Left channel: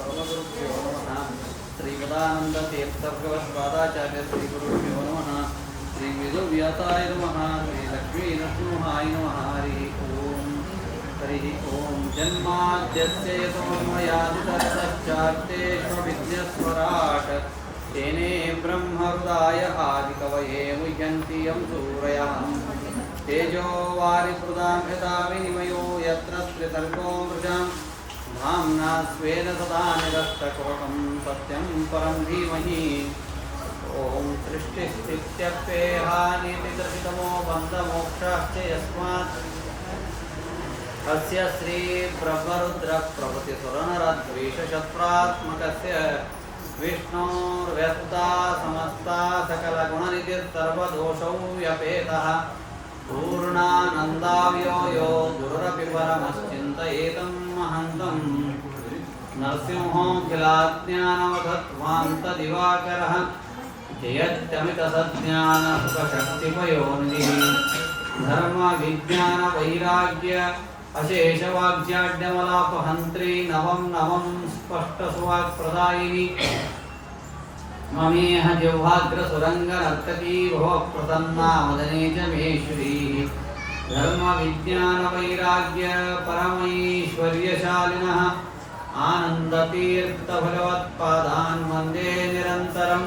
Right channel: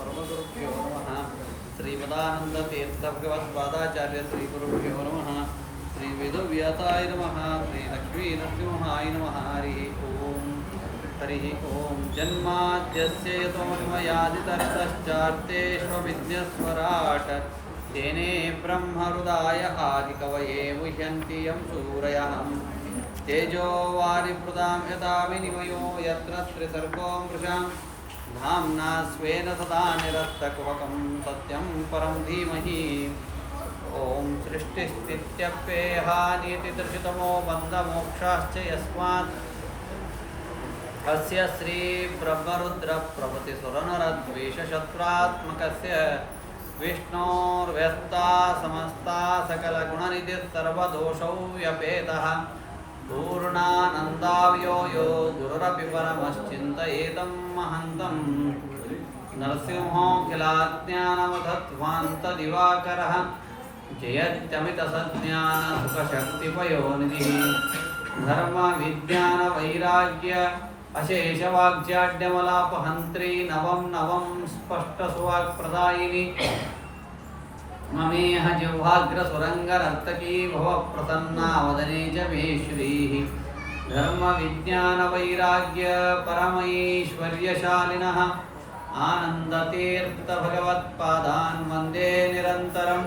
परमगुरुभ्यो नमः। श्रीपदानन्दतीर्थभगवत्पादाचार्य श्रीगुरुभ्यो नमः। श्रीवेदव्यासाय नमः। श्रीलक्ष्मीनरसिंहाय नमः। हरिः ओं। जन्माद्यस्य यतोऽन्वयादितरतश्चार्तेष्वभिज्ञस्वराट् तेने ब्रह्महृदाय आदिकवये मुह्यन्ति यं सूरयः। तेजो वारिमृदां यथा विनिमयो यत्र त्रिसर्गो मृषां धाम्ना स्वेन सदा निरस्तकुहकं सत्यं परं धीमहि। ॐ सृष्टिस्थित्यप्येहानीतिदर्शितमो बन्धमोक्षाश्च यस्मात् अस्य श्रीब्रह्मरुद्रप्रभृतिसुरनरद्वेषशत्रुरात्मकस्य विष्णोर्व्यस्ता समस्ता सकलगुणनिधिः सर्वदोषौ व्यपेतः पूर्णानन्दाव्यो यो गुरुरपि परमश्चिन्तयेतं महन्तं नरसिंहोऽखिलाज्ञानवधत्वान्तदिवाकरः जयत्यमितसज्ञानसुखशक्तिपयोनिधिः धर्मविज्ञानवैराग्य अशेषवाग्जाड्यमलापहन्त्री नवं नवं स्पष्टसुवाक्प्रदायिनी ममेह जिह्वाग्रसुरङ्गनर्तकी भवप्रसन्ना वदने च मे श्रीः। धर्मविज्ञानवैराग्य परमैश्वर्यशालिनः आनन्दतीर्थभगवत्पादान् वन्दे निरन्तरं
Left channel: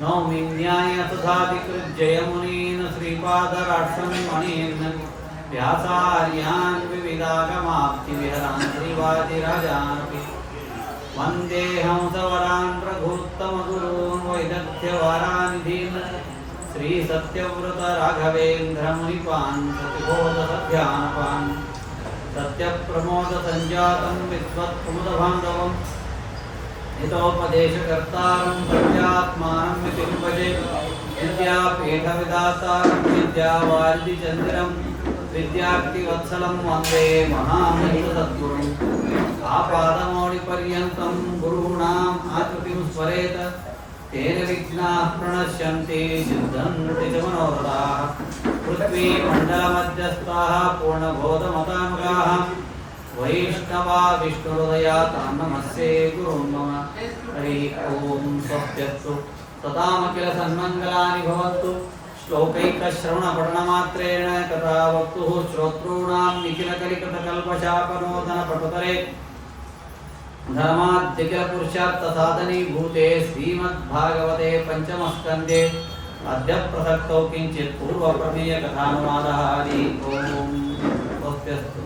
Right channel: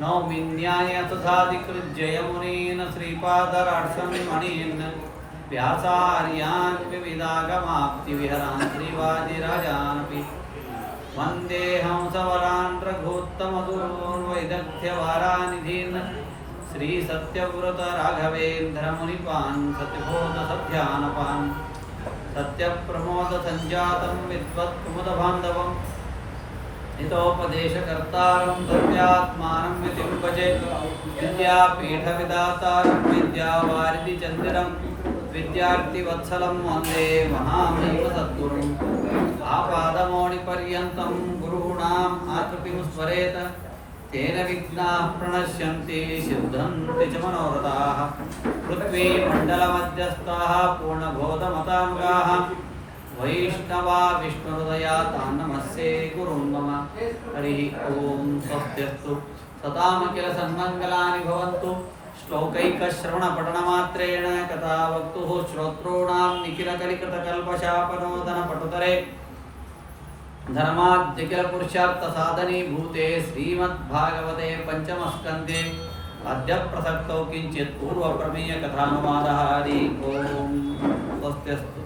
नौमि न्यायसुधाधिकृज्जयमुनीन् श्रीपादराट्सं मणीन् व्यासार्यान् विविधागमाप्तिविहरान् श्रीवादिराजानपि वन्दे हंसवरान् रघूत्तमगुरून् वैदग्ध्यवारानिधीन् श्रीसत्यव्रतराघवेन्द्रमुनिपान् सत्यबोधसध्यानपान् सत्यप्रमोदसञ्जातं विद्वत्कुमुदबान्धवं हितोपदेशकर्तारं सत्यात्मानं विभजे विद्यापीठविदातारं विद्यावारिधिचन्दिरं विद्यार्थिवत्सलं वन्दे महामहिमसद्गुरुम् आपादमौलिपर्यन्तं गुरूणाम् आकृतिं स्मरेत तेन विघ्नाः प्रणश्यन्ति सिद्धन्ति च मनोरथाः। पृथ्वीमण्डलमध्यस्थाः पूर्णबोधमताङ्गाः वैष्णवा विष्णुहृदया तान् नमस्ये गुरून् मम। हरिः ओं। स्वस्त्यस्तु सतामखिल सन्मङ्गलानि भवन्तु। श्लोकैकश्रवणपठनमात्रेण कथावक्तुः श्रोतॄणां निखिलकलिकतकल्पशापनोदनपटुतरे धर्माद्यखिलपुरुषार्थसाधनीभूते श्रीमद्भागवते पञ्चमस्कन्धे अद्य प्रसक्तौ किञ्चित् पूर्वप्रमेयकथानुवादः। हरि ओं। स्वस्त्यस्तु।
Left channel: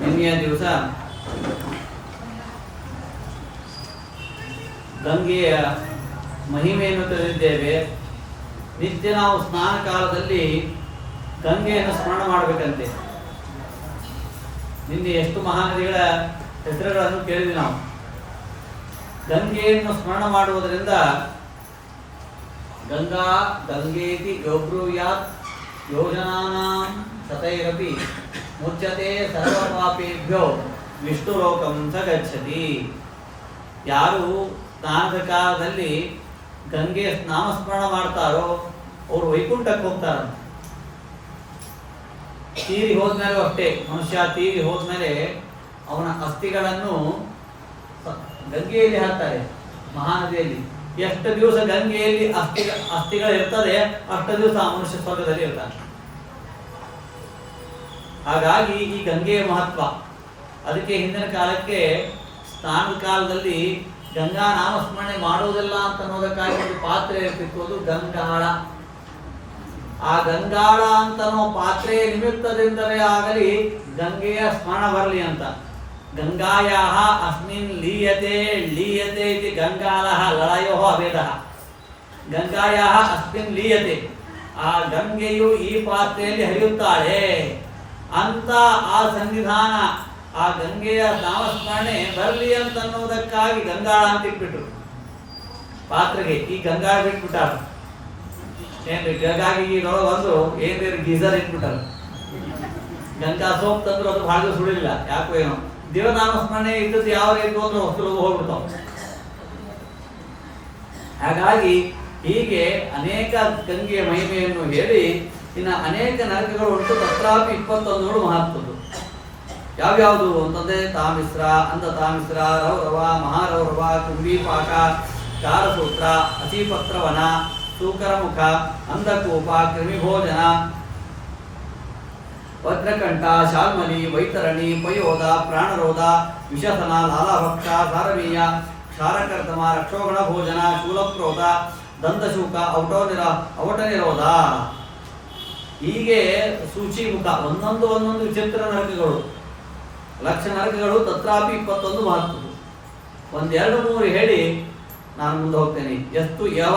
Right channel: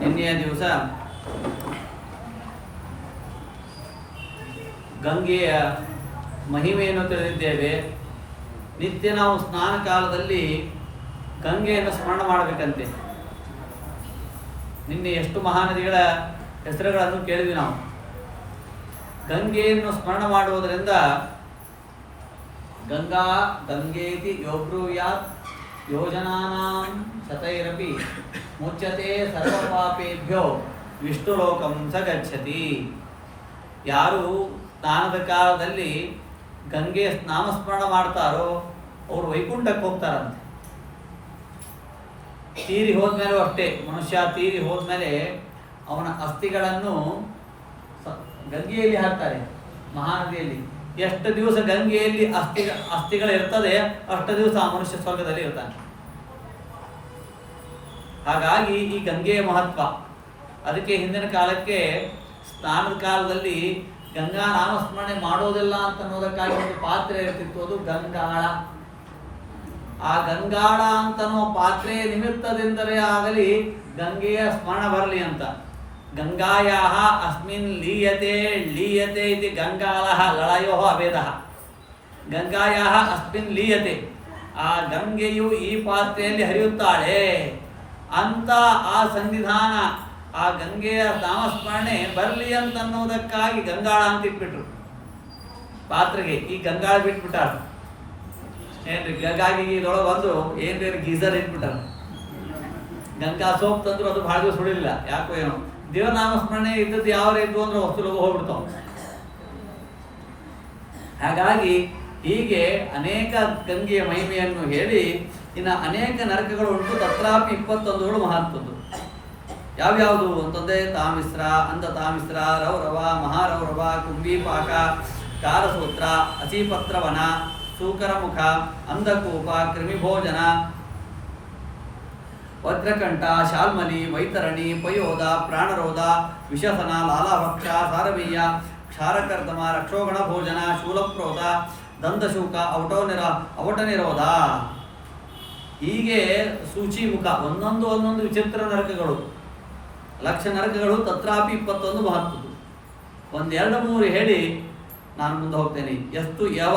ನಿನ್ನೆಯ ದಿವಸ ಗಂಗೆಯ ಮಹಿಮೆಯನ್ನು ತಿಳಿದಿದ್ದೇವೆ. ನಿತ್ಯ ನಾವು ಸ್ನಾನ ಕಾಲದಲ್ಲಿ ಗಂಗೆಯನ್ನು ಸ್ಮರಣ ಮಾಡಬೇಕಂತೆ. ನಿನ್ನೆ ಎಷ್ಟು ಮಹಾನದಿಗಳ ಹೆಸರುಗಳನ್ನು ಕೇಳಿದ್ವಿ ನಾವು. ಗಂಗೆಯನ್ನು ಸ್ಮರಣ ಮಾಡುವುದರಿಂದ ಗಂಗಾ ಗಂಗೇತಿ ಯೋಬ್ರೂಯಾತ್ ಯೋಜನಾನಾಂ ಶತೈರಪಿ ಮುಚ್ಯತೆ ಸರ್ವಪಾಪೇಭ್ಯೋ ವಿಷ್ಣುಲೋಕಂ ಸ ಗಚ್ಚತಿ. ಯಾರು ಸ್ನಾನದ ಕಾಲದಲ್ಲಿ ಗಂಗೆ ನಾಮಸ್ಮರಣ ಮಾಡ್ತಾರೋ ಅವರು ವೈಕುಂಠಕ್ಕೆ ಹೋಗ್ತಾರಂತೆ. ತೀರಿ ಹೋದ್ಮೇಲೂ ಅಷ್ಟೇ, ಮನುಷ್ಯ ತೀರಿ ಹೋದ್ಮೇಲೆ ಅವನ ಅಸ್ಥಿಗಳನ್ನು ಗಂಗೆಯಲ್ಲಿ ಹಾಕ್ತಾರೆ, ಮಹಾನದಿಯಲ್ಲಿ. ಎಷ್ಟು ದಿವಸ ಗಂಗೆಯಲ್ಲಿ ಅಸ್ಥಿಗಳು ಇರ್ತದೆ ಅಷ್ಟು ದಿವಸ ಆ ಮನುಷ್ಯ ಸ್ವರ್ಗದಲ್ಲಿ ಇರ್ತಾನೆ. ಹಾಗಾಗಿ ಈ ಗಂಗೆಯ ಮಹತ್ವ. ಅದಕ್ಕೆ ಹಿಂದಿನ ಕಾಲಕ್ಕೆ ಸ್ನಾನದ ಕಾಲದಲ್ಲಿ ಗಂಗಾ ನಾಮಸ್ಮರಣೆ ಮಾಡೋದಿಲ್ಲ ಅಂತ ಅನ್ನೋದಕ್ಕಾಗಿ ಒಂದು ಪಾತ್ರೆ ಇರ್ತಿತ್ತು, ಅದು ಗಂಗಾಳ. ಆ ಗಂಗಾಳ ಅಂತನೋ ಪಾತ್ರೆಯ ನಿಮಿತ್ತದಿಂದಲೇ ಆಗಲಿ ಗಂಗೆಯ ಸ್ಮರಣ ಬರಲಿ ಅಂತ. ಗಂಗಾಯಾಹ ಅಸ್ಮಿನ್ ಲೀಯತೆ ಲೀಯತೆ ಇತಿ ಗಂಗಾಳಃ ಲಳಯೋ ಅಭೇದಃ. ಗಂಗಾಯಾಹ ಅಸ್ಮಿನ್ ಲೀಯತೆ, ಆ ಗಂಗೆಯು ಈ ಪಾತ್ರೆಯಲ್ಲಿ ಹರಿಯುತ್ತಾಳೆ ಅಂತ ಆ ಸನ್ನಿಧಾನ, ಆ ಗಂಗೆಯ ನಾಮಸ್ಮರಣೆ ಬರಲಿ ಅಂತ ಅನ್ನೋದಕ್ಕಾಗಿ ಗಂಗಾಳ ಅಂತ ಇಟ್ಬಿಟ್ರು ಪಾತ್ರೆಗೆ. ಈ ಗಂಗಾಳ ಬಿಟ್ಬಿಟ್ಟಾರ ಏನ್ರಿ, ಗಂಗಾಗಿ ಇದರೊಳಗೆ ಒಂದು ಏನ್ರಿ ಗೀಸರ್ ಇಟ್ಬಿಟ್ಟಾರ. ಗಂಗಾ ಸೋಪ್ ತಂದ್ರು ಅದು ಭಾಳ ದಿವಸ ಸುಳಿಲಿಲ್ಲ, ಯಾಕೋ ಏನೋ. ದೇವನಾಮಸ್ಮರಣೆ ಇದ್ದದ್ದು ಯಾವ ರೀತಿ ಅಂದ್ರೆ ಹೊಸಲು ಹೋಗ್ಬಿಡ್ತಾವ. ಹಾಗಾಗಿ ಹೀಗೆ ಅನೇಕ ಗಂಗೆಯ ಮಹಿಮೆಯನ್ನು ಹೇಳಿ ಇನ್ನು ಅನೇಕ ನರಕಗಳು ಉಂಟು. ತತ್ರಾಪಿ 21ಗಳು ಮಹತ್ವದ್ದು. ಯಾವ್ಯಾವುದು ಅಂತಂದರೆ ತಾಮಿಸ್ರ, ಅಂಧತಾಮಿಸ್ರ, ರೌರವ, ಮಹಾರೌರವ, ಕುಂಭೀಪಾಕ, ಕಾರಸೂತ್ರ, ಅತಿಪತ್ರವನ, ಸೂಕರಮುಖ, ಅಂಧಕೂಪ, ಕ್ರಿಮಿಭೋಜನ, ವಜ್ರಕಂಠ, ಶಾಲ್ಮಲಿ, ವೈತರಣಿ, ಪಯೋಧ, ಪ್ರಾಣರೋಧ, ವಿಷಸನ, ಲಾಲಾಭಕ್ಷ, ಸಾರವೀಯ, ಕ್ಷಾರಕರ್ದಮ, ರಕ್ಷೋಗಣ ಭೋಜನ, ಶೂಲಪ್ರೋಧ, ದಂತಶೂಕ, ಅವಟ ನಿರೋಧ. ಹೀಗೆ ಸೂಚಿಮುಖ ಒಂದೊಂದು ವಿಚಿತ್ರ ನರಕಗಳು, ಲಕ್ಷ ನರಕಗಳು. ತತ್ರಾಪಿ 21 ಮಹತ್ವದ್ದು. 1, 2, 3 ಹೇಳಿ ನಾನು ಮುಂದೆ ಹೋಗ್ತೇನೆ. ಯಸ್ತು ಯವ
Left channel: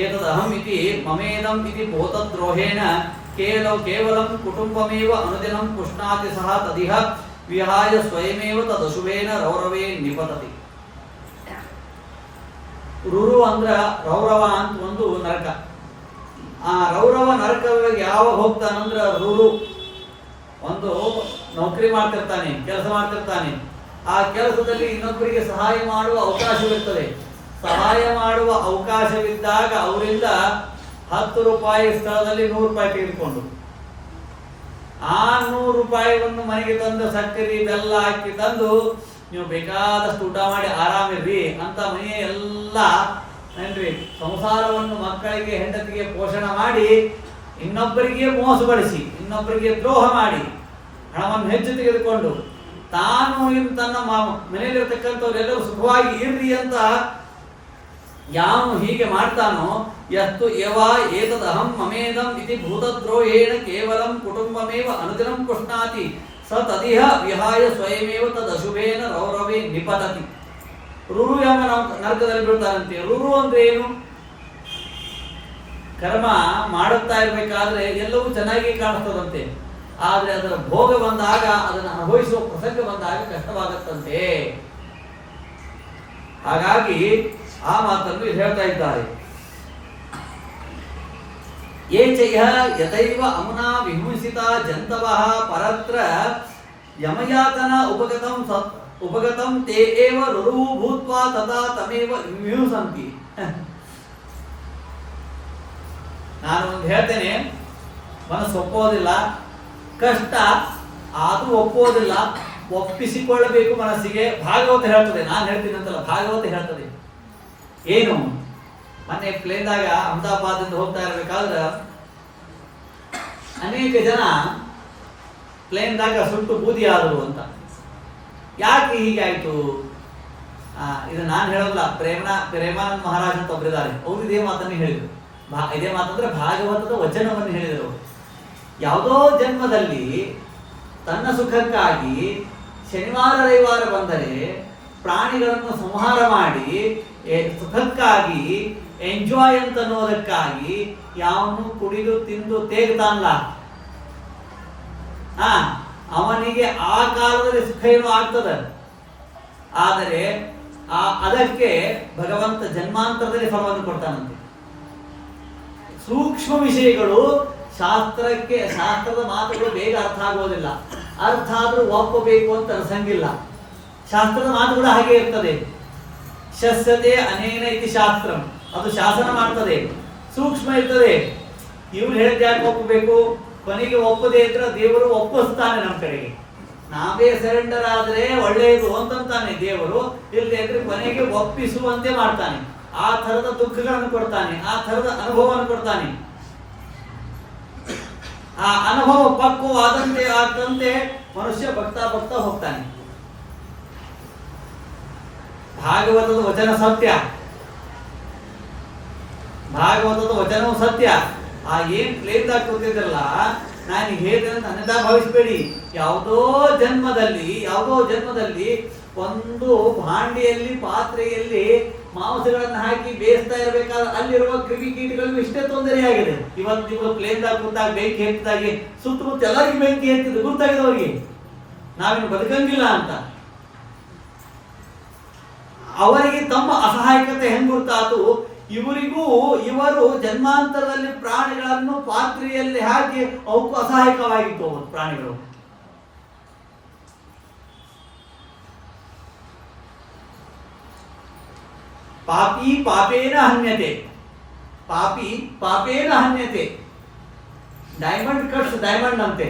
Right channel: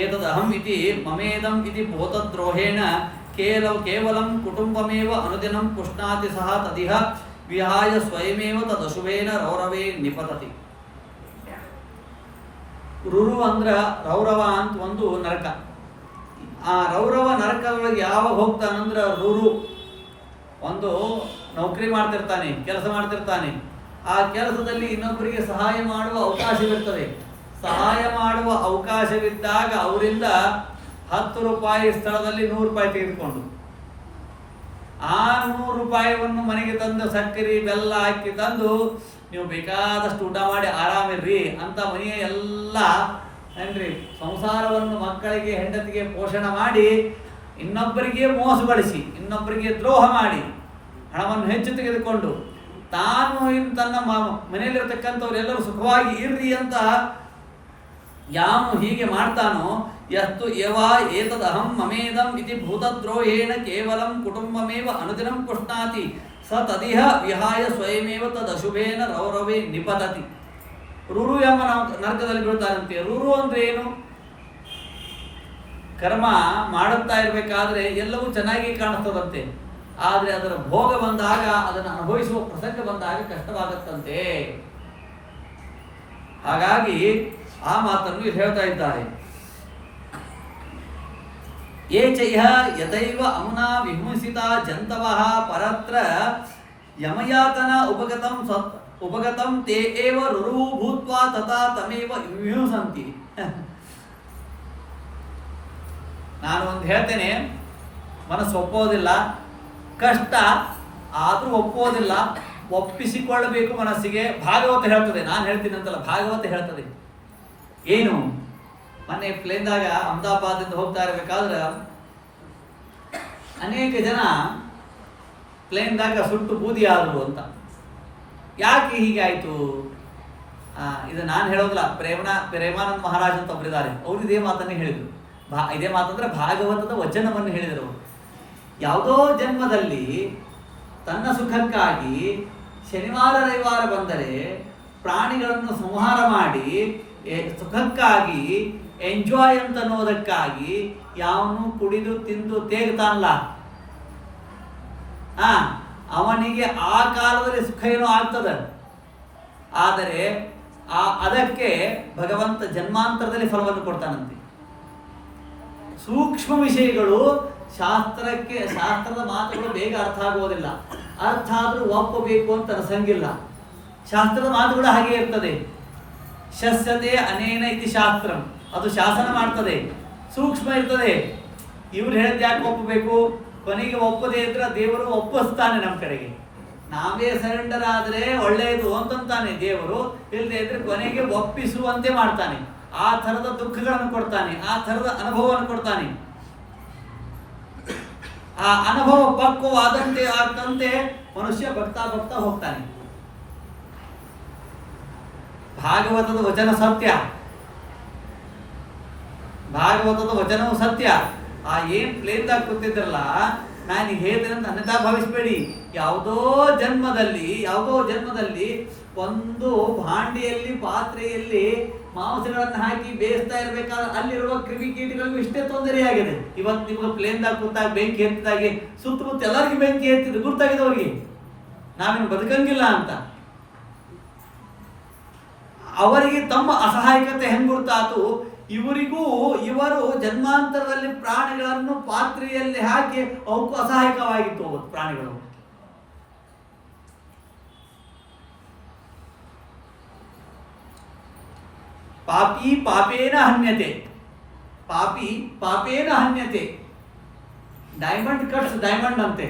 ಏತದಹಂ ಇತಿ ಮಮೇದಂ ಇತಿ ಭೂತದ್ರೋಹೇಣ ಕೇವಲಂ ಕುಟುಂಬಮೇವ ಅನುದಿನಂ ಪುಷ್ಣಾತಿ ಸಹ ತದಿಹ ವಿಹಾಯ ಸ್ವಯಮೇವ ತದಶುಭೇನ ರೌರವೇ ನಿಪತತಿ. ರುರು ಅಂದ್ರ ರೌರವ ಅಂತ ಒಂದು ನರಕ. ಆ ರೌರವ ನರಕದೊಳಗೆ ಯಾವಾಗ ಹೋಗ್ತಾನಂದ್ರ ರುರು ಒಂದು ನೌಕರಿ ಮಾಡ್ತಿರ್ತಾನೆ, ಕೆಲಸ ಮಾಡ್ತಿರ್ತಾನೆ. ಆ ಕೆಲಸದಲ್ಲಿ ಇನ್ನೊಬ್ಬರಿಗೆ ಸಹಾಯ ಮಾಡುವ ಅವಕಾಶವಿರ್ತದೆ. ಸಹಾಯ ಮಾಡುವ ಅವಕಾಶವಿದ್ದಾಗ ಅವರಿಂದ 10 ರೂಪಾಯಿ ಸ್ಥಳದಲ್ಲಿ 100 ರೂಪಾಯಿ ತೆಗೆದುಕೊಂಡು ಆ 100 ರೂಪಾಯಿಯನ್ನು ಮನೆಗೆ ತಂದು ಸಕ್ಕರೆ ಬೆಲ್ಲ ಹಾಕಿ ತಂದು ನೀವು ಬೇಕಾದಷ್ಟು ಊಟ ಮಾಡಿ ಆರಾಮಿರ್ರಿ ಅಂತ ಮನೆಯ ಎಲ್ಲ ಏನ್ರಿ ಸಂಸಾರವನ್ನು ಮಕ್ಕಳಿಗೆ ಹೆಂಡತಿಗೆ ಪೋಷಣೆ ಮಾಡಿ ಇನ್ನೊಬ್ಬರಿಗೆ ಮೋಸಗೊಳಿಸಿ ಇನ್ನೊಬ್ಬರಿಗೆ ದ್ರೋಹ ಮಾಡಿ ಹಣವನ್ನು ಹೆಚ್ಚು ತೆಗೆದುಕೊಂಡು ತಾನು ತನ್ನ ಮನೆಯಲ್ಲಿರ್ತಕ್ಕಂಥವ್ರೆಲ್ಲರೂ ಸುಖವಾಗಿ ಇರ್ರಿ ಅಂತ ಯಾವನು ಹೀಗೆ ಮಾಡ್ತಾನೋ ಯಸ್ತು ಯವ ಏತದಹಂ ಮಮೇದಂ ಇತಿ ಭೂತದ್ರೋಹೇಣ ಕೇವಲಂ ಕುಟುಂಬಮೇವ ಅನುದಿನಂ ಪುಷ್ಣಾತಿ ಸ ತದಿಹ ವಿಹಾಯ ಸ್ವಯಮೇವ ತದಶುಭೇನ ರೌರವೇ ನಿಪತತಿ. ರುರು ಎಂಬ ನರಕದಲ್ಲಿ ಬೀಳ್ತಾರಂತೆ. ರುರು ಅಂದ್ರೆ ಏನು? ಕರ್ಮ ಮಾಡುತ್ತಾ ಇರಬೇಕಾದ್ರೆ ಎಲ್ಲವೂ ಚೆನ್ನಾಗಿ ಕಾಣಿಸ್ತದಂತೆ. ಆದರೆ ಅದರ ಭೋಗ ಬಂದಾಗ, ಅದನ್ನು ಅನುಭವಿಸುವ ಪ್ರಸಂಗ ಬಂದಾಗ ಕಷ್ಟವಾಗುತ್ತಂತೆ. ಹಾಗಾಗಿ ಆ ಮಾತನ್ನು ಹೇಳ್ತಾ ಇದ್ದಾರೆ. ಯೇ ಚೈಹ ಯಥೈವ ಅಮುನಾ ವಿಹಿಂಸಿತ ಜಂತವಃ ಪರತ್ರ ಯಮಯಾತನ ಉಪಗತಂ ತೇ ಏವ ರುರು ಭೂತ್ವಾ ತಥಾ ತಮೇವ ವಿಹಿಂಸಂತಿ. ನಾನು ಒಂದು ಹೇಳ್ತೇನೆ, ಮನಸ್ಸು ಒಪ್ಪೋದಿಲ್ಲ, ಕಷ್ಟ ಆದರೂ ಒಪ್ಪೋದಿಲ್ಲ, ಒಪ್ಪಿಸಿಕೊಳ್ಳಬೇಕು ಮನಸ್ಸಿಗೆ. ಭಾಗವತ ಹೇಳ್ತದೆ, ನಾನು ಹೇಳ್ತೀನಿ ಅಂತಲ್ಲ, ಭಾಗವತ ಹೇಳ್ತದೆ. ಏನು? ಮೊನ್ನೆ ಪ್ಲೇನ್ದಾಗ ಅಹಮದಾಬಾದಿಂದ ಹೋಗ್ತಾ ಇರಬೇಕಾದ್ರೆ ಅನೇಕ ಜನ ಪ್ಲೇನ್ದಾಗ ಸುಟ್ಟು ಬೂದಿ ಆದರು ಅಂತ. ಯಾಕೆ ಹೀಗೆ ಆಯಿತು? ಇದು ನಾನು ಹೇಳೋದಿಲ್ಲ, ಪ್ರೇಮಾನಂದ ಮಹಾರಾಜ್ ಅಂತ ಒಬ್ಬರಿದ್ದಾರೆ, ಅವರು ಇದೇ ಮಾತನ್ನೇ ಹೇಳಿದರು. ಇದೇ ಮಾತಂದ್ರೆ ಭಾಗವತದ ವಚನವನ್ನು ಹೇಳಿದರು. ಯಾವುದೋ ಜನ್ಮದಲ್ಲಿ ತನ್ನ ಸುಖಕ್ಕಾಗಿ ಶನಿವಾರ ರವಿವಾರ ಬಂದರೆ ಪ್ರಾಣಿಗಳನ್ನು ಸಂಹಾರ ಮಾಡಿ ಸುಖಕ್ಕಾಗಿ ಎಂಜಾಯ್ ಅಂತ ಅನ್ನೋದಕ್ಕಾಗಿ ಯಾವನು ಕುಡಿದು ತಿಂದು ತೇಗ್ತಾನಲ್ಲ, ಅವನಿಗೆ ಆ ಕಾಲದಲ್ಲಿ ಸುಖ ಏನೋ ಆಗ್ತದೆ. ಆದರೆ ಅದಕ್ಕೆ ಭಗವಂತ ಜನ್ಮಾಂತರದಲ್ಲಿ ಫಲವನ್ನು ಕೊಡ್ತಾನಂತೆ. ಸೂಕ್ಷ್ಮ ವಿಷಯಗಳು ಶಾಸ್ತ್ರದ ಮಾತುಗಳು ಬೇಗ ಅರ್ಥ ಆಗುವುದಿಲ್ಲ. ಅರ್ಥ ಆದರೂ ಒಪ್ಪಬೇಕು ಅಂತ ಅನ್ಸಂಗಿಲ್ಲ. ಶಾಸ್ತ್ರದ ಮಾತುಗಳು ಹಾಗೆ ಇರ್ತದೆ. ಶಸ್ಯತೆ ಅನೇನ ಇತಿ ಶಾಸ್ತ್ರಂ, ಅದು ಶಾಸನ ಮಾಡ್ತದೆ, ಸೂಕ್ಷ್ಮ ಇರ್ತದೆ. ಇವ್ರು ಹೇಳಿದ ಯಾಕೆ ಒಪ್ಪಬೇಕು? ಕೊನೆಗೆ ಒಪ್ಪದೇ ಇದ್ರೆ ದೇವರು ಒಪ್ಪಿಸ್ತಾನೆ ನಮ್ಮ ಕಡೆಗೆ. ನಾವೇ ಸರೆಂಡರ್ ಆದರೆ ಒಳ್ಳೆಯದು ಅಂತಂತಾನೆ ದೇವರು. ಇಲ್ಲದೆ ಇದ್ರೆ ಕೊನೆಗೆ ಒಪ್ಪಿಸುವಂತೆ ಮಾಡ್ತಾನೆ. ಆ ಥರದ ದುಃಖಗಳನ್ನು ಕೊಡ್ತಾನೆ, ಆ ಥರದ ಅನುಭವವನ್ನು ಕೊಡ್ತಾನೆ. ಆ ಅನುಭವ ಪಕ್ವವಾದಂತೆ ಆಗ್ತಂತೆ ಮನುಷ್ಯ ಭಕ್ತಾ ಹೋಗ್ತಾನೆ. ಭಾಗವತದ ವಚನ ಸತ್ಯ, ಭಾಗವತದ ವಚನವು ಸತ್ಯ. ಆ ಏನ್ ಪ್ಲೇನ್ದಾಗ ಕೂತಿದ್ರಲ್ಲ, ನಾನು ಹೇಳಿದೆ ಅಂತ ಅನ್ನದ ಭಾವಿಸ್ಬೇಡಿ. ಯಾವುದೋ ಜನ್ಮದಲ್ಲಿ ಒಂದು ಭಾಂಡಿಯಲ್ಲಿ ಪಾತ್ರೆಯಲ್ಲಿ ಮಾಂಸಗಳನ್ನು ಹಾಕಿ ಬೇಯಿಸ್ತಾ ಇರಬೇಕಾದ್ರೆ ಅಲ್ಲಿರುವ ಕ್ರಿಮಿ ಕೀಟಗಳಿಗೂ ಇಷ್ಟೇ ತೊಂದರೆಯಾಗಿದೆ. ಇವತ್ತು ನಿಮ್ಗೆ ಪ್ಲೇನ್ದಾಗ ಕೂತಾಗ ಬೆಂಕಿ ಎತ್ತಿದಾಗೆ ಸುತ್ತಮುತ್ತ ಎಲ್ಲರಿಗೂ ಬೆಂಕಿ ಎತ್ತಿದ್ದು ಗುರ್ತಾಗಿದೆ ಅವ್ರಿಗೆ, ನಾವೇನು ಬದುಕಂಗಿಲ್ಲ ಅಂತ. ಅವರಿಗೆ ತಮ್ಮ ಅಸಹಾಯಕತೆ ಹೆಂಗ್ ಗುರ್ತಾತು, ಇವರು ಜನ್ಮಾಂತರದಲ್ಲಿ ಪ್ರಾಣಿಗಳನ್ನು ಪಾತ್ರೆಯಲ್ಲಿ ಹಾಕಿ ಅವಕ್ಕೂ ಅಸಹಾಯಕವಾಗಿತ್ತು ಪ್ರಾಣಿಗಳು. ಪಾಪಿ ಪಾಪೇನ ಹನ್ಯತೆ, ಪಾಪಿ ಪಾಪೇನ ಹನ್ಯತೆ. ಡೈಮಂಡ್ ಕಟ್ಸ್ ಡೈಮಂಡ್ ಅಂತೆ.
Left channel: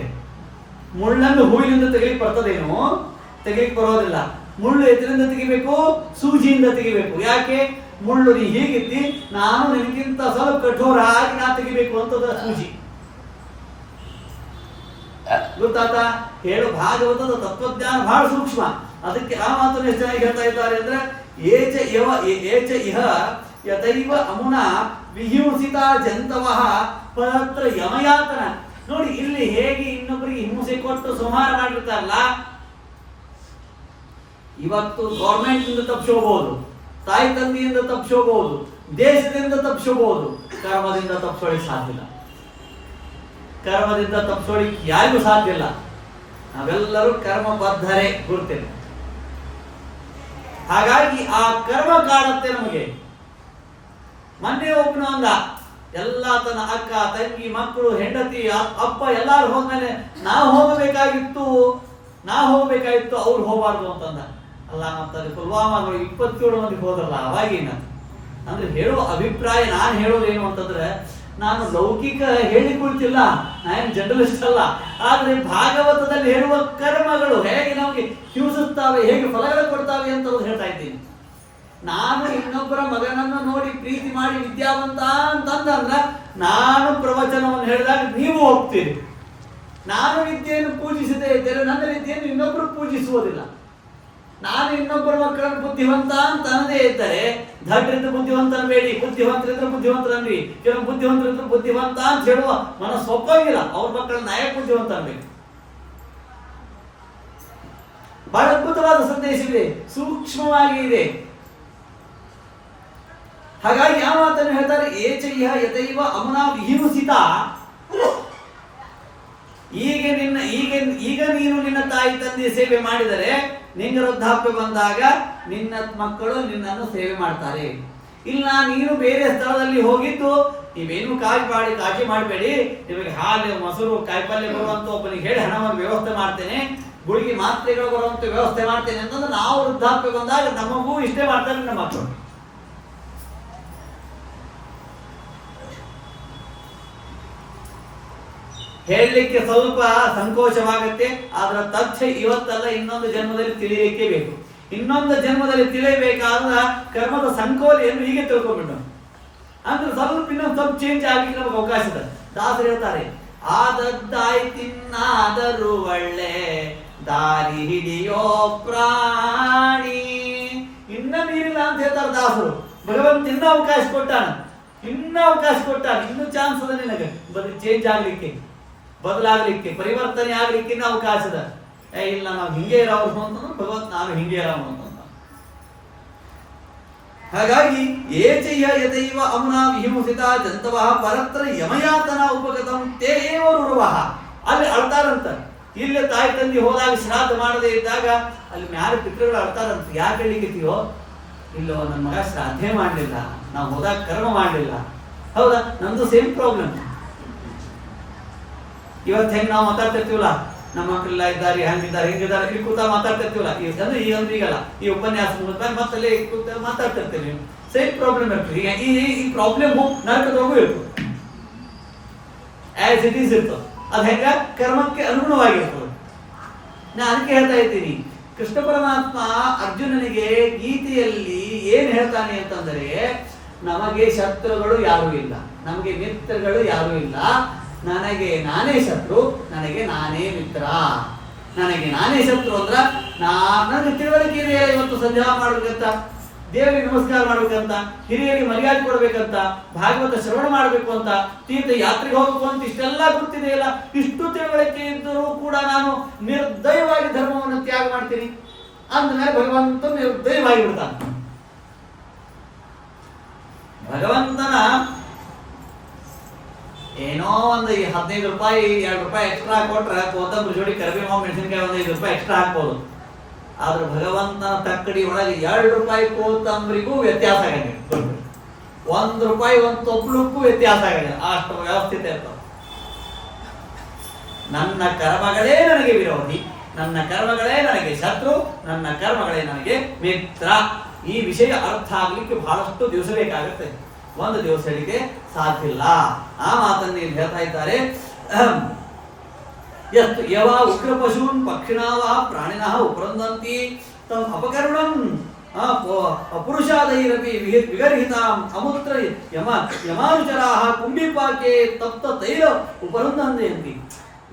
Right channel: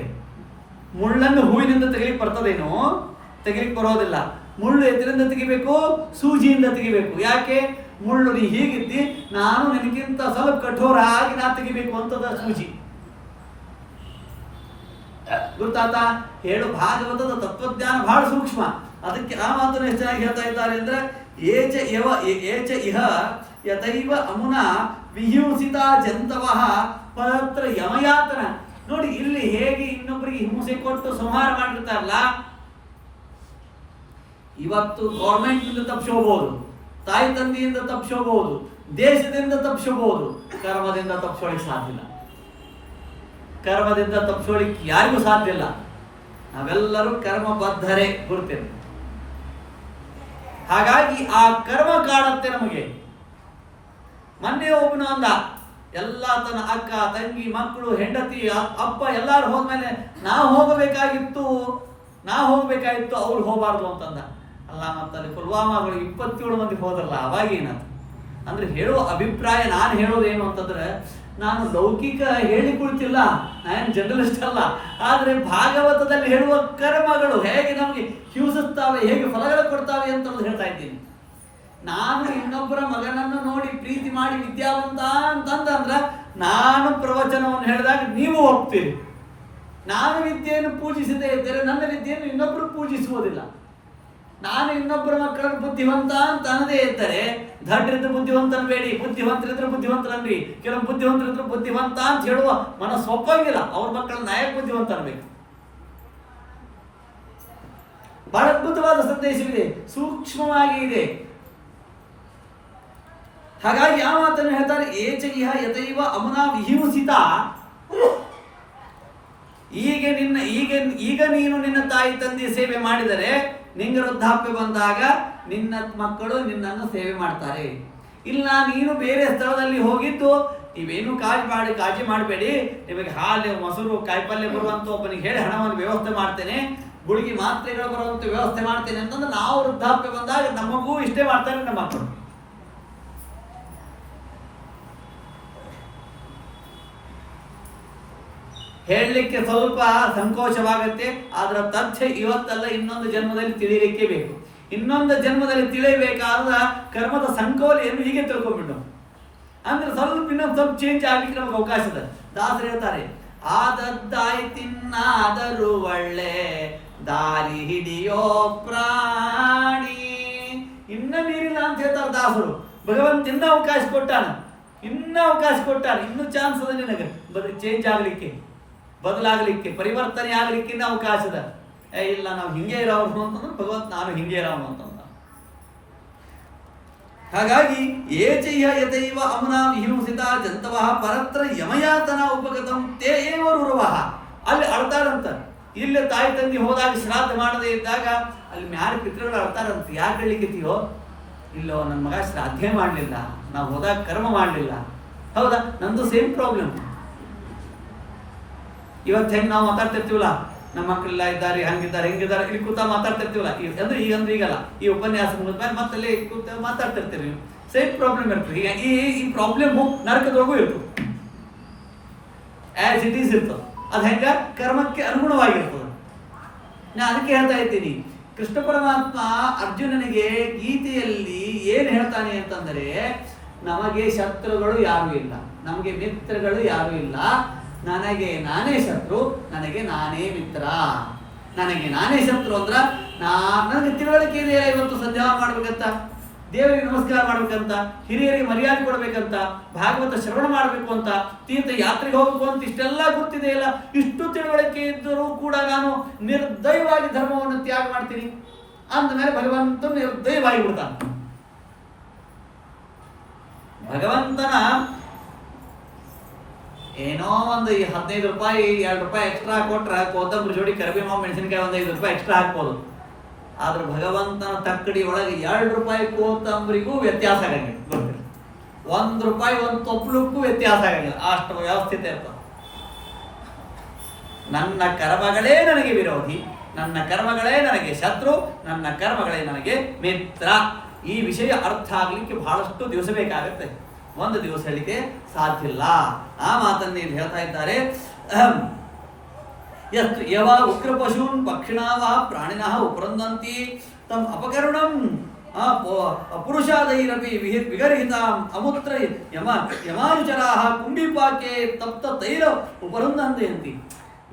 ಮುಳ್ಳನ್ನು ಹೂವಿನಿಂದ ತೆಗಿಲಿಕ್ಕೆ ಬರ್ತದೇನೋ? ತೆಗಿಲಿಕ್ಕೆ ಬರೋದಿಲ್ಲ. ಮುಳ್ಳು ಎದರಿಂದ ತೆಗಿಬೇಕು? ಸೂಜಿಯಿಂದ ತೆಗಿಬೇಕು. ಯಾಕೆ? ಮುಳ್ಳು ನೀ ಹೀಗಿದ್ದಿ, ನಾನು ನಿನಗಿಂತ ಸ್ವಲ್ಪ ಕಠೋರ ಆಗಿ ನಾ ತೆಗಿಬೇಕು ಅಂತದ ಸೂಜಿ. ಗೊತ್ತಾತ? ಹೇಳು, ಭಾಗವತದ ತತ್ವಜ್ಞಾನ ಬಹಳ ಸೂಕ್ಷ್ಮ. ಅದಕ್ಕೆ ಆ ಮಾತನ್ನು ಎಷ್ಟು ಚೆನ್ನಾಗಿ ಹೇಳ್ತಾ ಇದ್ದಾರೆ ಅಂದ್ರೆ, ಏಚ ಇಹ ಯತೈವ ಅಮುನ ವಿಹಿಂಸಿತ ಜಂತವಃ ಪರತ್ರ ಯಮಯಾತನ. ನೋಡಿ, ಇಲ್ಲಿ ಹೇಗೆ ಇನ್ನೊಬ್ಬರಿಗೆ ಹಿಂಸೆ ಕೊಟ್ಟು ಸಂಹಾರ ಮಾಡಿರ್ತಾರಲ್ಲ, ಇವತ್ತು ಗೌರ್ಮೆಂಟ್ ತಪ್ಪಿಸೋಬಹುದು, ತಾಯಿ ತಂದೆಯಿಂದ ತಪ್ಪಿಸೋಬಹುದು, ದೇಶದಿಂದ ತಪ್ಪಿಸೋಬಹುದು, ಕರ್ಮದಿಂದ ತಪ್ಪಿಸೋಳಿಕ್ ಸಾಧ್ಯ ಇಲ್ಲ. ಕರ್ಮದಿಂದ ತಪ್ಪಿಸೋಳಿಕ್ ಯಾರಿಗೂ ಸಾಧ್ಯ ಇಲ್ಲ. ನಾವೆಲ್ಲರೂ ಕರ್ಮಬದ್ಧರೇ, ಗುರುತೇನೆ. ಹಾಗಾಗಿ ಆ ಕರ್ಮ ಕಾಡುತ್ತೆ ನಮಗೆ. ಮೊನ್ನೆ ಒಬ್ಬನು ಅಂದ, ಎಲ್ಲ ತನ್ನ ಅಕ್ಕ ತಂಗಿ ಮಕ್ಕಳು ಹೆಂಡತಿ ಅಪ್ಪ ಎಲ್ಲಾರು ಹೋದ್ಮೇಲೆ ನಾವು ಹೋಗಬೇಕಾಗಿತ್ತು ಅವ್ರು ಹೋಗಬಾರ್ದು ಅಂತಂದ. ಅಲ್ಲ, ಮತ್ತಲ್ಲಿ ಪುಲ್ವಾಮಾಗಳು 27 ಮಂದಿ ಹೋದ್ರಲ್ಲ, ಅವಾಗೇನ ಅಂದ್ರೆ ಹೇಳುವ ಅಭಿಪ್ರಾಯ. ನಾನು ಹೇಳೋದೇನು ಅಂತಂದ್ರೆ, ನಾನು ಲೌಕಿಕ ಹೇಳಿಕೊಳ್ತಿಲ್ಲ, ನಾನೇನು ಜರ್ನಲಿಸ್ಟ್ ಅಲ್ಲ. ಆದ್ರೆ ಭಾಗವತದಲ್ಲಿ ಹೇಳುವ ಕರ್ಮಗಳು ಹೇಗೆ ನಮಗೆ ಹಿಂಸಿಸ್ತಾವೆ, ಹೇಗೆ ಫಲಗಳು ಕೊಡ್ತಾವೆ ಅಂತ ಹೇಳ್ತಾ ಇದ್ದೀನಿ. ನಾನು ಇನ್ನೊಬ್ಬರ ಮಗನನ್ನು ನೋಡಿ ಪ್ರೀತಿ ಮಾಡಿ ವಿದ್ಯಾವಂತ ಅಂತಂದ್ರೆ, ನಾನು ಪ್ರವಚನವನ್ನು ಹೇಳಿದಾಗ ನೀವು ಹೋಗ್ತೀರಿ. ನಾನು ವಿದ್ಯೆಯನ್ನು ಪೂಜಿಸದೇ ಇದ್ದೇನೆ, ನನ್ನ ವಿದ್ಯೆಯನ್ನು ಇನ್ನೊಬ್ಬರು ಪೂಜಿಸುವುದಿಲ್ಲ. ನಾನು ಇನ್ನೊಬ್ಬರ ಮಕ್ಕಳನ್ನು ಬುದ್ಧಿವಂತ ಅಂತ ಅನ್ನದೇ ಇದ್ದರೆ, ದಡ್ಡರಿದ್ರೆ ಬುದ್ಧಿವಂತನ ಬೇಡಿ, ಬುದ್ಧಿವಂತರಿದ್ರೆ ಬುದ್ಧಿವಂತರನ್ರಿ. ಕೆಲವು ಬುದ್ಧಿವಂತರಿದ್ರೆ ಬುದ್ಧಿವಂತ ಅಂತ ಹೇಳುವ ಮನಸ್ಸು ಒಪ್ಪಂಗಿಲ್ಲ. ಅವ್ರ ಮಕ್ಕಳ ನಾಯಕ ಬುದ್ಧಿವಂತ ಅನ್ಬೇಕು. ಬಹಳ ಅದ್ಭುತವಾದ ಸಂದೇಶವಿದೆ, ಸೂಕ್ಷ್ಮವಾಗಿ ಇದೆ. ಹಾಗಾಗಿ ಆ ಮಾತನ್ನು ಹೇಳ್ತಾರೆ, ಏಚ ಇಹ ಯತೈವ ಅಮುನಾ ವಿಹಿಂಸಿತ. ಈಗ ನೀನು ನಿನ್ನ ತಾಯಿ ತಂದೆಯ ಸೇವೆ ಮಾಡಿದರೆ, ನಿನ್ನ ವೃದ್ಧಾಪ್ಯ ಬಂದಾಗ ನಿನ್ನ ಮಕ್ಕಳು ನಿನ್ನನ್ನು ಸೇವೆ ಮಾಡ್ತಾರೆ. ಇಲ್ಲ, ನೀನು ಬೇರೆ ಸ್ಥಳದಲ್ಲಿ ಹೋಗಿದ್ದು, ನೀವೇನು ಕಾಳಜಿ ಮಾಡಬೇಡಿ, ನಿಮಗೆ ಹಾಲು ಮೊಸರು ಕಾಯಿಪಲ್ಯ ಬರುವಂತ ಒಬ್ಬನಿಗೆ ಹೇಳಿ ಹಣವನ್ನು ವ್ಯವಸ್ಥೆ ಮಾಡ್ತೇನೆ, ಗುಳಿಗೆ ಮಾತ್ರೆಗಳು ಬರುವಂತ ವ್ಯವಸ್ಥೆ ಮಾಡ್ತೇನೆ ಅಂತಂದ್ರೆ, ನಾವು ವೃದ್ಧಾಪ್ಯ ಬಂದಾಗ ನಮಗೂ ಇಷ್ಟೇ ಮಾಡ್ತಾರೆ ನಮ್ಮ ಮಕ್ಕಳು. ಹೇಳಲಿಕ್ಕೆ ಸ್ವಲ್ಪ ಸಂಕೋಚವಾಗತ್ತೆ. ಅದರ ತಥ್ಯ ಇವತ್ತಲ್ಲ, ಇನ್ನೊಂದು ಜನ್ಮದಲ್ಲಿ ತಿಳಿಯಲಿಕ್ಕೆ ಬೇಕು. ಇನ್ನೊಂದು ಜನ್ಮದಲ್ಲಿ ತಿಳಿಯಬೇಕಾದ ಕರ್ಮದ ಸಂಕೋಲೆಯನ್ನು ಹೀಗೆ ತಿಳ್ಕೊಂಡ್ಬಿಟ್ಟು ಅಂದ್ರೆ ಇನ್ನೊಂದು ಸ್ವಲ್ಪ ಚೇಂಜ್ ಆಗ್ಲಿಕ್ಕೆ ನಮಗೆ ಅವಕಾಶ ಇದೆ. ದಾಸರು ಹೇಳ್ತಾರೆ, ಆದದ್ದಾಯ್ತಿನ್ನಾದರೂ ಒಳ್ಳೆ ದಾರಿ ಹಿಡಿಯೋ ಪ್ರಾಣಿ. ಇನ್ನ ನೀರಿಲ್ಲ ಅಂತ ಹೇಳ್ತಾರೆ ದಾಸರು. ಭಗವಂತ ಇನ್ನೂ ಅವಕಾಶ ಕೊಟ್ಟಾನ, ಇನ್ನೂ ಚಾನ್ಸ್ ಅದ ನಿನಗೆ ಚೇಂಜ್ ಆಗ್ಲಿಕ್ಕೆ, ಬದಲಾಗಲಿಕ್ಕೆ, ಪರಿವರ್ತನೆ ಆಗ್ಲಿಕ್ಕೆ ಅವಕಾಶ ಇದೆ. ಇಲ್ಲ, ನಾವು ಹಿಂಗೆ ಇರೋರು ಅಂತಂದ್ರೆ ಭಗವಂತ ನಾನು ಹಿಂಗೆ ಇರೋನು ಅಂತ. ಹಾಗಾಗಿ ಏಚಯ್ಯ ಯತೈವ ಅಮುನಾ ವಿಹಿಂಸಿತ ಜಂತವಃ ಪರತ್ರ ಯಮಯಾತನ ಉಪಗತಂ ತೇ ಏವ ರುರವಃ. ಅಲ್ಲಿ ಅಳ್ತಾರಂತ. ಇಲ್ಲಿ ತಾಯಿ ತಂದೆ ಹೋದಾಗ ಶ್ರಾದ್ದ ಮಾಡದೇ ಇದ್ದಾಗ ಅಲ್ಲಿ ಯಾರು ಪಿತೃಗಳು ಅಳ್ತಾರಂತ. ಯಾಕೆ ಹೇಳಿಕತ್ತೀವೋ? ಇಲ್ಲೋ, ನನ್ನ ಮಗ ಶ್ರಾದ್ದೇ ಮಾಡಲಿಲ್ಲ, ನಾವು ಹೋದಾಗ ಕರ್ಮ ಮಾಡಲಿಲ್ಲ. ಹೌದಾ? ನಂದು ಸೇಮ್ ಪ್ರಾಬ್ಲಮ್. ಇವತ್ತು ಹೆಂಗೆ ನಾವು ಮಾತಾಡ್ತಿರ್ತೀವಲ್ಲ, ನಮ್ಮ ಮಕ್ಕಳೆಲ್ಲ ಇದ್ದಾರೆ, ಹಂಗಿದ್ದಾರೆ, ಹಿಂಗಿದ್ದಾರೆ, ಇಲ್ಲಿ ಕೂತ ಮಾತಾಡ್ತಿರ್ತೀವಲ್ಲ, ಅಂದ್ರೆ ಈಗಲ್ಲ, ಈ ಉಪನ್ಯಾಸ ಮತ್ತಲ್ಲಿ ಕೂತ ಮಾತಾಡ್ತಿರ್ತೀವಿ. ಸೇಮ್ ಪ್ರಾಬ್ಲಮ್ ಇರ್ತದೆ. ಈಗ ಈ ಪ್ರಾಬ್ಲಮ್ ನರಕದವರೆಗೂ ಇರ್ತದೆ, ಆಸ್ ಇಟ್ ಈಸ್ ಇರ್ತದೆ. ಅದು ಹೆಂಗ ಕರ್ಮಕ್ಕೆ ಅನುಗುಣವಾಗಿರ್ತದೆ. ನಾನು ಅದಕ್ಕೆ ಹೇಳ್ತಾ ಇದ್ದೀನಿ, ಕೃಷ್ಣ ಪರಮಾತ್ಮ ಅರ್ಜುನನಿಗೆ ಗೀತೆಯಲ್ಲಿ ಏನ್ ಹೇಳ್ತಾನೆ ಅಂತಂದರೆ, ನಮಗೆ ಶತ್ರುಗಳು ಯಾರು ಇಲ್ಲ, ನಮಗೆ ಮಿತ್ರಗಳು ಯಾರು ಇಲ್ಲ, ನನಗೆ ನಾನೇ ಶತ್ರು, ನನಗೆ ನಾನೇ ಮಿತ್ರ. ನನಗೆ ನಾನೇ ಶತ್ರು ಅಂದ್ರ ನನಗೆ ತಿಳುವಳಿಕೆ ಇದೆಯಲ್ಲ, ಇವತ್ತು ಸಂಧ್ಯಾ ಮಾಡ್ಬೇಕಂತ, ದೇವರಿಗೆ ನಮಸ್ಕಾರ ಮಾಡ್ಬೇಕಂತ, ಹಿರಿಯರಿಗೆ ಮರ್ಯಾದೆ ಕೊಡ್ಬೇಕಂತ, ಭಾಗವತ ಶ್ರವಣ ಮಾಡ್ಬೇಕು ಅಂತ, ತೀರ್ಥ ಯಾತ್ರೆಗೆ ಹೋಗ್ಬೇಕು ಅಂತ ಇಷ್ಟೆಲ್ಲ ಗೊತ್ತಿದೆಯಲ್ಲ, ಇಷ್ಟು ತಿಳುವಳಿಕೆ ಇದ್ದರೂ ಕೂಡ ನಾನು ನಿರ್ದಯವಾಗಿ ಧರ್ಮವನ್ನು ತ್ಯಾಗ ಮಾಡ್ತೀನಿ ಅಂದಮೇಲೆ ಭಗವಂತ ನಿರ್ದಯವಾಗಿ ಬಿಡ್ತಾನೆ. ಭಗವಂತನ ಏನೋ ಒಂದು 15 ರೂಪಾಯಿ 2 ರೂಪಾಯಿ ಎಕ್ಸ್ಟ್ರಾ ಕೊಟ್ರೆ ಕೋತಂಬರಿ ಜೋಡಿ ಕರಿಬೇವು ಮೆಣಸಿನಕಾಯಿ ಒಂದು 5 ರೂಪಾಯಿ ಎಕ್ಸ್ಟ್ರಾ ಹಾಕ್ಬೋದು. ಆದ್ರೆ ಭಗವಂತನ ತಕ್ಕಡಿ ಒಳಗೆ 2 ರೂಪಾಯಿ ಕೋತಂಬರಿಗೂ ವ್ಯತ್ಯಾಸ ಆಗಂಗಿಲ್ಲ. 1 ರೂಪಾಯಿ ಒಂದು ತೊಪ್ಲಕ್ಕೂ ವ್ಯತ್ಯಾಸ ಆಗಂಗಿಲ್ಲ, ಅಷ್ಟು ವ್ಯವಸ್ಥಿತ ಇರ್ತದೆ. ನನ್ನ ಕರ್ಮಗಳೇ ನನಗೆ ವಿರೋಧಿ, ನನ್ನ ಕರ್ಮಗಳೇ ನನಗೆ ಶತ್ರು, ನನ್ನ ಕರ್ಮಗಳೇ ನನಗೆ ಮಿತ್ರ. ಈ ವಿಷಯ ಅರ್ಥ ಆಗ್ಲಿಕ್ಕೆ ಬಹಳಷ್ಟು ದಿವಸ ಬೇಕಾಗುತ್ತೆ, ಒಂದು ದಿವಸ ಹೇಳಿಕೆ ಸಾಧ್ಯ ಇಲ್ಲ. ಆ ಮಾತನ್ನು ಇಲ್ಲಿ ಹೇಳ್ತಾ ಇದ್ದಾರೆ. ಯಸ್ತು ಯವ ಉಗ್ರ ಪಶೂನ್ ಪಕ್ಷಿಣಾ ವಾ ಪ್ರಾಣಿನಃ ಉಪರಂದಂತಿ ತಮ್ ಅಪಕರಣಂ ಪುರುಷಾದೈರಪಿ ವಿಗರ್ಹಿತಾಂ ಅಮೂತ್ರ ಯಮಾನುಚರಾಹ ಕುಂಭಿಪಾಕೆ ತಪ್ತ ತೈಲ ಉಪರಂದಂತಿ.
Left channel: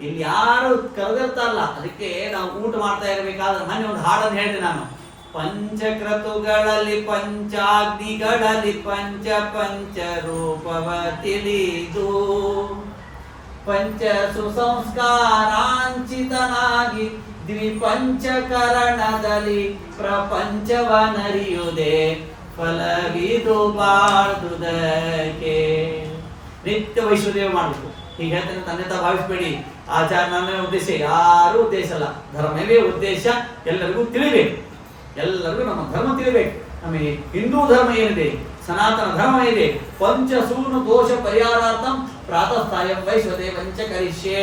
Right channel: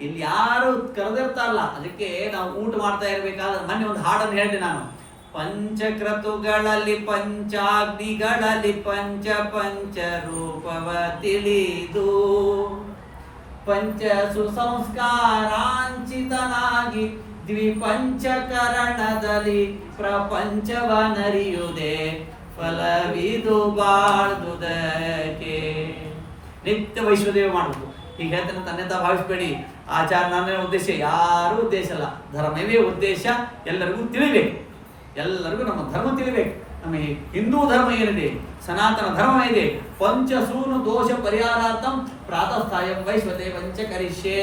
ಇಲ್ಲಿ ಯಾರು ಕರೆದಿರ್ತಾರಲ್ಲ, ಅದಕ್ಕೆ ನಾವು ಊಟ ಮಾಡ್ತಾ ಇರಬೇಕಾದ್ರೆ ಮೊನ್ನೆ ಒಂದು ಹಾಡನ್ನು ಹೇಳಿದೆ ನಾನು. ಪಂಚಕ್ರತುಗಳಲ್ಲಿ ಪಂಚಾಗ್ನಿಗಳಲ್ಲಿ ಪಂಚ ಪಂಚ ರೂಪವ ತಿಳಿದು ಪಂಚ ಸುಸಂಸ್ಕಾರಾಂಚಿತನಾಗಿ ದ್ವಿಪಂಚಕರಣದಲ್ಲಿ ಪ್ರಪಂಚವನರಿಯುವುದೇ ಫಲವಿದು ಬಾಳ್ದುದಕ್ಕೆ. ನಿತ್ಯ ವೈಶ್ವದೇವ ಮಾಡಬೇಕು. ಹೀಗೆ ಹೇಳ್ತಾನೆ, ತನ್ನೆತ ಭಾವಿಸ್ಬೇಡಿ. ಆಚಾರ ನನ್ನ ಉದ್ದೇಶ ಯಾರೂ ಉದ್ದೇಶ ಅಲ್ಲ, ಧರ್ಮವೇ ಉದ್ದೇಶ. ಎಲ್ಲರಿಗೂ ತಿಳಿಬೇಕು, ಎಲ್ಲರಿಗೂ ನಮ್ಮ ಧರ್ಮ ತಿಳಿಬೇಕು. ನಮಗೆ ಹಿಂದೂ ಧರ್ಮ ಏನಿದೆ, ಸನಾತನ ಧರ್ಮ ಇದೆ. ಪಂಚಸೂನು ದೋಷ ಪರಿಹಾರಾರ್ಥಂ ಪ್ರಾತಃಸ್ಥಾಯಂ ವೈಶ್ವದೇವಂಚ ಕರಿಷ್ಯೆ.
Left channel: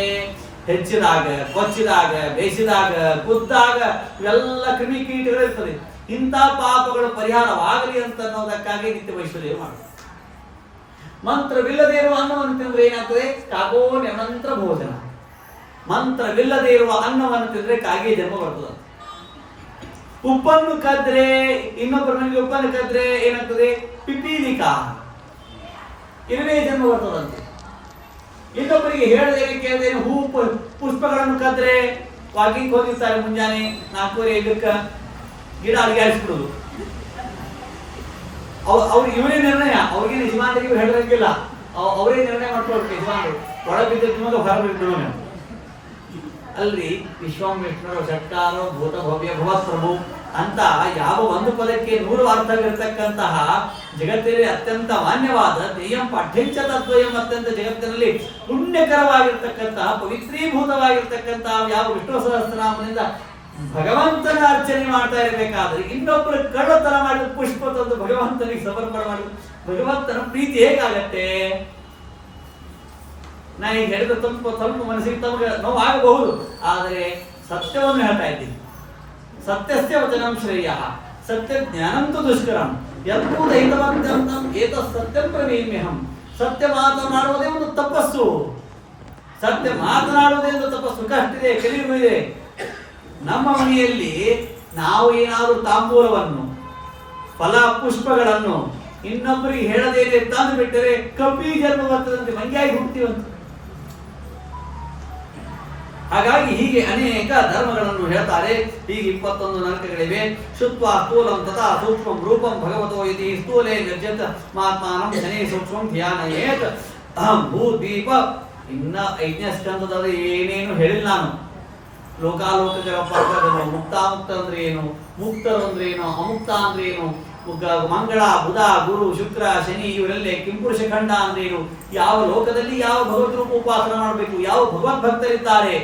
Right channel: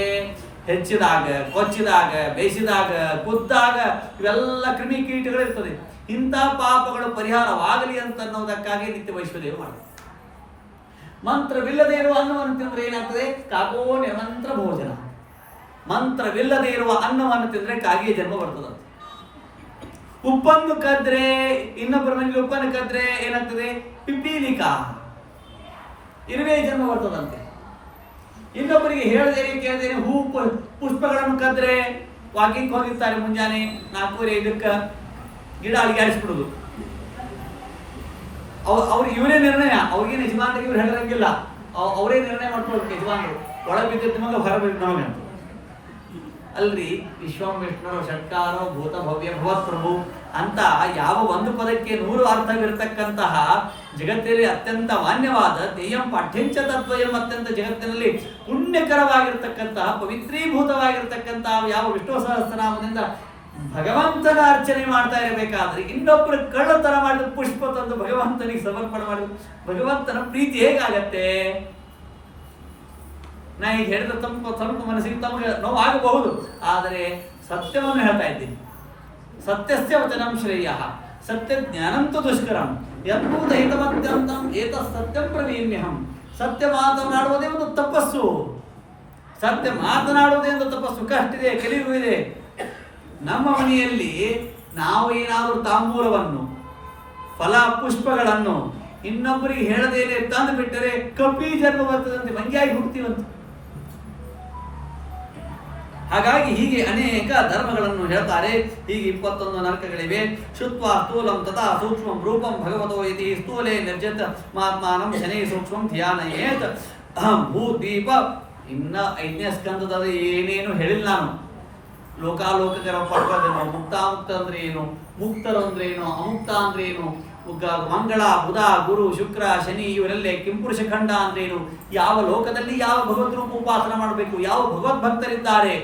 ಹೆಚ್ಚಿದಾಗ, ಕೊಚ್ಚಿದಾಗ, ಬೇಯಿಸಿದಾಗ, ಕುದ್ದಾಗ ಇವೆಲ್ಲ ಕ್ರಿಮಿಕೀಟಗಳು ಇರ್ತದೆ. ಇಂಥ ಪಾಪಗಳು ಪರಿಹಾರವಾಗಲಿ ಅಂತ ಅನ್ನೋದಕ್ಕಾಗಿ ನಿತ್ಯ ವೈಶ್ವದೇವ ಮಾಡುತ್ತೆ. ಮಂತ್ರವಿಲ್ಲದೆ ಇರುವ ಅನ್ನವನ್ನು ತಿಂದ್ರೆ ಏನಾಗ್ತದೆ? ಕಾಗೋ ನಿಮಂತ್ರ ಭೋಜನ. ಮಂತ್ರವಿಲ್ಲದೆ ಇರುವ ಅನ್ನವನ್ನು ತಿಂದ್ರೆ ಕಾಗೆ ಜನ್ಮ ಬರ್ತದೆ. ಉಪ್ಪನ್ನು ಕದ್ರೆ, ಇನ್ನೊಬ್ಬರ ಮನೆಗೆ ಉಪ್ಪನ್ನು ಕದ್ರೆ ಏನಾಗ್ತದೆ? ಪಿಪೀಲಿಕಾ, ಇರುವೆ ಜನ್ಮ ಬರ್ತದಂತೆ. ಇನ್ನೊಬ್ಬರಿಗೆ ಹೇಳದೇನೆ ಕೇಳದೇನೆ ಹೂ ಪುಷ್ಪಗಳನ್ನು ಕದ್ರೆ, ವಾಕಿಂಗ್ ಹೋಗಿರ್ತಾರೆ ಮುಂಜಾನೆ 4:45 ಗಿಡ ಅಡಿಗಾಡಿಸ್ಬಿಡುದು. ಅವ್ರಿಗೆ ಇವರೇ ನಿರ್ಣಯ, ಅವ್ರಿಗೆ ಯಜಮಾನರಿಗೆ ಇವ್ರು ಹೇಳೋಂಗಿಲ್ಲ, ಅವರೇ ನಿರ್ಣಯ ಮಾಡ್ಕೊಳ್ಬೇಕು. ಯಜಮಾನರು ಒಳಗೆ ಬಿದ್ದಿದ್ದ ಮಗ ಹೊರ ಬಿದ್ದ ನಮಗೆ ಅಲ್ರಿ. ವಿಶ್ವಾಮಿತ್ರರು ಷಟ್ಕಾರ ಭೂತ ಭವ್ಯ ಭಗವತ್ ಪ್ರಭು ಅಂತ ಯಾವ ಒಂದು ಪದಕ್ಕೆ 100 ಅರ್ಥವಿರತಕ್ಕಂತಹ ಜಗತ್ತಿನಲ್ಲಿ ಅತ್ಯಂತ ಮಾನ್ಯವಾದ ದೇಯಂ ಪಾಠ್ಯಂಚ ತದ್ವಯಂ, ಅತ್ಯಂತ ಜಗತ್ತಿನಲ್ಲಿ ಪುಣ್ಯಕರವಾಗಿರ್ತಕ್ಕಂತಹ ಪವಿತ್ರೀಭೂತವಾಗಿರ್ತಕ್ಕಂತಹ ಯಾವ ವಿಷ್ಣು ಸಹಸ್ರನಾಮದಿಂದ ಭಗವಂತನ ಅರ್ಚನೆ ಮಾಡ್ತಾ ಇರಬೇಕಾದ್ರೆ ಇನ್ನೊಬ್ಬರು ಕಳ್ಳತನ ಮಾಡಿದ ಪುಷ್ಪ ತಂದು ಭಗವಂತನಿಗೆ ಸಮರ್ಪಣೆ ಮಾಡಿದ ಭಗವಂತನ ಪ್ರೀತಿ ಹೇಗಾಗತ್ತೆ? ನಾ ಈಗ ಹೇಳಿದ ಸ್ವಲ್ಪ ಮನಸ್ಸಿಗೆ ತಮಗೆ ನೋವಾಗಬಹುದು, ಆದರೆ ಸತ್ಯವನ್ನು ಹೇಳ್ತಾ ಇದ್ದೀನಿ. ಸತ್ಯಸ್ಯ ವಚನಂ ಶ್ರೇಯ ಸತ್ಯ ಜ್ಞಾನಂತು ದುಷ್ಕರಂ ಯದ್ಭೂತಹಿತಮತ್ಯಂತಂ ಏತತ್ ಸತ್ಯಂ ಪ್ರವೀಮ್ಯಹಂ. ಸತ್ಯ ಮಾತನಾಡುವುದೇ ಒಂದು ತಪಸ್ಸು. ಸತ್ಯ ಮಾತನಾಡುವುದೇ ಒಂದು ತಪಸ್ಸು. ಕಷ್ಟಿದೆ, ಕಲಿಯುವ ಇದೆ. ನಮ್ಮ ಮನೆಯಲ್ಲಿ ನಾವು ಏನಾದರೂ ತಾಂಬೂಲವನ್ನು, ಫಲ ಪುಷ್ಪಗಳನ್ನು ಇನ್ನೊಬ್ಬರಿಗೆ ಹೇಳದೇನೆ ತಂದು ಬಿಟ್ಟರೆ ಕಪಿ ಜನ್ಮ ಬರ್ತದಂತೆ, ಮಂಗ್ಯಾಗಿ ಹುಡ್ತೀವಂತೆ. ಹಾಗಾಗಿ ಹೀಗೆ ಅನೇಕ ಧರ್ಮಗಳನ್ನು ಹೇಳ್ತಾರೆ. ಹೀಗೆ 21 ನರಕಗಳಿವೆ. ಶುತ್ವಾ ಸ್ಥೂಲಂ ತಥಾ ಸೂಕ್ಷ್ಮಂ ರೂಪಂ ಭಗವತೋ ಯತಿ ಸ್ಥೂಲೇ ನಿರ್ಜತ ಮಾತ್ಮಾನಂ ಶನೇ ಸೂಕ್ಷ್ಮಂ ಧ್ಯಾನಯೇತ್ ಭೂದೀಪ. ಇನ್ನ 5ನೇ ಸ್ಕಂದದಲ್ಲಿ ಏನೇನು ಹೇಳಿಲ್ಲ ನಾನು. ಲೋಕಾಲೋಕಕರ ಪರ್ವಗಳು, ಮುಕ್ತಾಮುಕ್ತ ಅಂದ್ರೆ ಏನು, ಮುಕ್ತರು ಅಂದ್ರೆ ಏನು, ಅಮುಕ್ತ ಅಂದ್ರೆ ಏನು, ಮಂಗಳ, ಬುಧ, ಗುರು, ಶುಕ್ರ, ಶನಿ ಇವರೆಲ್ಲೇ ಕಿಂಪುರುಷ ಖಂಡ ಅಂದ್ರೆ ಏನು, ಯಾವ ಲೋಕದಲ್ಲಿ ಯಾವ ಭಗವದ್ ರೂಪ ಉಪಾಸನ ಮಾಡಬೇಕು, ಯಾವ ಭಗವದ್ ಭಕ್ತರಿದ್ದಾರೆ,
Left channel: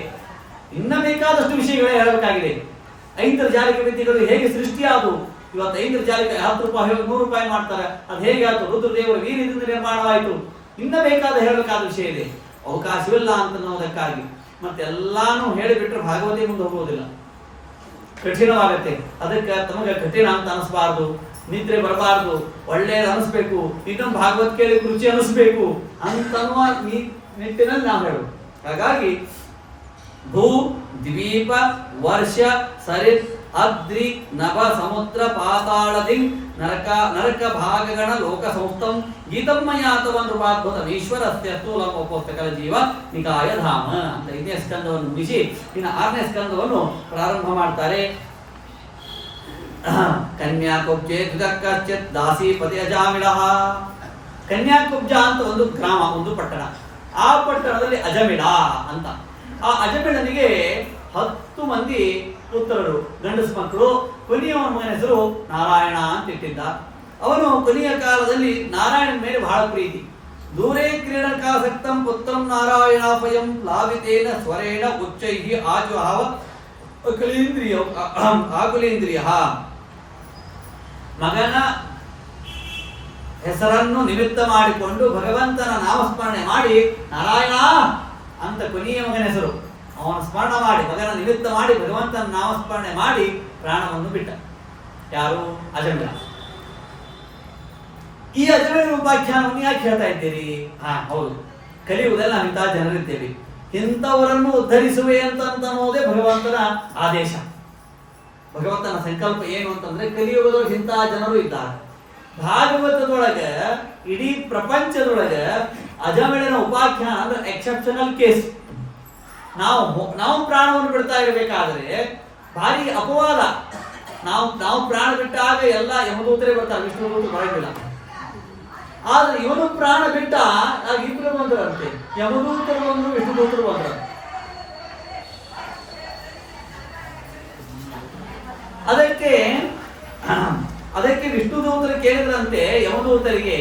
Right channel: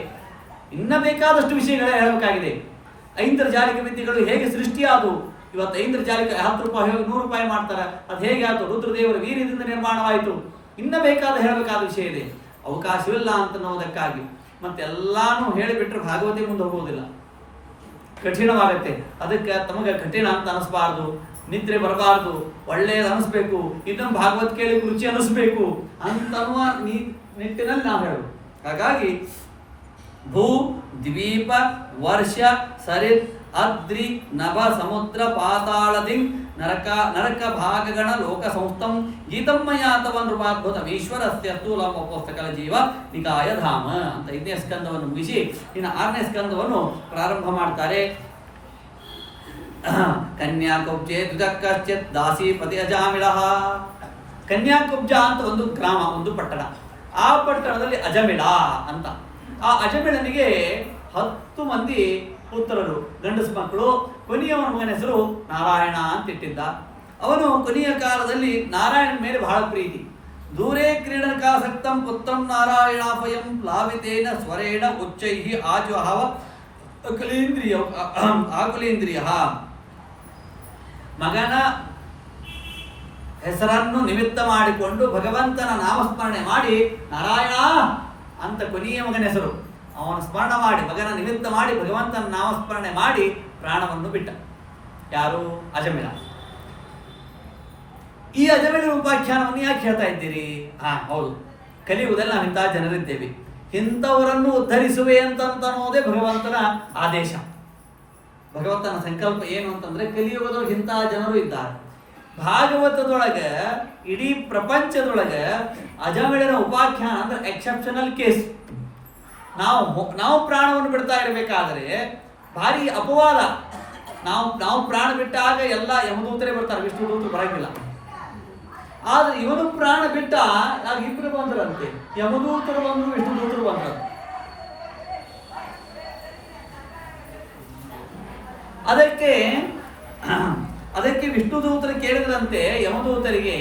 ಇನ್ನ ಬೇಕಾದಷ್ಟು ವಿಷಯಗಳೇ ಹೇಳಬೇಕಾಗಿದೆ. ಐಂದ್ರಜಾಲಿಕ ವಿದ್ಯೆಗಳು ಹೇಗೆ ಸೃಷ್ಟಿಯಾದವು. ಇವತ್ತು ಐಂದ್ರಜಾಲಿಕ 10 ರೂಪಾಯಿ 100 ರೂಪಾಯಿ ಮಾಡ್ತಾರೆ. ಅದು ಹೇಗೆ ಆಯ್ತು? ರುದ್ರದೇವರ ವೀರ್ಯದಿಂದ ನಿರ್ಮಾಣವಾಯಿತು. ಇನ್ನ ಬೇಕಾದ ಹೇಳಬೇಕಾದ ವಿಷಯ ಇದೆ, ಅವಕಾಶವಿಲ್ಲ ಅಂತ ಅನ್ನೋದಕ್ಕಾಗಿ. ಮತ್ತೆಲ್ಲಾನು ಹೇಳಿಬಿಟ್ರೆ ಭಾಗವತಿ ಮುಂದೆ ಹೋಗುವುದಿಲ್ಲ, ಕಠಿಣವಾಗತ್ತೆ. ಅದಕ್ಕೆ ತಮಗೆ ಕಠಿಣ ಅಂತ ಅನಿಸ್ಬಾರ್ದು, ನಿದ್ರೆ ಬರಬಾರ್ದು, ಒಳ್ಳೆಯದು ಅನಿಸ್ಬೇಕು, ಇದನ್ನು ಭಾಗವತ್ ಕೇಳಿ ರುಚಿ ಅನಿಸ್ಬೇಕು ಅಂತನ್ನುವ ನಿಟ್ಟಿನಲ್ಲಿ ನಾವು ಹೇಳೋದು. ಹಾಗಾಗಿ ಭೂ ದ್ವೀಪ ವರ್ಷ ಸರಿತ್ ಅದ್ರಿ ನಭ ಸಮುದ್ರ ಪಾತಾಳದಿ ನರಕ ಭಾಗಗಣ ಲೋಕ ಸಂಸ್ಥಂ ಗೀತಮ್ಮಯಾತವನ್ ರೂಪಾದ್ಭುತಂ ಈಶ್ವರಸ್ಯ ಸ್ಥೂಲಂ ಉಪೋಸ್ತಕಲ ಜೀವ ನಿಕಾಯ ಧಾಮ ಅಂತ 5ನೇ ಸ್ಕಂದವನ್ನು ಮುಗಿಸಿ ಇನ್ನು 6ನೇ ಸ್ಕಂದವನ್ನು ಪ್ರಾರಂಭ ಮಾಡ್ತಾರೆ. ಕನ್ಯಾಕುಬ್ಜೆ ದ್ವಿದಕ್ಕಶ್ಚಿತ್ ದಾಸೀಪತಿ ಅಜಾಮಿಳಃ. ಕನ್ಯಾಕುಬ್ಜ ಅಂತ ಒಂದು ಗ್ರಾಮ, ಒಂದು ಪಟ್ಟಣ. ಆ ಪಟ್ಟಣದಲ್ಲಿ ಅಜಮಿಳ ಅಂತ, ಆ ಅಜಮಿಳನಿಗೆ 10 ಮಂದಿ ಪುತ್ರರು, ಗಂಡಸು ಮಕ್ಕಳು. ಕೊನೆಯವನ ಮಗನ ಹೆಸರು ನಾರಾಯಣ ಅಂತ ಇಟ್ಟಿದ್ದ. ಅವನು ಕೊನೆಯ ಕಾಲದಲ್ಲಿ ನಾರಾಯಣನ ಮೇಲೆ ಬಹಳ ಪ್ರೀತಿ. ದೂರೇ ಕ್ರೀಡಕಾಸಕ್ತಂ ಪುತ್ರಂ ನಾರಾಯಣಾಪಯಂ ಲಾವಿತೇನ ಸ್ವರೇಣ ಉಚ್ಚೈಹಿ ಆಜುಹಾವ ಆಕುಲೇಂದ್ರಿಯ. ಮಗನ ಹೆಸರನ್ನು ನಿಮಿತ್ತ ಮಾಡಿಕೊಂಡು ಭಗವಂತನ ನಾಮಸ್ಮರಣೆ ಮಾಡಿ, ನಾರಾಯಣ ಅಂತ ಕೊನೆಯ ಮಗನ ಹೆಸರು ಅವನ ಸ್ಮರಣ ಮಾಡಿ, ಮಗನ ನಿಮಿತ್ತ ಮಾಡಿ ಭಗವಂತನ ನಾಮಸ್ಮರಣೆ ಮಾಡಿ ಪ್ರಾಣವನ್ನು ಬಿಟ್ಟ. ಯಾರು? ಅಜಮಿಳ. ಈ ಅಜಮಿಳ ಉಪಾಖ್ಯಾನವನ್ನು ಯಾಕೆ ಹೇಳ್ತಾ ಇದ್ದೀರಿ? ಹೌದು, ಕಲಿಯುವುದೆಲ್ಲ ನಾವು ಇಂತಹ ಜನರಿದ್ದೇವೆ. ಇಂಥವರನ್ನು ಉದ್ಧರಿಸುವೆ ಅಂತನ್ನೋದೇ ಭಗವಂತನ ಆದೇಶ. ಭಗವಂತನ ಸಂಕಲ್ಪ ಏನು ಅಂತಂದ್ರೆ ಕಲಿಯುಗದೊಳಗೆ ಇಂಥ ಜನರು ಇದ್ದಾರೆ. ಭಾಗವತದೊಳಗೆ ಇಡೀ ಪ್ರಪಂಚದೊಳಗೆ ಅಜಮಿಳನ ಉಪಾಖ್ಯಾನ ಅಂದ್ರೆ ಎಕ್ಸೆಪ್ಷನಲ್ ಕೇಸ್. ನಾವು ಪ್ರಾಣವನ್ನು ಬಿಡ್ತಾ ಇರಬೇಕಾದ್ರೆ ಭಾರಿ ಅಪವಾದ. ನಾವು ಪ್ರಾಣ ಬಿಟ್ಟಾಗ ಎಲ್ಲ ಯಮದೂತರೇ ಬರ್ತಾರೆ, ವಿಷ್ಣುದೂತರು ಬರಂಗಿಲ್ಲ. ಆದ್ರೆ ಇವನು ಪ್ರಾಣ ಬಿಟ್ಟ ಆಗ ಇಬ್ಬರು ಬಂದ್ರಂತೆ, ಯಮದೂತರು ಬಂದ್ರು, ವಿಷ್ಣುದೂತರು ಬಂದ್ರು. ಅದಕ್ಕೆ ವಿಷ್ಣುದೂತರು ಕೇಳಿದ್ರಂತೆ ಯಮದೂತರಿಗೆ,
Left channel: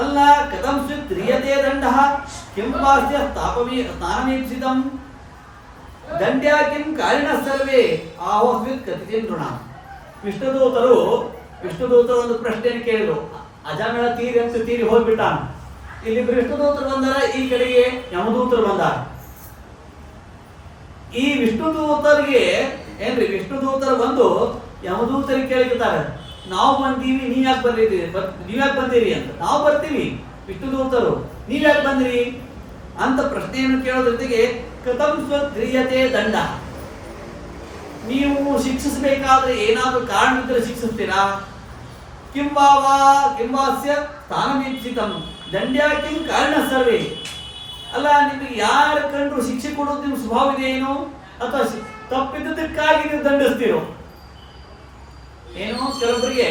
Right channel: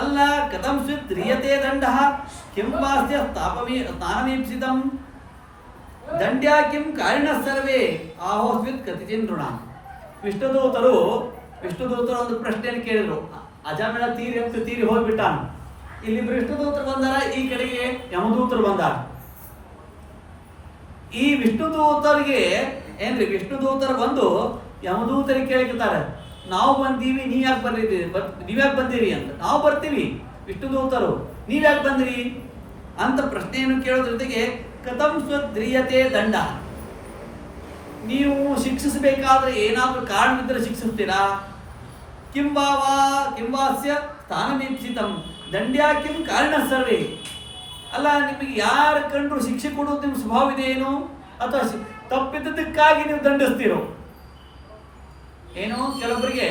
ಅಲ್ಲ ಕಥಂ ಸ್ವಿತ್ ರಿಯತೆ ದಂಡ ಕೆಂಪಾಸ್ಯ ಸ್ನಾನಮೀಪ್ಸಿತಂ ದಂಡ್ಯಾ ಕಿಂ ಕಾರಿಣ ಸರ್ವೇ ಆಹೋಸ್ವಿತ್ ಕಥಿತಿಂ ನೃಣ. ವಿಷ್ಣುದೂತರು ಒಂದು ಪ್ರಶ್ನೆಯನ್ನು ಕೇಳಿದ್ರು. ಅಜಮೇಳ ತೀರಿ ಹೋಗ್ಬಿಟ್ಟಾನ. ಇಲ್ಲಿ ವಿಷ್ಣುದೂತರು ಬಂದಾರ, ಈ ಕಡೆಗೆ ಯಮದೂತರು ಬಂದಾರ. ಈ ವಿಷ್ಣುದೂತರಿಗೆ ಏನ್ರಿ, ವಿಷ್ಣುದೂತರು ಬಂದು ಯಮದೂತರಿಗೆ ಕೇಳಿರ್ತಾರೆ, ನಾವು ಬಂದೀವಿ, ನೀವ್ಯಾಕೆ ಬಂದಿರಿ ಅಂತ. ನಾವು ಬರ್ತೀವಿ ವಿಷ್ಣುದೂತರು, ನೀವ್ಯಾಕೆ ಬಂದ್ರಿ ಅಂತ ಪ್ರಶ್ನೆಯನ್ನು ಕೇಳೋದ್ರ ಜೊತೆಗೆ ಕಥಂ ಸ್ವದ್ರಿಯತೆ ದಂಡ, ನೀವು ಶಿಕ್ಷಿಸಬೇಕಾದ್ರೆ ಏನಾದರೂ ಕಾರಣವಿದ್ದರೆ ಶಿಕ್ಷಿಸ್ತೀರಾ? ಕಿಂವಾಸ್ಯ ಸ್ಥಾನಮೀಪ್ಸಿತಂ ದಂಡ್ಯಾ ಕಿಂ ಕಾರಣ ಸರ್ವೇ. ಅಲ್ಲ, ನಿಮಗೆ ಯಾರು ಕಂಡ್ರು ಶಿಕ್ಷೆ ಕೊಡೋದು ನಿಮ್ಮ ಸ್ವಭಾವ ಇದೆ ಏನು, ಅಥವಾ ತಪ್ಪಿದ್ದಕ್ಕಾಗಿ ನೀವು ದಂಡಿಸ್ತೀರೋ ಏನೋ? ಕೆಲವೊಬ್ಬರಿಗೆ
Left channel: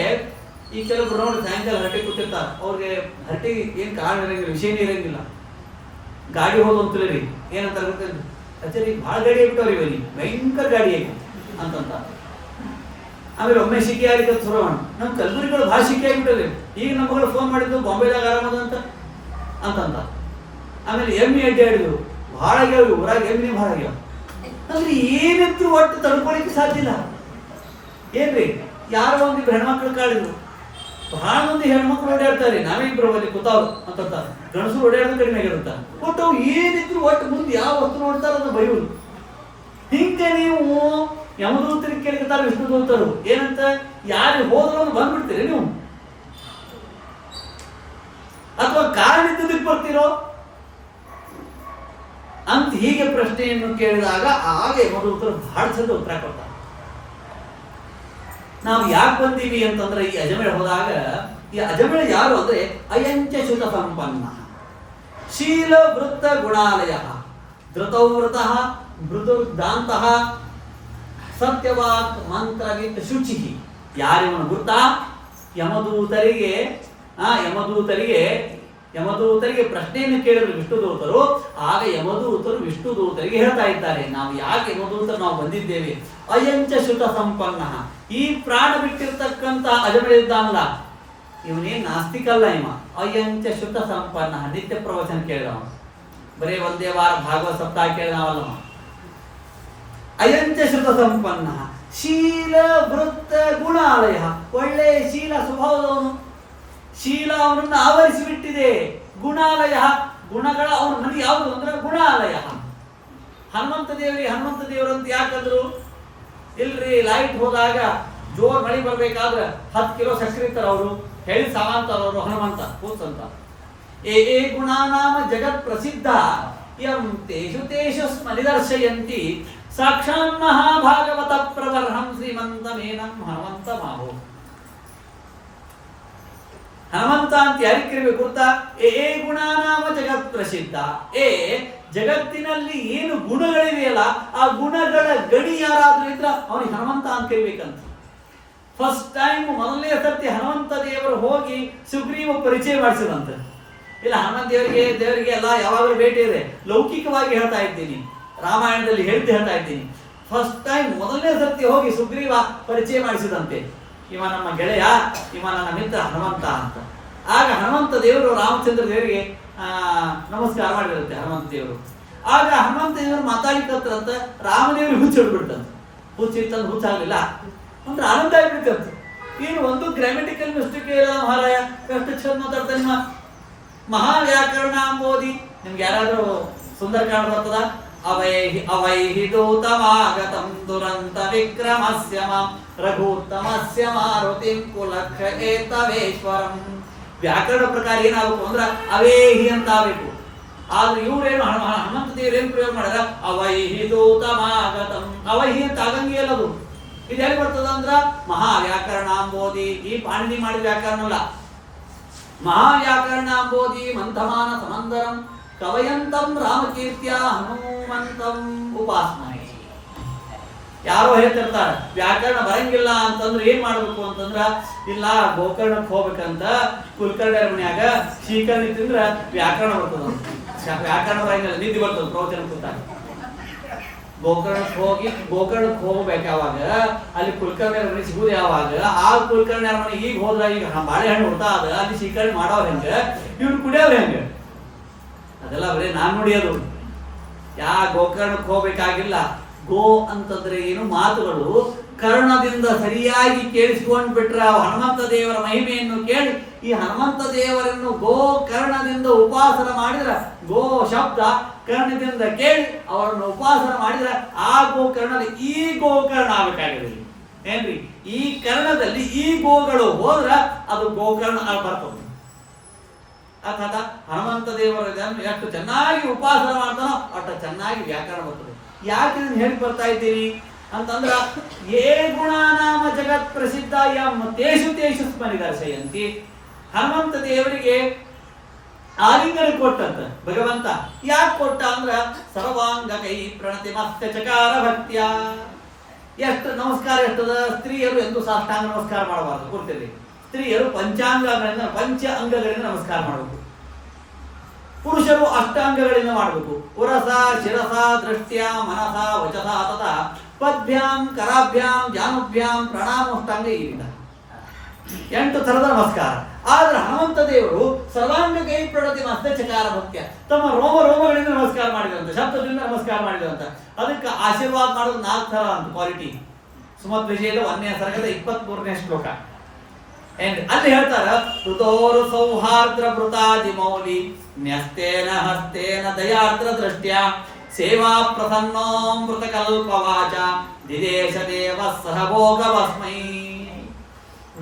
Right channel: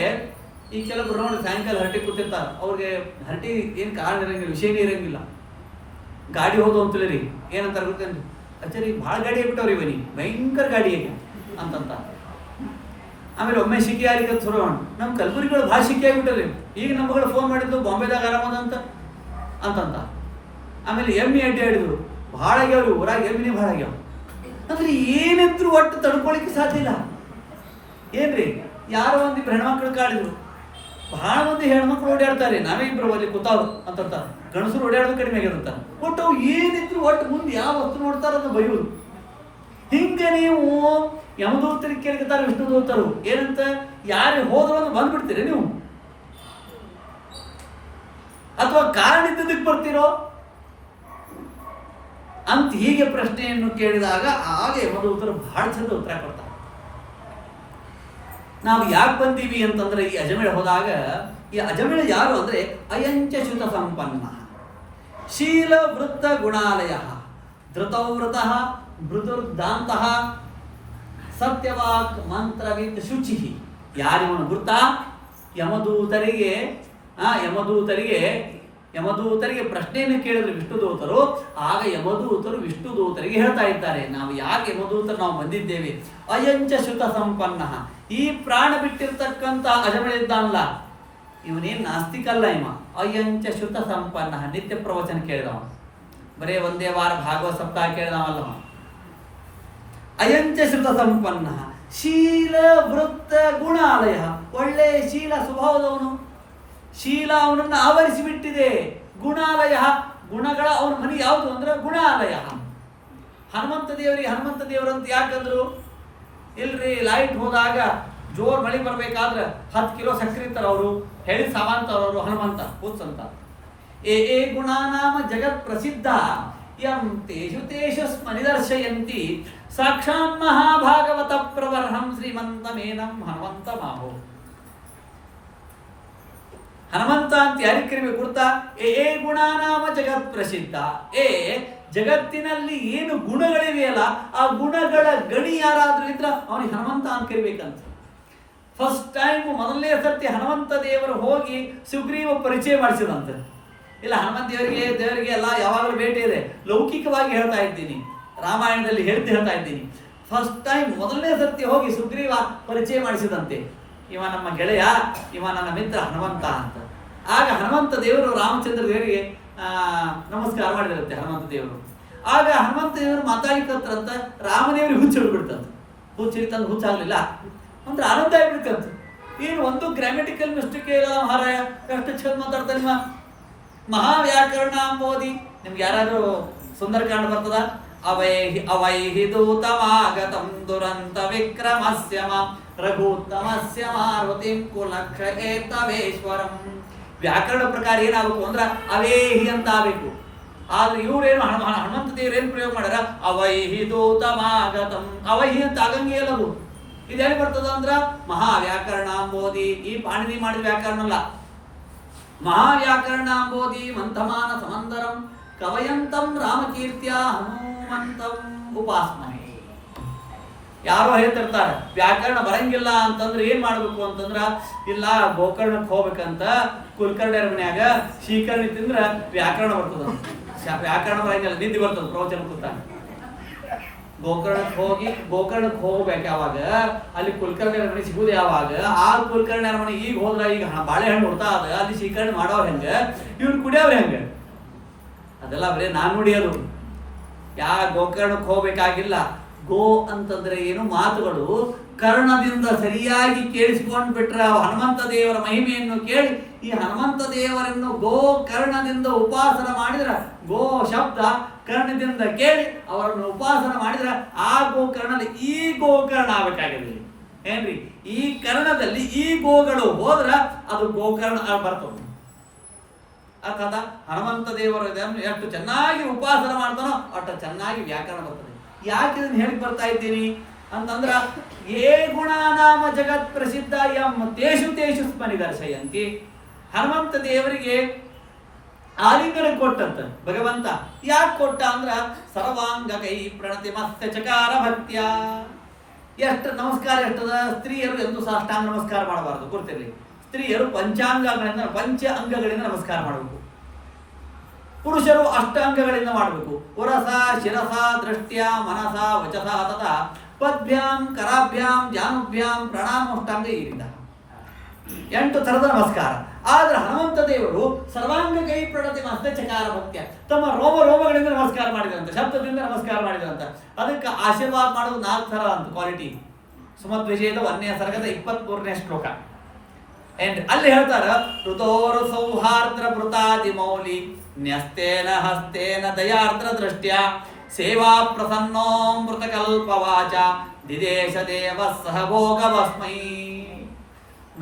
ಕೆಲವೊಬ್ರು ನೋಡಿ ಸಾಯಂಕಾಲ ಹರಟೆ ಕೂತಿರ್ತಾರೆ, ಅವ್ರಿಗೆ ಹರಟೆ ಏನು ಕಾರಣ ಇರಂಗಿಲ್ಲ, ವಿಷಯನೇ ಇರಂಗಿಲ್ಲ. ಗಾಡಿ ಹೋದು ಅಂತಲೇ ಏನಂತಾರೆ ಗೊತ್ತೇನು, ಅಚ್ಚರಿ ಭಾಳ ಗಾಡಿ ಆಗ್ಬಿಟ್ಟವ್ರಿ ಬನ್ನಿ, ಭಯಂಕರ ಗಾಡಿ ಆಗಿ ಅಂತಂತ. ಆಮೇಲೆ ಒಮ್ಮೆ ಶಿಖಿ ಆಗಿ ಶುರು ನಮ್ಮ ಕಲಬುರಗಿಗಳು ಭಾಳ ಶಿಖಿ ಆಗಿಬಿಟ್ಟವ್ರಿ. ಈಗ ನಮ್ಮಗಳು ಫೋನ್ ಮಾಡಿದ್ದು ಬಾಂಬೆದಾಗ ಆರಾಮದ ಅಂತಂತ. ಆಮೇಲೆ ಎಮ್ಮೆ ಅಡ್ಡಿ ಆಡಿದ್ರು, ಭಾಳ ಆಗ್ಯಾವ್ರಿ ಊರಾಗ, ಎಮ್ಮಿನೇ ಭಾಳ ಆಗ್ಯಾವ. ಅಂದ್ರೆ ಏನಿದ್ರು ಒಟ್ಟು ತಡ್ಕೊಳಿಕ್ಕೆ ಸಾಧ್ಯ ಇಲ್ಲ. ಏನ್ರಿ, ಯಾರೋ ಒಂದಿಬ್ರು ಹೆಣ್ಮಕ್ಳು ಕಾಡಿದ್ರು, ಬಹಳ ಮಂದಿ ಹೆಣ್ಮಕ್ಳು ಓಡಾಡ್ತಾರೆ, ನಾವೇ ಇಬ್ರು ಅಲ್ಲಿ ಕೂತಾವ್ ಅಂತಂತ. ಗಣಸರು ಓಡಾಡೋದು ಕಡಿಮೆ ಆಗಿರುತ್ತ. ಒಟ್ಟು ಅವು ಏನಿದ್ರು ಒಟ್ಟು ಮುಂದೆ ಯಾವ ವಸ್ತು ನೋಡ್ತಾರ ಅದು ಬೈಯುವುದು. ಹಿಂಗೆ ನೀವು ಯಮದೂತರಿಗೆ ಕೇಳ್ತಾರೆ ವಿಷ್ಣುದೂತರು ಏನಂತ, ಯಾರು ಹೋದವನು ಬಂದ್ಬಿಡ್ತೀರಿ ನೀವು, ಅಥವಾ ಕಾರಣ ಇದ್ದದಕ್ಕೆ ಬರ್ತೀರೋ ಅಂತ ಹೀಗೆ ಪ್ರಶ್ನೆಯನ್ನು ಕೇಳಿದಾಗ ಆಗ ಯಮದೂತರು ಬಹಳ ಚಂದ ಉತ್ತರ ಕೊಡ್ತಾರೆ. ನಾವು ಯಾಕೆ ಬಂದೀವಿ ಅಂತಂದ್ರೆ, ಈ ಅಜಮೇಳ ಹೋದಾಗ, ಈ ಅಜಮೇಳ ಯಾರು ಅಂದ್ರೆ ಅಯಂಚ ಶ್ರುತ ಸಂಪನ್ನ ಶೀಲ ವೃತ್ತ ಗುಣಾಲಯ ಧೃತವೃತ ಮೃದುರ್ದಾಂತ ಸತ್ಯವಾಕ್ ಮಂತ್ರವಿತ್ ಶುಚಿ. ಯಾರಿವನು ಗುರ್ತ? ಯಮದೂತರಿಗೆ ಪ್ರಶ್ನೆಯನ್ನು ಕೇಳಿದ್ರು ವಿಷ್ಣುದೂತರು. ಆಗ ಯಮದೂತರು ವಿಷ್ಣುದೂತರಿಗೆ ಹೇಳ್ತಾ ಇದ್ದಾರೆ, ನಾವು ಯಾಕೆ ಯಮದೂತರು ನಾವು ಬಂದಿದ್ದೇವೆ. ಅಯಂಚ ಶ್ರುತ ಸಂಪನ್ನ, ಈ ಪ್ರಾಣ ಬಿಟ್ಟಿರ್ತಕ್ಕಂಥ ಅಜಮೇಳ ಇದ್ದಾನಲ್ಲ, ಇವನೇನು ನಾಸ್ತಿಕಲ್ಲ. ಅಯಂಚ ಶ್ರುತ ಸಂಪನ್ನ, ನಿತ್ಯ ಪ್ರವಚನ ಕೇಳಿದವ, ಬರೇ ಒಂದೇ ವಾರ ಭಾಗವತ ಸಪ್ತಾಹ ಕೇಳಿದವಲ್ಲ. ಅಯಂಚ ಶ್ರುತ ಸಂಪನ್ನ ಶೀಲ ವೃತ್ತ ಗುಣಾಲಯ, ಒಳ್ಳೆ ಶೀಲ ಸ್ವಭಾವದವನು. ಶೀಲ ಅವನನ್ನು ಆವರಿಸಿಬಿಟ್ಟಿದೆ. ಗುಣಾಲಯ, ಗುಣಗಳ ಅವನ ಮನೆ ಯಾವುದು ಅಂದ್ರೆ ಗುಣಾಲಯ. ಹನುಮಂತ ದೇವರಂತ ಯಾಕಂದ್ರು, ಇಲ್ರಿ ಲೈಟ್ ಹೋದಾಗ ಜೋರ್ ಮಳೆ ಬರ್ಬೇಕಾದ್ರೆ 10 ಕಿಲೋ ಸಕ್ಕರೆ ಇರ್ತಾರ ಅವರು, ಹೇಳಿದ ಸಾಮಾಂತರವರು ಹನುಮಂತ ಕೂತಂತ. ಏ ಗುಣಾನಾಮ ಜಗತ್ ಪ್ರಸಿದ್ಧ ಯಂ ತೇಷು ಸ್ಮನಿದರ್ಶಯಂತಿ ಸಾಕ್ಷಾನ್ ಮಹಾಭಾಗವತ ಪ್ರವರ್ಹಂ ಶ್ರೀಮಂತಮೇನಂ ಹನುಮಂತ ಮಾಹೋ. ಹನುಮಂತ ಅಂತ ಯಾರಿಗೆ ಕರಿಬೇಕು ಗೊತ್ತಾ? ಏ ಗುಣಾನಾಮ ಜಗತ್ ಪ್ರಸಿದ್ಧ. ಜಗತ್ತಿನಲ್ಲಿ ಏನು ಗುಣಗಳಿವೆಯಲ್ಲ, ಆ ಗುಣಗಳ ಗಣಿ ಯಾರಾದ್ರೂ ಇದ್ರ ಅವನಿಗೆ ಹನುಮಂತ ಅಂತ ಕರಿಬೇಕಂತ. ಫಸ್ಟ್ ಟೈಮ್ ಮೊದಲನೇ ಸರ್ತಿ ಹನುಮಂತ ದೇವರು ಹೋಗಿ ಸುಗ್ರೀವ ಪರಿಚಯ ಮಾಡಿಸಿದಂತೆ. ಇಲ್ಲ, ಹನುಮಂತ ದೇವರಿಗೆ ಎಲ್ಲ ಯಾವಾಗಲೂ ಭೇಟಿ ಇದೆ. ಲೌಕಿಕವಾಗಿ ಹೇಳ್ತಾ ಇದ್ದೀನಿ, ರಾಮಾಯಣದಲ್ಲಿ ಹೇಳ್ತಾ ಇದ್ದೀನಿ. ಫಸ್ಟ್ ಟೈಮ್ ಮೊದಲನೇ ಸರ್ತಿ ಹೋಗಿ ಸುಗ್ರೀವ ಪರಿಚಯ ಮಾಡಿಸಿದಂತೆ. ಇವ ನಮ್ಮ ಗೆಳೆಯ, ಇವ ನನ್ನ ಮಿತ್ರ ಹನುಮಂತ ಅಂತ. ಆಗ ಹನುಮಂತ ದೇವರು ರಾಮಚಂದ್ರ ದೇವರಿಗೆ ನಮಸ್ಕಾರ ಮಾಡಿದ್ರಂತೆ ಹನುಮಂತ ದೇವರು. ಆಗ ಹನುಮಂತ ದೇವರು ಮಾತಾಡಿಕತ್ತಂತ ರಾಮದೇವ್ರಿಗೆ ಹುಚ್ಚಿಡ್ಬಿಡ್ತಂತ. ಹುಚ್ಚಿಡ್ತಂದು ಹುಚ್ಚಾಗಲಿಲ್ಲ ಅಂದ್ರೆ ಆನಂದ ಆಗ್ಬಿಡ್ತಂತ. ಏನು ಒಂದು ಗ್ರಾಮೆಟಿಕಲ್ ಮಿಸ್ಟೇಕ್ ಇಲ್ಲ ಮಹಾರಾಯ, ಎಷ್ಟು ಚಂದ ಮಾತಾಡ್ತಾನೆ ನಿಮ್ಮ ಮಹಾವ್ಯಾಕರಣ ಅಂಬೋದಿ. ನಿಮ್ಗೆ ಯಾರಾದ್ರೂ ಸುಂದರಕಾಂಡ ಬರ್ತದ? ಅವೈಹಿ ದೂತಮಾಗತಂ ದುರಂತ ವಿಕ್ರಮಸ್ಯ ಮಾಂ ರಘುತ್ತಮಸ್ಯ ಮಾರುತಿಂ ಕುಲಕ್ಷ ಏತವೇಶ್ವರಂ. ವ್ಯಾಕರಣ ಪ್ರಕಾರ ಏನಾಗಬೇಕು ಅಂದ್ರೆ ಅವೇಹಿ ಅಂತ ಆಗಬೇಕು. ಆದ್ರೆ ಇವ್ರೇನು ಹನುಮಂತ ದೇವರೇನು ಪ್ರಯೋಗ ಮಾಡ್ಯಾರ, ಅವೈಹಿ ದೂತಮಾಗತಂ. ಅವೈಹಿ ಅಂತ ಆಗಂಗೆ ಅಲ್ಲದು. ಇದು ಎಲ್ಲಿ ಬರ್ತದ ಅಂದ್ರ ಮಹಾವ್ಯಾಕರಣಾಂಬೋಧಿ. ಈ ಪಾಣಿನಿ ಮಾಡಿದ ವ್ಯಾಕರಣ ಅಲ್ಲ. ಮಹಾವ್ಯಾಕರಣಾಂಬೋಧಿ ಮಂಥಮಾನ ಸಮಂದರಂ ಕವಯಂತಂ ರಾಮಕೀರ್ತ್ಯ ಹನುಮಂತಂ ಉಪಾಸ್ಮಹೆ. ಯಾರೋ ಹೇಳ್ತಿರ್ತಾರೆ ವ್ಯಾಕರಣ ಬರಂಗಿಲ್ಲ ಅಂತಂದ್ರೆ ಏನ್ ಮಾಡ್ಬೇಕು ಅಂತಂದ್ರ, ಇಲ್ಲ ಗೋಕರ್ಣಕ್ಕೆ ಹೋಗ್ಬೇಕಂತ ಕುಲಕರ್ಣಿಯರ ಮನ್ಯಾಗ ಶ್ರೀಕರ್ಣಿ ತಿಂದ್ರ ವ್ಯಾಕರಣ ಬರ್ತದ. ವ್ಯಾಕರಣ ಬರಂಗಿಲ್ಲ, ನಿದ್ದೆ ಬರ್ತದ ಪ್ರವಚನ ಕೂತಾಗ. ಗೋಕರ್ಣಕ್ಕೆ ಹೋಗ್ಬೇಕು ಯಾವಾಗ, ಅಲ್ಲಿ ಕುಲಕರ್ಣಿಯರ ಮನೆ ಸಿಗುದು ಯಾವಾಗ, ಆ ಕುಲಕರ್ಣಿಯರ ಮನೆ ಈಗ ಹೋದ್ರ ಈಗ ಬಾಳೆಹಣ್ಣು ಹುಡ್ತಾ ಅದ, ಅಲ್ಲಿ ಶ್ರೀಕರ್ಣಿ ಮಾಡೋರ್ ಹೆಂಗ, ಇವ್ರು ಕುಡಿಯೋರ್ ಹೆಂಗ, ಅದೆಲ್ಲ ಬರೀ ನಾನ್ ನೋಡಿಯೋದು. ಗೋಕರ್ಣಕ್ಕೆ ಹೋಗ್ಬೇಕಾಗಿಲ್ಲ. ಗೋ ಅಂತಂದ್ರೆ ಏನು, ಮಾತುಗಳು ಕರ್ಣದಿಂದ ಸರಿಯಾಗಿ ಕೇಳಿಸ್ಕೊಂಡ್ ಬಿಟ್ರೆ ಹನುಮಂತ ದೇವರ ಮಹಿಮೆಯನ್ನು ಕೇಳಿ, ಈ ಹನುಮಂತ ದೇವರನ್ನು ಗೋ ಕರ್ಣದಿಂದ ಉಪಾಸನ ಮಾಡಿದ್ರೆ, ಗೋ ಶಬ್ದ ಕರ್ಣದಿಂದ ಕೇಳಿ ಅವರನ್ನು ಉಪಾಸನ ಮಾಡಿದ್ರೆ ಆ ಗೋಕರ್ಣದಲ್ಲಿ ಈ ಗೋಕರ್ಣ ಆಗಬೇಕಾಗಿದೆ. ಏನ್ರಿ, ಈ ಕರ್ಣದಲ್ಲಿ ಈ ಗೋಗಳು ಹೋದ್ರ ಅದು ಗೋಕರ್ಣ ಬರ್ತದೆ. ಅರ್ಥಾತ್ ಹನುಮಂತ ದೇವರನ್ನು ಎಷ್ಟು ಚೆನ್ನಾಗಿ ಉಪಾಸನ ಮಾಡ್ತಾನೋ ಅಷ್ಟು ಚೆನ್ನಾಗಿ ವ್ಯಾಕರಣ ಬರ್ತದೆ. ಯಾಕೆ ಇದನ್ನ ಹೇಳಿ ಬರ್ತಾ ಇದ್ದೀನಿ ಅಂತಂದ್ರ, ಏ ಗುಣನಾಮ ಜಗತ್ ಪ್ರಸಿದ್ಧ ಎಂ ತೇಷು ತೇಷು ಸ್ಮರಿದರ್ಶಯಂತಿ. ಹನುಮಂತ ದೇವರಿಗೆ ಆಲಿಂಗನ ಕೊಟ್ಟಂತ ಭಗವಂತ. ಯಾಕೆ ಕೊಟ್ಟ ಅಂದ್ರ ಸರ್ವಾಂಗ ಕೈ ಪ್ರಣತಿ ಮಸ್ತ ಚಕಾರ ಭಕ್ತ್ಯ. ಎಷ್ಟು ನಮಸ್ಕಾರ ಎಷ್ಟದ, ಸ್ತ್ರೀಯರು ಎಂದು ಸಾಷ್ಟಾಂಗ ನಮಸ್ಕಾರ ಮಾಡಬಾರದು, ಗುರ್ತಿರ್ಲಿ. ಸ್ತ್ರೀಯರು ಪಂಚ ಅಂಗಗಳಿಂದ ನಮಸ್ಕಾರ ಮಾಡಬೇಕು. ಪುರುಷರು ಅಷ್ಟಾಂಗಗಳಿಂದ ಮಾಡಬೇಕು. ಉರಸ ಶಿರಸ ದೃಷ್ಟ್ಯ ಮನಸ ವಚಸ ತತ ಪದ್ಭ್ಯಾಂ ಕರಾಭ್ಯಾಂ ಜಾನುಭ್ಯಾಂ ಪ್ರಣಾಮೋಷ್ಟಾಂಗ. ಇರಿಂದ 8 ಥರದ ನಮಸ್ಕಾರ. ಆದ್ರೆ ಹನುಮಂತ ದೇವರು ಸರ್ವಾಂಗ ಕೈ ಪ್ರಣತಿ ಮಸ್ತ ಚಕಾರ ಭಕ್ತ್ಯ, ತಮ್ಮ ರೋಮಗಳಿಂದ ನಮಸ್ಕಾರ ಮಾಡಿದಂತ, ಶಬ್ದದಿಂದ ನಮಸ್ಕಾರ ಮಾಡಿದಂತ. ಅದಕ್ಕೆ ಆಶೀರ್ವಾದ ಮಾಡೋದು 4 ಥರ ಅಂತ ಕ್ವಾಲಿಟಿ. ಸುಮದ್ ವಿಜಯದ 1ನೇ ಸರ್ಗದ 23ನೇ ಶ್ಲೋಕ. ಅಲ್ಲಿ ಹೇಳ್ತಾರ, ಋತೋರು ಸೌಹಾರ್ದ್ರ ಭೃತಾದಿ ಮೌಲಿ ನ್ಯಸ್ತೇನ ಹಸ್ತೇನ ದಯಾರ್ದ್ರ ದೃಷ್ಟ್ಯ ಸೇವಾ ಪ್ರಸನ್ನೋಮೃತ ಕಲ್ಪವಾಚ ದಿದೇಶ ದೇವ ಸಹಭೋಗವಸ್ಮೈ.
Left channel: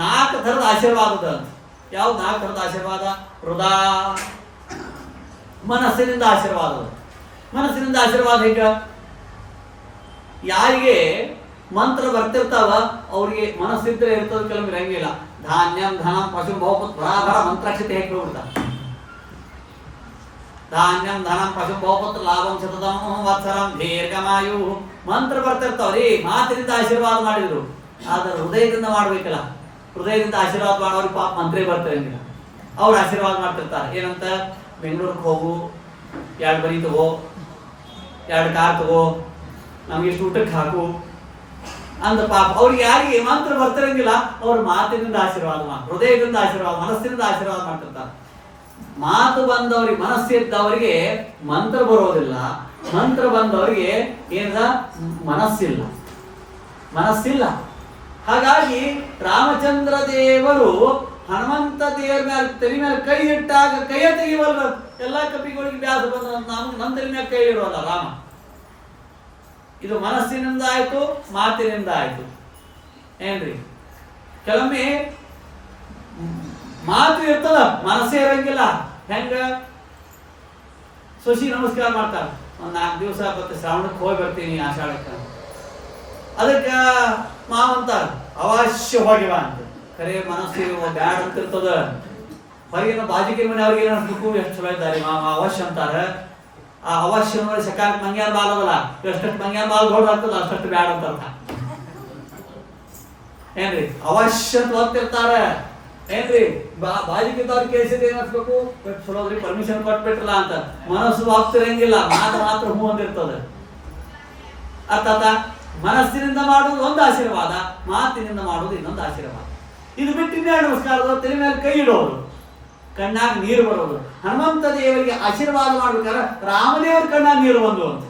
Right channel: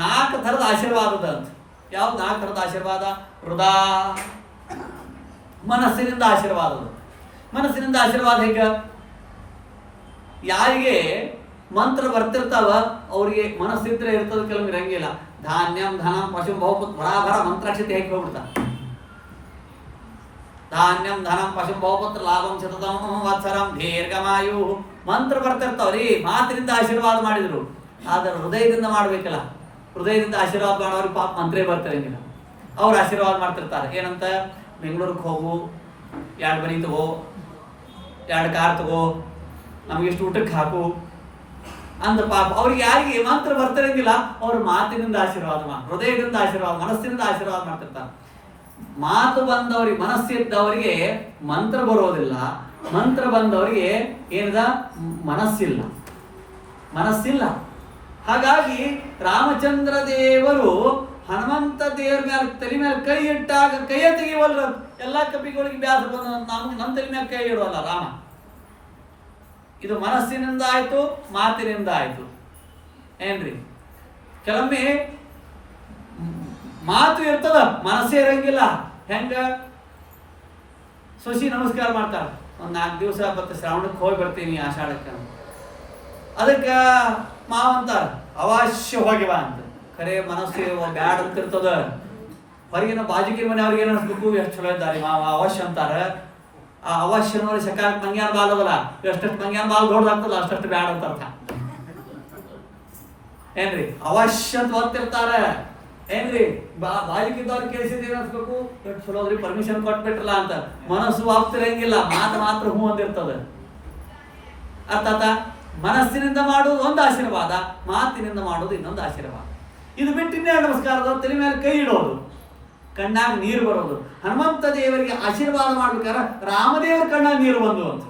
4 ಥರದ ಆಶೀರ್ವಾದದ ಅಂತ. ಯಾವ್ದು 4 ಥರದ ಆಶೀರ್ವಾದ? ಹೃದಯ, ಮನಸ್ಸಿನಿಂದ ಆಶೀರ್ವಾದ. ಮನಸ್ಸಿನಿಂದ ಆಶೀರ್ವಾದ ಹೇಗ? ಯಾರಿಗೆ ಮಂತ್ರ ಬರ್ತಿರ್ತಾವ ಅವ್ರಿಗೆ ಮನಸ್ಸಿದ್ರೆ ಇರ್ತದ, ಕೆಲವೊಮ್ಮೆ ಇರಂಗಿಲ್ಲ. ಧಾನ್ಯಂ ಧನಂ ಪಶು ಬಹುಪತ್ ಬರಾಬರ ಮಂತ್ರಾಕ್ಷತೆ ಹೇಗೆ ಹೋಗ್ಬಿಡ್ತಾರೆ. ಧಾನ್ಯಂ ಧನಂ ಪಶು ಬಹುಪತ್ ಲಾಭಂ ಶತತಂ ವತ್ಸರಂ ದೀರ್ಘಮಾಯು ಮಂತ್ರ ಬರ್ತಿರ್ತಾವ್ರಿ. ಮಾತಿನಿಂದ ಆಶೀರ್ವಾದ ಮಾಡಿದ್ರು, ಆದ್ರೆ ಹೃದಯದಿಂದ ಮಾಡ್ಬೇಕಲ್ಲ. ಹೃದಯದಿಂದ ಆಶೀರ್ವಾದ ಮಾಡೋರು ಪಾಪ ಮಂತ್ರೇ ಬರ್ತಿರಂಗಿಲ್ಲ. ಅವ್ರು ಆಶೀರ್ವಾದ ಮಾಡ್ತಿರ್ತಾರೆ. ಏನಂತ? ಬೆಂಗಳೂರಿಗೆ ಹೋಗು, 2 ಮನಿ ತಗೋ, 2 ಕಾರ್ ತಗೋ, ನಮ್ಗೆ ಇಷ್ಟು ಊಟಕ್ಕೆ ಹಾಕು ಅಂದ ಪಾಪ. ಅವ್ರಿಗೆ ಯಾರಿಗೆ ಮಂತ್ರ ಬರ್ತಿರಂಗಿಲ್ಲ, ಅವ್ರ ಮಾತಿನಿಂದ ಆಶೀರ್ವಾದ ಹೃದಯದಿಂದ ಆಶೀರ್ವಾದ, ಮನಸ್ಸಿನಿಂದ ಆಶೀರ್ವಾದ ಮಾಡ್ತಿರ್ತಾರೆ. ಮಾತು ಬಂದವರಿಗೆ, ಮನಸ್ಸಿದ್ದವರಿಗೆ ಮಂತ್ರ ಬರೋದಿಲ್ಲ. ಮಂತ್ರ ಬಂದವರಿಗೆ ಏನದ? ಮನಸ್ಸಿಲ್ಲ. ಹಾಗಾಗಿ ರಾಮಚಂದ್ರ ದೇವರು ಹನುಮಂತ ದೇವರ ಮೇಲೆ ತಲೆ ಮೇಲೆ ಕೈ ಇಟ್ಟಾಗ ಕೈಯ ತೆಗಿವಲ್ಲ. ಎಲ್ಲಾ ಕಪಿಗಳಿಗೆ ಬ್ಯಾಸ ಬಂದ, ನಮ್ಮ ತಲೆ ಮೇಲೆ ಕೈ ಇಡುವಲ್ಲ ರಾಮ. ಇದು ಮನಸ್ಸಿನಿಂದ ಆಯ್ತು, ಮಾತಿನಿಂದ ಆಯ್ತು. ಏನ್ರಿ, ಕೆಲವೊಮ್ಮೆ ಮಾತು ಇರ್ತದ, ಮನಸ್ಸೇ ಇರಂಗಿಲ್ಲ. ಹೆಂಗ? ಸೊಸಿ ನಮಸ್ಕಾರ ಮಾಡ್ತಾರೆ, ಒಂದು 4 ದಿವಸ ಬತ್ತ ಶ್ರಾವಣಕ್ಕೆ ಹೋಗಿ ಬರ್ತೀನಿ ಆಷಾಢಕ್ಕೆ. ಅದಕ್ಕೆ ಮಾವಂತಾರ ಅವಶ್ಯ ಹೋಗಿವ ಅಂತ. ಖರೆ ಮನಸ್ಸು ಬ್ಯಾಡ್ ಅಂತಿರ್ತದ. ಹೊರಗಿನ ಬಾಜಿಕಿನ ಮನೆ ಅವ್ರಿಗೆ ಏನು ಅನ್ಸ್ಬೇಕು, ಎಷ್ಟು ಚಲೋ ಇದ್ದಾರೆ ಮಾವ ಅವಶ್ಯ ಅಂತಾರ. ಆ ಅವಶ್ಯ ನೋಡಿ ಸಕಾಲ ಮಂಗ್ಯಾನ ಬಾಲ್ ಅದಲ್ಲ, ಎಷ್ಟಷ್ಟು ಮಂಗ್ಯಾನ ಬಾಲ್ ದೊಡ್ಡ ಆಗ್ತದ ಅಷ್ಟಷ್ಟು ಬ್ಯಾಡ್ ಅಂತ ಅರ್ಥ. ಏನ್ರಿ, ಅವಶ್ಯ ಅಂತ ಓದ್ತಿರ್ತಾರ. ಏನ್ರಿ, ಬಾಜಿಕಿದ್ದವ್ರು ಕೇಳಿಸಿದ ಏನ್ ಅನ್ಸ್ಬೇಕು, ಎಷ್ಟು ಚಲೋ ಅದ್ರಿ ಪರ್ಮಿಷನ್ ಕೊಟ್ಬಿಟ್ರಲ್ಲ ಅಂತ. ಮನಸ್ಸು ಆಗ್ತಿರಂಗಿಲ್ಲ, ಮಾತು ಮಾತ್ರ ಹೂ ಅಂದಿರ್ತದ. ಅರ್ಥಾತ ಮನಸ್ಸಿನಿಂದ ಮಾಡುವುದು ಒಂದು ಆಶೀರ್ವಾದ, ಮಾತಿನಿಂದ ಮಾಡುವುದು ಇನ್ನೊಂದು ಆಶೀರ್ವಾದ. ಇದು ಬಿಟ್ಟು ಇನ್ನೆರಡು ನಮಸ್ಕಾರದ ತಲೆ ಮೇಲೆ ಕೈ ಇಡೋದು, ಕಣ್ಣಾಗ ನೀರು ಬರೋದು. ಹನುಮಂತ ದೇವರಿಗೆ ಆಶೀರ್ವಾದ ಮಾಡ್ಬೇಕಾದ್ರೆ ರಾಮದೇವರ ಕಣ್ಣಾಗ ನೀರು ಬಂದು ಅಂತ.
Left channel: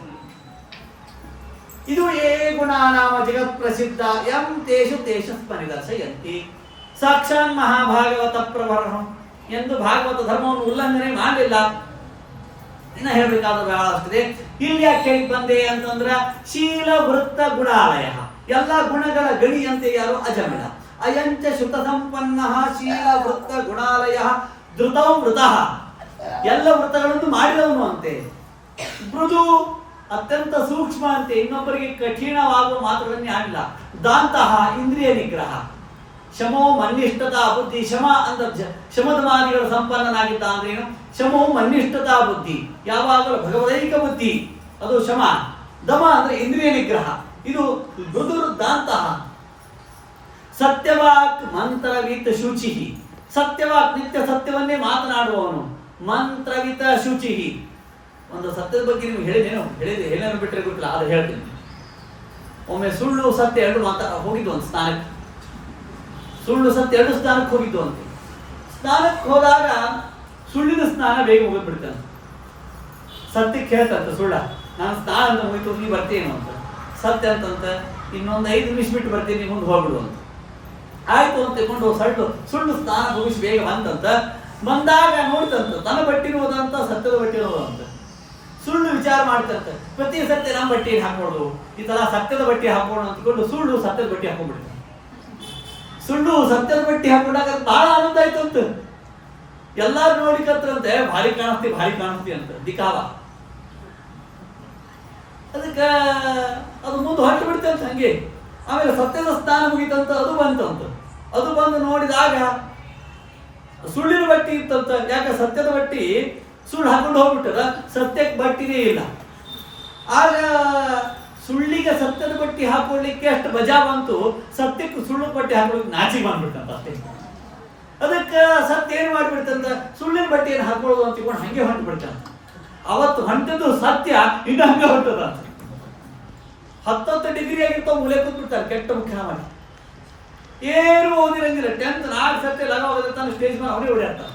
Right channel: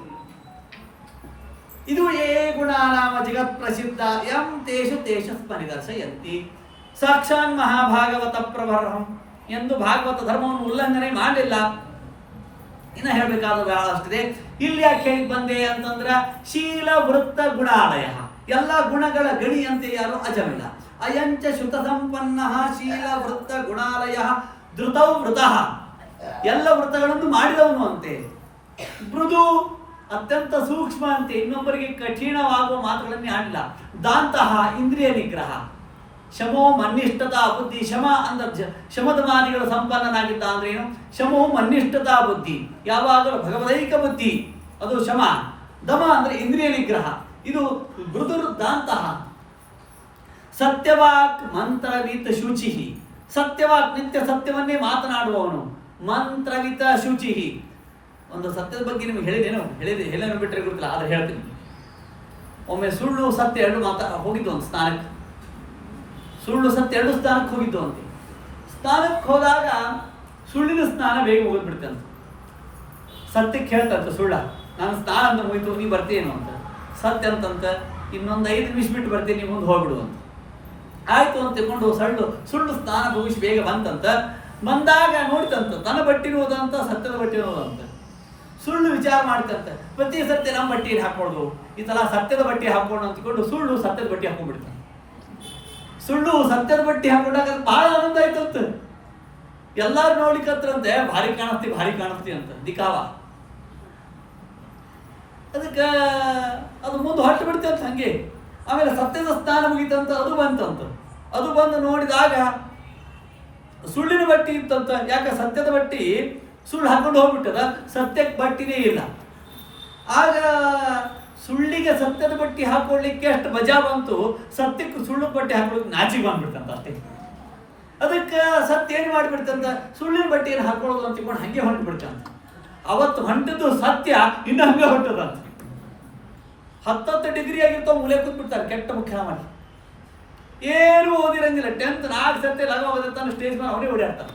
ಇದು ಏ ಗುಣನಾಮ ಜಗತ್ ಪ್ರಸಿದ್ಧ ಎಂ ತೇಷು ತೇಷ ಸ್ಮರಿದರ್ಶಯಂತಿ. ಸಾಕ್ಷಾತ್ ಮಹಾಭಾಗವತ ಪ್ರವರ್ಹಂ ಎಂದು ಭಾಗವತ ಧರ್ಮವನ್ನು ಉಲ್ಲಂಘನೆ ಮಾಡಲಿಲ್ಲ. ಇನ್ನು ಹೇಳಬೇಕಾದ ಬಹಳಷ್ಟಿದೆ. ಇಲ್ಲಿ ಯಾಕೆ ಹೇಳಿ ಬಂದೆ ಅಂತಂದ್ರ, ಶೀಲ ವೃತ್ತ ಗುಣಾಲಯ, ಎಲ್ಲ ಗುಣಗಳ ಗಣಿಯಂತೆ ಯಾರು? ಅಜಮಿಳ. ಅಯಂಚ ಶ್ರುತ ಸಂಪನ್ನ ಶೀಲ ವೃತ್ತ ಗುಣಾಲಯ ಧೃತೌ ವೃತಃ. ಎಲ್ಲ ವೃತ್ತಗಳನ್ನು ಮಾಡಿದವನು ಅಂತೆ. ಮೃದು ಅತ್ಯಂತ ಸೂಕ್ಷ್ಮ ಅಂತೆ, ಇನ್ನೊಬ್ಬರಿಗೆ ಕಠಿಣವಾಗುವ ಮಾತುಗಳನ್ನೇ ಆಡಿಲ್ಲ. ದಾಂತಹ ಇಂದ್ರಿಯ ನಿಗ್ರಹ, ಶಮೋ ಮನ್ನಿಷ್ಠತಾ ಬುದ್ಧಿ. ಶಮ ಅಂದ್ರೆ ಶಮದಮಾದಿಗಳ ಸಂಪನ್ನನಾಗಿದ್ದ ಅಂದ್ರೆ ಏನು? ಶಮೋ ಮನ್ನಿಷ್ಠತಾ ಬುದ್ಧಿ, ಯಾವಾಗಲೂ ಭಗವದೈಕ ಬುದ್ಧಿ, ಅದು ಶಮ. ದಮ ಅಂದ್ರೆ ಇಂದ್ರಿಯ ನಿಗ್ರಹ, ಇದು ಮೃದುರ್ ದಾಂತಹ. ಸತ್ಯವಾಕ್ ಮಂತ್ರವಿತ್ ಶುಚಿ, ಸತ್ಯವಾಕ್ ನಿತ್ಯ ಸತ್ಯವನ್ನೇ ಮಾತನಾಡುವವನು. ಮಂತ್ರವಿತ ಶುಚಿ, ಒಂದು ಸತ್ಯದ ಬಗ್ಗೆ ನಿಮ್ಗೆ ಹೇಳಿದೇನು ಬಿಟ್ಟರೆ ಗೊತ್ತಿಲ್ಲ, ಅದು ಹೇಳ್ತೀನಿ. ಒಮ್ಮೆ ಸುಳ್ಳು ಸತ್ಯ ಎರಡು ಹೋಗಿದ್ದು ಒಂದು ಸ್ನಾನಕ್ಕೆ, ಸುಳ್ಳು ಸತ್ಯ ಎರಡು ಸ್ನಾನಕ್ಕೆ ಹೋಗಿದ್ದು ಅಂತೆ. ಸ್ನಾನಕ್ಕೆ ಹೋದಾಗ ಸುಳ್ಳಿನ ಸ್ನಾನ ಬೇಗ ಮುಗಿದ್ಬಿಡ್ತಂತೆ. ಸತ್ಯಕ್ಕೆ ಹೇಳ್ತಂತ ಸುಳ್ಳ, ನಾನು ಸ್ನಾನ ಅಂತ ಮುಗಿತು, ನೀ ಬರ್ತೀನೋ ಅಂತ. ಸತ್ಯ ಅಂತಂತ ಇನ್ನೊಂದು 5 ನಿಮಿಷ ಬಿಟ್ಟು ಬರ್ತೀನಿ, ನೀ ಮುಂದೆ ಹೋಗ್ಬಿಡು ಅಂತ. ಆಯ್ತು ಅಂತ ತಿಳ್ಕೊಂಡು ಸುಳ್ಳು ಸ್ನಾನ ಮುಗಿಸಿ ಬೇಗ ಬಂತಂತ. ಬಂದಾಗ ನೋಡ್ತಂತ ತನ್ನ ಬಟ್ಟಿರುವುದಂತ ಸತ್ಯದ ಬಟ್ಟಿರುವುದಂತ. ಸುಳ್ಳು ವಿಚಾರ ಮಾಡ್ತಂತ, ಪ್ರತಿ ಸತ್ಯ ನಮ್ಮ ಬಟ್ಟೆ ಹಾಕೊಳ್ಳೋದು, ಈ ತರ ಸತ್ಯದ ಬಟ್ಟೆ ಹಾಕೋಣ ಅಂತ್ಕೊಂಡು ಸುಳ್ಳು ಸತ್ಯದ ಬಟ್ಟೆ ಹಾಕೊಂಡ್ಬಿಡ್ತಾನೆ. ಸುಳ್ಳು ಸತ್ಯದ ಬಟ್ಟೆ ಹಾಕೊಂಡಾಗ ಬಹಳ ಆನಂದ ಆಯ್ತು ಅಂತ. ಎಲ್ಲಾರು ನೋಡ್ಲಿಕ್ಕಂತ್ರಂತೆ ಭಾರಿ ಕಾಣಿಸ್ತಿ ಅಂತ ದಿಕಾವ. ಅದಕ್ಕೆ ಅದು ಮುಂದೆ ಹೊಟ್ಟು ಬಿಡ್ತಂತ ಹಂಗೆ. ಆಮೇಲೆ ಸತ್ಯದ ಸ್ಥಾನ ಮುಗಿತಂತ, ಅದು ಬಂತಂತ. ಅದು ಬಂದು ನೋಡಿದಾಗ ಸುಳ್ಳಿನ ಬಟ್ಟಿ ಇತ್ತಂತ. ಯಾಕೆ ಸತ್ಯದ ಬಟ್ಟಿ ಸುಳ್ಳು ಹಾಕೊಂಡು ಹೋಗ್ಬಿಟ್ಟದ, ಸತ್ಯಕ್ಕೆ ಬಟ್ಟಿನೇ ಇಲ್ಲ. ಆಗ ಸುಳ್ಳಿಗೆ ಸತ್ಯದ ಬಟ್ಟಿ ಹಾಕೊಳ್ಳಿಕ್ಕೆ ಅಷ್ಟು ಮಜಾ ಬಂತು, ಸತ್ಯಕ್ಕೆ ಸುಳ್ಳು ಬಟ್ಟೆ ಹಾಕೊಳ್ಳಿಕ್ಕೆ ನಾಚಿಗೆ ಬಂದ್ಬಿಡ್ತಂತ ಅಷ್ಟೇ. ಅದಕ್ಕೆ ಸತ್ಯ ಏನು ಮಾಡಿಬಿಡ್ತಂತ, ಸುಳ್ಳಿನ ಬಟ್ಟೆಯನ್ನು ಹಾಕೊಳ್ಳೋದು ಅಂತ ತಿಳ್ಕೊಂಡು ಹಂಗೆ ಹೊಂಟು ಬಿಡ್ತಂತ. ಅವತ್ತು ಹೊಂಟದ್ದು ಸತ್ಯ, ಇನ್ನು ಹಂಗೆ ಹೊಂಟದಂತ. 10 ಡಿಗ್ರಿ ಆಗಿರ್ತಾವ, ಮೂಲೆ ಕೂತ್ಬಿಡ್ತಾರೆ ಕೆಟ್ಟ ಮುಖ್ಯ ಮಾಡಿ. ಏನು ಓದಿರಂಗಿಲ್ಲ, 10th 4 ಸತ್ಯ ಲಗಾವದಿರ್ತಾನೆ, ಸ್ಟೇಜ್ ಮೇಲೆ ಅವರೇ ಓಡಾಡ್ತಾನೆ.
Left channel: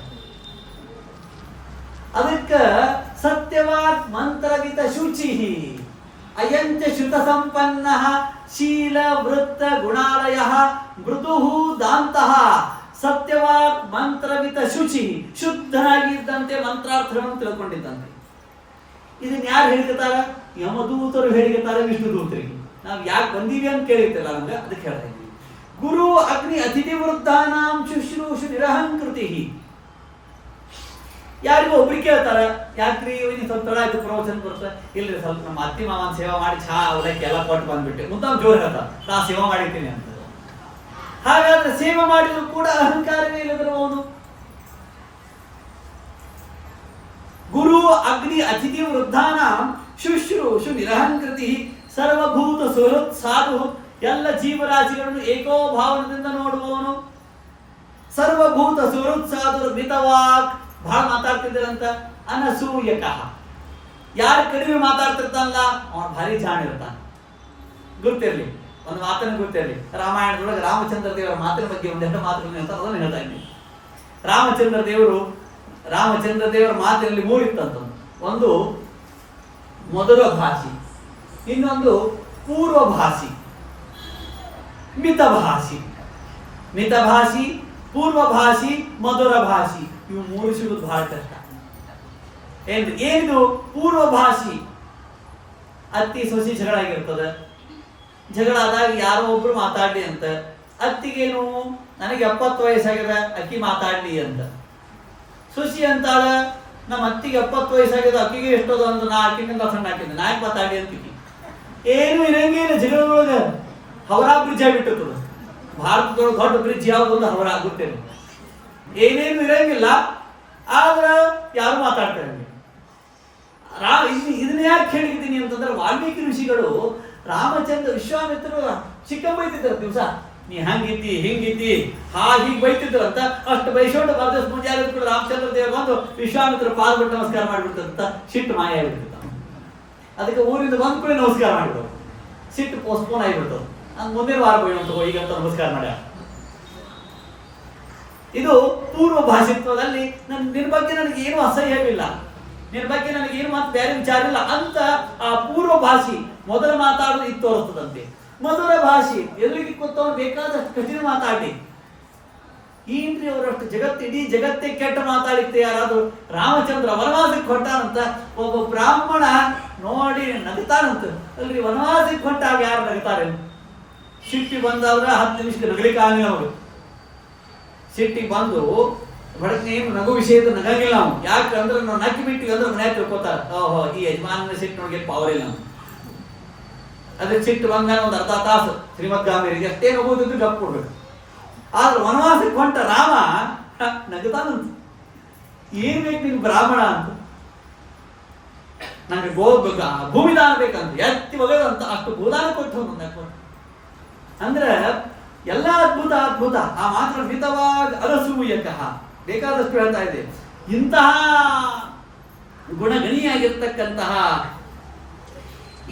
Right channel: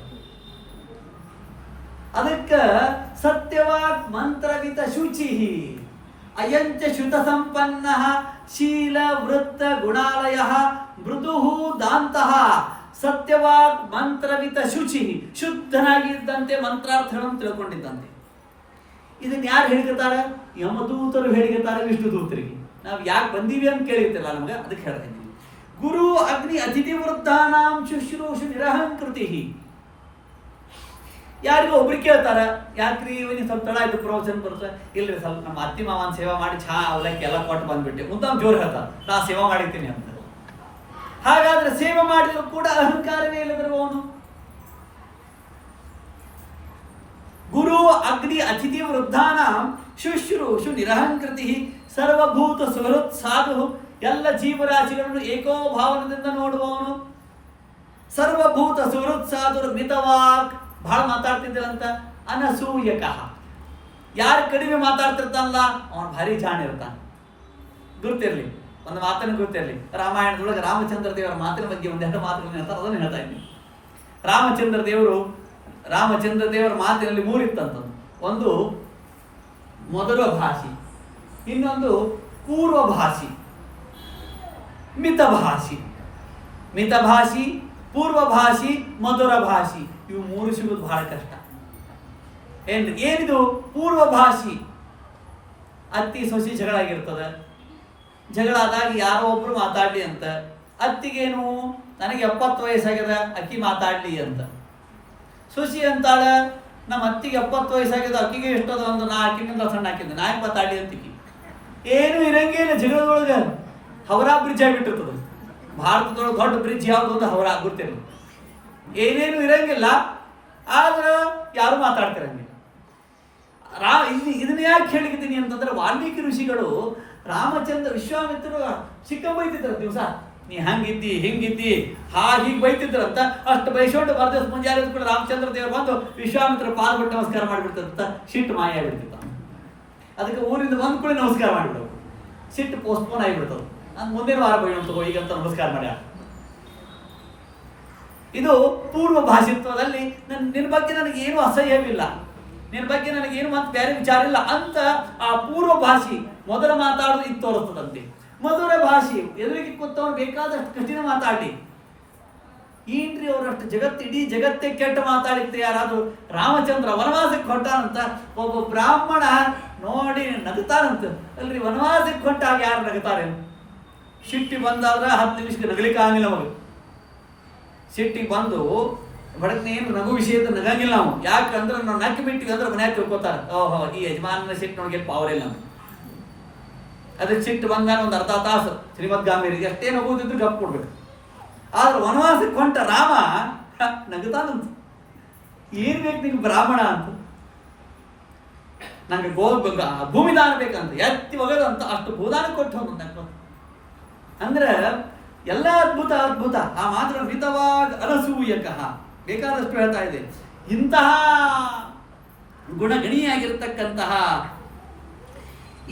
ಅದಕ್ಕೆ ಸತ್ಯವಾತ್ ಮಂತ್ರವಿತ ಶುಚಿ ಅಯಂಚ ಶ್ರುತ ಸಂಪನ್ನ ಶೀಲ ವೃತ್ತ ಗುಣಾಲಯ ಮೃದು ದಾಂತಹ. ಸತ್ಯವಾಕ್ ಮಂತ್ರವಿತ ಶುಚಿ, ಶುದ್ಧನಾಗಿದ್ದಂತೆ, ಮಂತ್ರಾರ್ಥವನ್ನು ತಿಳ್ಕೊಂಡಿದ್ದಂತೆ. ಇದನ್ನ ಯಾರು ಹೇಳಿರ್ತಾರ? ಯಮದೂತರು ಹೇಳಿರ್ತಾರೆ ವಿಷ್ಣುದೂತರಿಗೆ. ನಾವು ಯಾಕೆ ಬಂದೀವಿ ಅಂತ ಕೇಳಿರ್ತಿಲ್ಲ ನಮ್ಗೆ, ಅದಕ್ಕೆ ಹೇಳ್ತಾ ಇದ್ದೀವಿ. ಗುರು ಅಗ್ನಿ ಅತಿಥಿ ವೃದ್ಧಾನಾಂ ಶುಶ್ರೂಷು ನಿರಹಂಕೃತಿ. ಯಾರಿಗೂ ಒಬ್ರಿಗೆ ಕೇಳ್ತಾರ, ಯಾಕ್ರಿ ಇವನಿಗೆ ಸ್ವಲ್ಪ ತಡ ಆಯ್ತು ಪ್ರವಚನ ಬರುತ್ತೆ. ಇಲ್ರಿ ಸ್ವಲ್ಪ ನಮ್ಮ ಅತ್ತಿ ಮಾವನ ಸೇವಾ ಮಾಡಿ ಚಹಾ ಅವಲಕ್ಕಿ ಎಲ್ಲ ಕೊಟ್ಟು ಬಂದ್ಬಿಟ್ಟೆ. ಮುದ್ದಾಂ ಜೋರು ಹೇಳ್ತಾರೆ, ನಾ ಸೇವಾ ಮಾಡಿರ್ತೀನಿ ಅಂತ. ಹಾಗಾದ್ರೆ ಸೇವೆ ಮಾಡಿದ್ರು ಕೂಡ ಅಹಂಕಾರವೇ ಇಲ್ಲದ್ರು ಅವನು. ಗುರು ಅಗ್ನಿ ಅತಿಥಿ ವೃದ್ಧಾನಾಂ ಶುಶ್ರೂಷು ನಿರಹಂಕೃತಿ ಸರ್ವಭೂತ ಸುಹೃತ್ ಸಾಧು. ಎಲ್ಲ ಜೀವರಾಶಿಗಳನ್ನು ಏಕೋಭಾವನದಿಂದ ನೋಡುವವನು. ಸರ್ವಭೂತ ಸುಹೃತ್ ಸಾಧು ಮಿತವಾಕ್, ಬಹಳ ಮಾತಾಡ್ತಿದ್ದರಂತ. ಅನಸೂಯಕಃ, ಯಾರು ಕಡಿಮೆ ಮಾತಾಡ್ತಿರ್ತಾನಲ್ಲ ಅವನು ಭಾರಿ ಜಾಣ ಇರ್ತಾನೆ. ಗುರ್ತಿರ್ಲಿ, ಒಂದು ಮಾತನ್ನು ಗುರ್ತಿರ್ಲಿ. ರಾಮಾಯಣದೊಳಗೆ ರಾಮಚಂದ್ರ ದೇವರ ಮಾತಿನ ಬಗ್ಗೆ ಒಂದೆರಡು ಮಾತುಗಳನ್ನು ಹೇಳ್ತಾರೆ, ಅದನ್ನು ಹೇಳ್ತಾ ಇದ್ದೀನಿ. ರಾಮಚಂದ್ರ ದೇವರ ಮಾತಿನಲ್ಲಿ 3 ಇತ್ತಂತ. ಒಂದು ಮಧುರ ಭಾಷಿ, ಇನ್ನೊಂದು ಪೂರ್ವಭಾಷಿ, ಮಿತಭಾಷಿ. ಮಿತಭಾಷಿ, ಪೂರ್ವಭಾಷಿ, ಮಧುರ ಭಾಷಿ, ಇವು 3 ಸಿಗೋದು ಬಹಳ ಕಷ್ಟ. ಏನಿದು ಪೂರ್ವಭಾಷಿ? ಅತ್ತಿ ಸೊಸಿ ಜಗಳ ಆಗಿರ್ತದೆ. ಜಗಳ ಆದಾಗ ಯಾರೋ ಒಬ್ರು ಮಾತಾಡ್ಲಿ ಅಂತ. ಅತ್ತಿಗೇನು, ನನಗೆ 70 ವಯಸ್ಸಾಗ್ಯದ, ಅಕ್ಕಿ ಮಾತಾಡ್ಲಿ ಅಂತ. ಸುಶಿ ಅಂತಾಳ, ನಮ್ಮ ಅತ್ತಿಗೆ 70 ವಯಸ್ಸಾಗ್ಯದ, ಅಕ್ಕಿಗೆ ಎಷ್ಟೋದು ಒಂದು, ನಾ ಅಕ್ಕಿಗಿಂತ ಸಣ್ಣ ಹಾಕಿದ್ದೆ, ನಾಯಕ್ ಮಾತಾಡ್ಲಿ ಅಂತೀವಿ. ಏನು ಇರಂಗೇನು ಜಗಳದೊಳಗೆ. ಹವರಾ ಬ್ರಿಡ್ಜ್ ಆಗಿಬಿಟ್ಟಿರ್ತದೆ. ಭಾರತದೊಳಗೆ ದೊಡ್ಡ ಬ್ರಿಡ್ಜ್ ಯಾವುದು ಒಂದು ಹವರಾ, ಗೊತ್ತೇನು. ಏನೇನು ಇರಂಗಿಲ್ಲ, ಆದ್ರೆ ಯಾರು ಮಾತಾಡ್ತಿರಂಗಿಲ್ಲ. ಇದನ್ನ ಯಾಕೆ ಹೇಳಿದ್ದೀನಿ ಅಂತಂದ್ರೆ, ವಾಲ್ಮೀಕಿ ಋಷಿಗಳು ರಾಮಚಂದ್ರ ವಿಶ್ವಾಮಿತ್ರರು ಚಿಕ್ಕ ಬೈತಿದ್ರು ದಿವಸ. ನೀ ಹಂಗಿದ್ದಿ ಹಿಂಗಿದ್ದಿ ಹೀಗೆ ಬೈತಿದ್ರಂತ. ಅಷ್ಟು ಬೈಸೋண்டு ಮರದಿವ್ಸ ಮುಂಜಾನೆ ಕೂಡ ರಾಮಚಂದ್ರ ದೇವರು ಬಂದು ವಿಶ್ವಾಮಿತ್ರ ಪಾದ ಬಿಟ್ಟು ನಮಸ್ಕಾರ ಮಾಡಿಬಿಡ್ತಂತ. ಸಿಟ್ಟು ಮಾಯ ಆಗಿಬಿಡ್ತಿತ್ತ. ಅದಕ್ಕೆ ಊರಿಂದ ಬಂದ ಕೂಡ ನಮಸ್ಕಾರ ಮಾಡಿಬಿಡೋದು. ಸಿಟ್ಟು ಪೋಸ್ಟ್ಪೋನ್ ಆಗಿಬಿಡ್ತದೆ. ನಾನು ಮುಂದಿನ ವಾರ ಬೈಯೋ ಈಗಂತ ನಮಸ್ಕಾರ ಮಾಡ್ಯ. ಇದು ಪೂರ್ವ ಭಾಷಿತ್ವದಲ್ಲಿ ನಿನ್ನ ಬಗ್ಗೆ ನನಗೆ ಏನು ಅಸಹ್ಯವಿಲ್ಲ, ನಿನ್ನ ಬಗ್ಗೆ ನನಗೇನು ಮತ್ತೆ ಬೇರೆ ವಿಚಾರ ಇಲ್ಲ ಅಂತ ಆ ಪೂರ್ವ ಭಾಷಿ ಮೊದಲ ಮಾತಾಡೋದು ಇದು ತೋರಿಸ್ತದಂತೆ. ಮಧುರ ಭಾಷಿ, ಎದುರಿಗೆ ಕೂತವನು ಬೇಕಾದಷ್ಟು ಕಠಿಣ ಮಾತಾಡಿ. ಏನ್ರಿ ಅವರಷ್ಟು ಇಡೀ ಜಗತ್ತೇ ಕೆಟ್ಟ ಮಾತಾಡಿತ್ತೆ. ಯಾರಾದ್ರು ರಾಮಚಂದ್ರ ವನವಾಸಕ್ಕೆ ಹೊಟ್ಟಾನಂತ ಒಬ್ಬ ಬ್ರಾಹ್ಮಣ ನೋಡಿ ನಗುತ್ತಾನಂತ. ಅಲ್ರಿ ವನವಾಸಕ್ಕೆ ಹೊಟ್ಟಾಗ ಯಾರು ನಗುತ್ತಾರೆ? ಸಿಟ್ಟಿ ಬಂದಾದ್ರೆ 10 ನಿಮಿಷಕ್ಕೆ ನಗಲಿಕ್ಕೆ ಆಗಲಿಲ್ಲ ಅವರು. ಸಿಟ್ಟಿ ಬಂದು ಬಡಕ್ನೇನು ನಗು ವಿಷಯದ ನಗಾಗಿಲ್ಲ ನಾವು. ಯಾಕಂದ್ರೆ ನಾವು ನಕ್ಕಿ ಬಿಟ್ಟಿವಿ ಅಂದ್ರೆ ಮನ್ಯಾಗ ತಿಳ್ಕೊತಾರ, ಓಹೋ ಈ ಯಜಮಾನನ ಸಿಟ್ಟು ನೋಡಿ ಪವರ್ ಇಲ್ಲ ಅಂತ. ಅದ್ರ ಸಿಟ್ಟು ಬಂದಾಗ ಒಂದು ಅರ್ಧ ತಾಸು ಶ್ರೀಮದ್ ಗಾಂಭೀರಿಗೆ ಅಷ್ಟೇ ನಗುವುದಿದ್ದು ಗಪ್ ಕೊಡ್ಬೇಕು. ಆದ್ರೆ ವನವಾಸಕ್ಕೆ ಹೊಂಟ ರಾಮ ನಗುತ್ತಾನಂತ. ಏನ್ ಬೇಕು ನಿಮ್ಗೆ ಬ್ರಾಹ್ಮಣ ಅಂತ, ನಂಗೆ ಭೂಮಿದಾನ ಬೇಕಂತ ಎತ್ತಿ ಒಗದಂತ ಅಷ್ಟು ಭೂದಾನ ಕೊಟ್ಟು ಅಂದ್ರೆ ಎಲ್ಲ ಅದ್ಭುತ ಅದ್ಭುತ. ಆ ಮಾತ್ರ ಮಿತವಾಗಿ ಅಲಸೂಯಕ ಬೇಕಾದಷ್ಟು ಹೇಳ್ತಾ ಇದೆ. ಇಂತಹ ಗುಣಗಣಿಯಾಗಿರ್ತಕ್ಕಂತಹ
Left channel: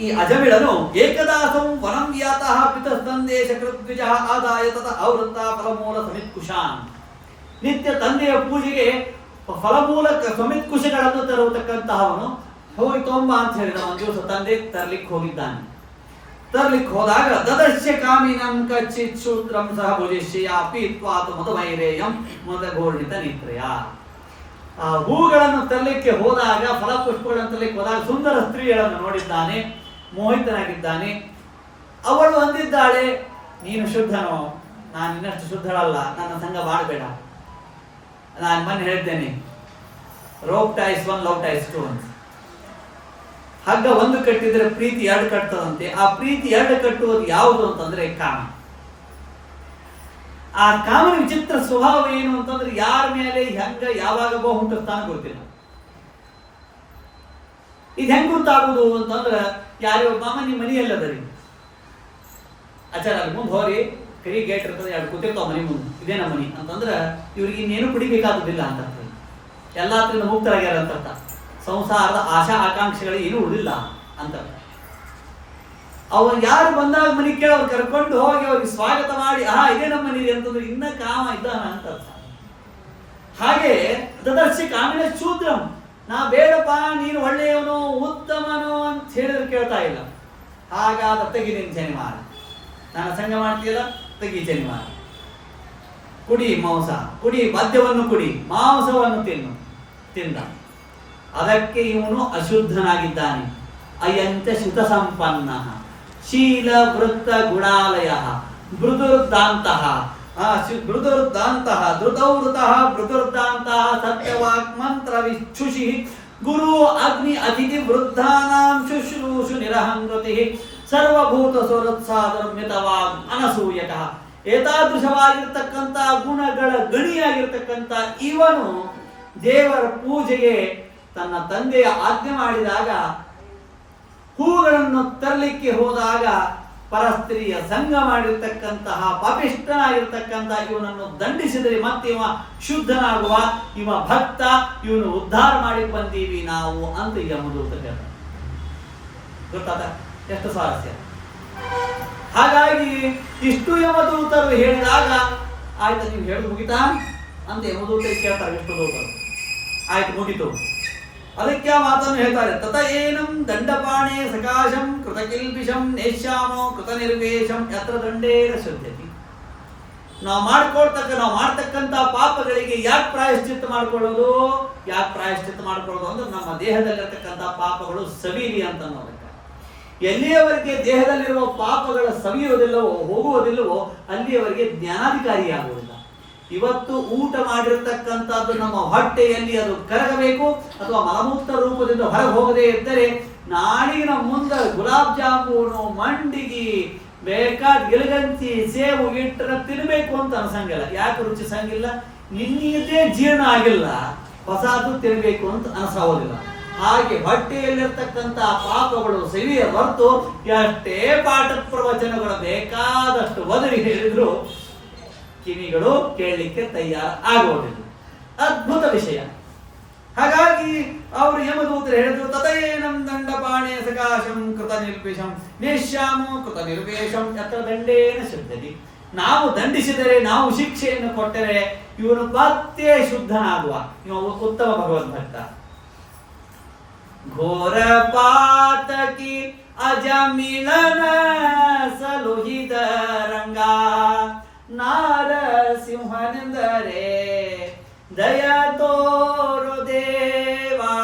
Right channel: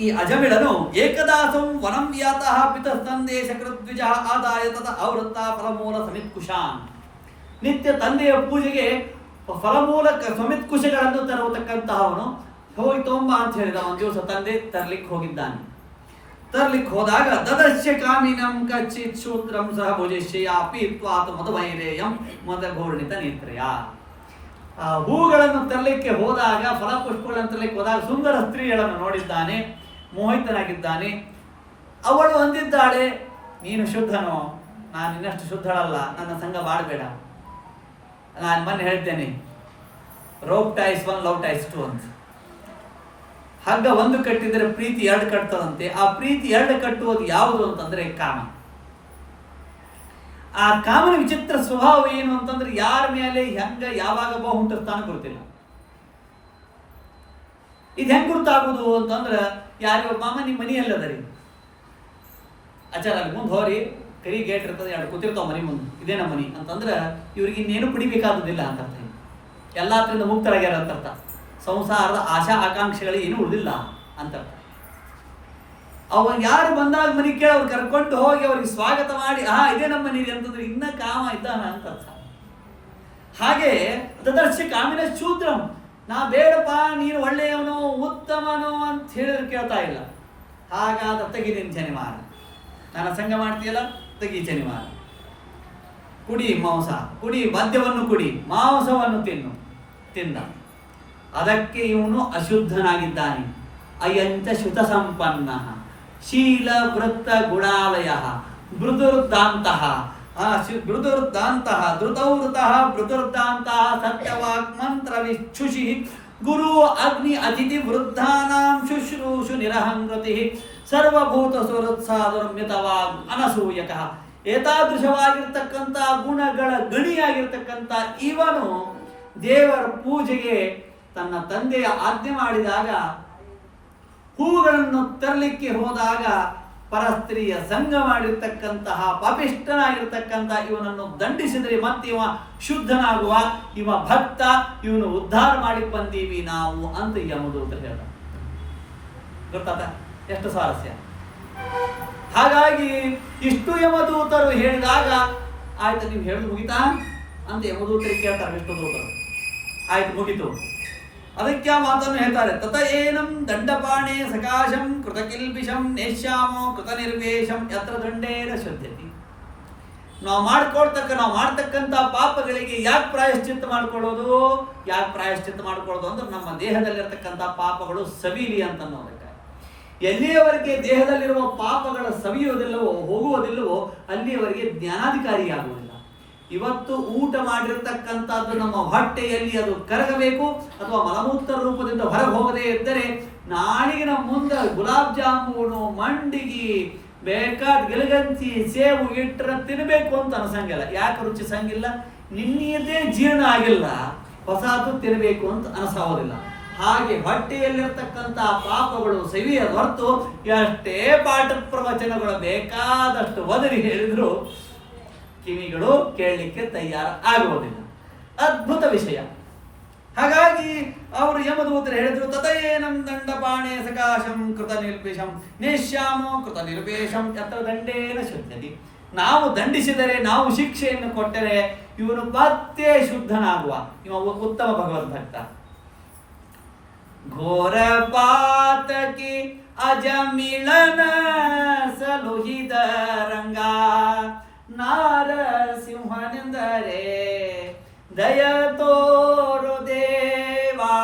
ಈ ಅಜಮಿಳನು ಏಕದಾಸಂ ವನಂ ವ್ಯಾತಃ ಪಿತಸ್ತಂದೇಶ ಕೃದ್ವಿಜ ಆದಾಯ ತತ ಅವೃತ್ತ ಫಲಮೂಲ ಸಮಿತ್ಕುಶಾನ್. ನಿತ್ಯ ತಂದೆಯ ಪೂಜೆಗೆ ಫಲಮೂಲಕ ಸಮಿತ್ಕುಶಗಳನ್ನು ತರುವತಕ್ಕಂತಹವನು ಹೋಗಿ ತೊಂಬ ಅಂತ ಹೇಳಿದ. ಒಂದು ದಿವಸ ತಂದೆ ತರ್ಲಿಕ್ಕೆ ಹೋಗಿದ್ದಾನೆ. ತರ್ಲಿಕ್ಕೆ ಹೋದಾಗ ದದಶ್ಯ ಕಾಮಿನಂ ಕಚ್ಚಿತ್ ಶೂದ್ರಂ ಸಹ ಭುಜಿಷ್ಯ ಪೀತ್ವಾತ ಮಧುಮೈರೇಯಂ ಮದಘೋರ್ಣಿತ ನೇತ್ರಯ. ಆ ಹೂಗಳನ್ನು ತರಲಿಕ್ಕೆ ಹೋದಾಗ, ಫಲಪುಷ್ಪಗಳನ್ನು ತರಲಿಕ್ಕೆ ಹೋದಾಗ ಸುಂದರ ಸ್ತ್ರೀಗಳನ್ನು ನೋಡಿದ್ದಾನೆ, ಮೋಹಿತನಾಗಿದ್ದಾನೆ. ಅವಳು ಅಂದಿದ್ದಾಳೆ, ನೀನು ಶುದ್ಧನೋ, ನಾನು ಇನ್ನಷ್ಟು ಶುದ್ಧಳಲ್ಲ, ನನ್ನ ಸಂಘ ಮಾಡಬೇಡ. ನಾನು ಮೊನ್ನೆ ಹೇಳ್ತೇನೆ, rope ties one love ties two ಅಂತ. ಹಗ್ಗ ಒಂದು ಕಟ್ಟಿದ್ರೆ ಪ್ರೀತಿ ಎರಡು ಕಟ್ತದಂತೆ. ಆ ಪ್ರೀತಿ ಎರಡು ಕಟ್ಟುವುದು ಯಾವುದು ಅಂತಂದ್ರೆ ಕಾಮ. ಆ ಕಾಮನ ವಿಚಿತ್ರ ಸ್ವಭಾವ ಏನು ಅಂತಂದ್ರೆ ಯಾರ ಮೇಲೆ ಹೆಂಗ ಯಾವಾಗ ಹುಟ್ಟಿಸ್ತಾನೆ ಗೊತ್ತಿಲ್ಲ. ಇದು ಹೆಂಗ್ ಗೊತ್ತಾಗುದು ಅಂತಂದ್ರೆ, ಯಾರೋ ಮಾಮ ನಿಮ್ಮ ಮನಿ ಎಲ್ಲದರಿ ಆಚಾರ ಅಲ್ಲಿ ಮುಂದೆ ಹೋರಿ ಕರಿ ಗೇಟ್ ಇರ್ತದೆ, ಎರಡು ಕೂತಿರ್ತಾವ ಮನಿ ಮುಂದೆ, ಇದೇ ನಮ್ಮ ಮನಿ ಅಂತಂದ್ರೆ ಇವ್ರಿಗೆ ಇನ್ನೇನು ಕುಡಿಬೇಕಾಗುದಿಲ್ಲ ಅಂತ, ಎಲ್ಲಾದ್ರಿಂದ ಮುಕ್ತರಾಗ್ಯಾರ ಅಂತ. ಸಂಸಾರದ ಆಶಾ ಆಕಾಂಕ್ಷೆಗಳಿಗೆ ಏನು ಉಳಿದಿಲ್ಲ ಅಂತ. ಯಾರು ಬಂದಾಗ ಮನೆ ಕೇಳಿ ಅವ್ರು ಕರ್ಕೊಂಡು ಹೋಗಿ ಅವ್ರಿಗೆ ಸ್ವಾಗತ ಮಾಡಿ ಇದೇ ನಮ್ಮ ಮನೆ ಅಂತಂದ್ರೆ ಇನ್ನ ಕಾಮ ಇದ್ದಾನ ಅಂತ ಅರ್ಥ. ಹಾಗೆ ದದರ್ಶ ಕಾಮಿನ ಶೂದ್ರಂ, ನಾ ಬೇಡಪ್ಪ ನೀನು ಒಳ್ಳೆಯವನು ಉತ್ತಮನು ಅಂತ ಹೇಳಿದ್ರೆ ಕೇಳ್ತಾ ಇಲ್ಲ. ಹಾಗಾದ ತೆಗಿ ನಿನ್ ಶನಿವಾರ, ನನ್ನ ಸಂಘ ಮಾಡ್ತೀಯಲ್ಲ ತೆಗಿ ಶನಿವಾರ. ಕುಡಿ ಮಾಂಸ, ಕುಡಿ ಮದ್ಯವನ್ನು ಕುಡಿ, ಮಾಂಸವನ್ನು ತಿಂದ. ಅದಕ್ಕೆ ಇವನು ಅಶುದ್ಧನಾಗಿದ್ದಾನೆ. ಅಯಂತ ಶುತ ಸಂಪನ್ನ ಶೀಲ ವೃತ್ತ ಗುಣಾಲಯ ಮೃದುರ್ದಾಂತಹ ಧೃತೌವೃತಃ ಮೃದುರ್ದಾಂತಹ ಸತ್ಯವಾಕ್ ಮಂತ್ರ ವಿಚ್ಛುಷಿ ಗುರು ಅಗ್ನಿ ಅತಿಥಿ ವೃದ್ಧಾನಾಂ ಶುಶ್ರೂಷು ನಿರಹಂಗತಿ ಸರ್ವಭೂತ ಸ್ವರುತ್ಸಾಧರ್ಮಿತವಾಗ್ ಅನಸೂಯಕಃ. ಏತಾದೃಶವಾಗಿರ್ತಕ್ಕಂಥ ಗುಣಗಳ ಗಣಿಯಾಗಿರ್ತಕ್ಕಂಥ ಇವನು ದೇವರ ಪೂಜೆಗೆ ತನ್ನ ತಂದೆಯ ಆಜ್ಞೆ ಮಾಡಿದಾಗ, ಹೂಗಳನ್ನು ತರಲಿಕ್ಕೆ ಹೋದಾಗ ಪರಸ್ತ್ರೀಯ ಸಂಘ ಮಾಡಿರ್ತಕ್ಕಂತಹ ಪಾಪಿಷ್ಠನಾಗಿರ್ತಕ್ಕಂಥ ಇವನನ್ನು ದಂಡಿಸಿದರೆ ಮತ್ತೆ ಇವ ಶುದ್ಧನಾಗುವ, ಇವ ಭಕ್ತ, ಇವನು ಉದ್ಧಾರ ಮಾಡಿ ಬಂದೀವಿ ನಾವು ಅಂತ ಯಮದೂತ ಹೇಳ್ದ. ಗೊತ್ತಾದ ಎಷ್ಟು ಸ್ವಾರಸ್ಯ. ಹಾಗಾಗಿ ಇಷ್ಟು ಯಮದೂತರು ಹೇಳಿದಾಗ ಆಯ್ತು ನೀವು ಹೇಳುದು ಮುಗಿತಾ ಅಂತ ಯಮದೂತರಿಗೆ ಕೇಳ್ತಾರೆ ವಿಷ್ಣುದೂತರು. ಆಯ್ತು ಮುಗಿತು. ಅದಕ್ಕೆ ಆ ಮಾತನ್ನು ಹೇಳ್ತಾರೆ, ತತ ಏನಂ ದಂಡಪಾಣೆ ಸಕಾಶಂ ಕೃತಕಿಲ್ಪಿಷಂ ನೇಷ್ಯಾಮೋ ಕೃತ ನಿರ್ವೇಶಂ ಯತ್ರ ದಂಡೇನ ಶ್ರದ್ಧತಿ. ನಾವು ಮಾಡ್ತಕ್ಕಂಥ ಪಾಪಗಳಿಗೆ ಯಾಕೆ ಪ್ರಾಯಶ್ಚಿತ್ತ ಮಾಡ್ಕೊಳ್ಳೋದು ಅಂದ್ರೆ ನಮ್ಮ ದೇಹದಲ್ಲಿರ್ತಕ್ಕಂಥ ಪಾಪಗಳು ಸವಿಲಿ ಅಂತ ನೋಡಬೇಕು. ಎಲ್ಲಿಯವರೆಗೆ ದೇಹದಲ್ಲಿರುವ ಪಾಪಗಳ ಸವಿಯುವುದಿಲ್ಲವೋ ಹೋಗುವುದಿಲ್ಲವೋ ಅಲ್ಲಿಯವರೆಗೆ ಜ್ಞಾನಾಧಿಕಾರಿಯಾಗುವುದಿಲ್ಲ. ಇವತ್ತು ಊಟ ಮಾಡಿರ್ತಕ್ಕಂಥದ್ದು ನಮ್ಮ ಹೊಟ್ಟೆಯಲ್ಲಿ ಅದು ಕರಗಬೇಕು, ಅಥವಾ ಮಲಮೂತ್ರ ರೂಪದಿಂದ ಹೊರಗೆ ಹೋಗದೇ ಇದ್ದರೆ ನಾಳೆಗೆ ನಮ್ಮ ಮುಂದೆ ಗುಲಾಬ್ ಜಾಮೂನು, ಮಂಡಿಗೆ, ಬೇಕಾದ ಗಿಲಗಂತಿ, ಸೇವು ಇಟ್ಟರೆ ತಿನ್ನಬೇಕು ಅಂತ ಅನ್ಸಂಗಿಲ್ಲ. ಯಾಕೆ ರುಚಿಸಂಗಿಲ್ಲ? ನಿನ್ನೆಯದೇ ಜೀರ್ಣ ಆಗಿಲ್ಲ, ಹೊಸದು ತಿನ್ನಬೇಕು ಅಂತ ಅನಿಸೋದಿಲ್ಲ. ಹಾಗೆ ಹೊಟ್ಟೆಯಲ್ಲಿರ್ತಕ್ಕಂಥ ಪಾಪಗಳು ಸವಿಯ ಹೊರತು ಎಷ್ಟೇ ಪಾಠ ಪ್ರವಚನಗಳು ಬೇಕಾದಷ್ಟು ಒದರಿ ಹೇಳಿದ್ರು ಕಿವಿಗಳು ಕೇಳಲಿಕ್ಕೆ ತಯಾರ ಆಗುವುದಿಲ್ಲ. ಅದ್ಭುತ ವಿಷಯ. ಹಾಗಾಗಿ ಅವರು ಯಮದೂತರು ಹೇಳಿದ್ರು, ತತಯೇನಂ ದಂಡಪಾಣೆ ಸಕಾಶಂ ಕೃತ ನಿರ್ವೇಶಂ ನೇಷ್ಯಾಮೋ ಕೃತ ನಿರ್ವೇಶಂ ಯತ್ರ ದಂಡೇನ ಶುದ್ಧತಿ. ನಾವು ದಂಡಿಸಿದರೆ, ನಾವು ಶಿಕ್ಷೆಯನ್ನು ಕೊಟ್ಟರೆ ಇವನು ಮತ್ತೆ ಶುದ್ಧನಾಗುವ, ಇವ ಉತ್ತಮ ಭಗವದ್ಭಕ್ತ. ಘೋರ ಪಾತಕಿ ಅಜಮಿಳನ ಸಲುಹಿದ ರಂಗ ನಾರಸಿಂಹನೆಂದರೆ ದಯ ತೋರು ದೇವಾ,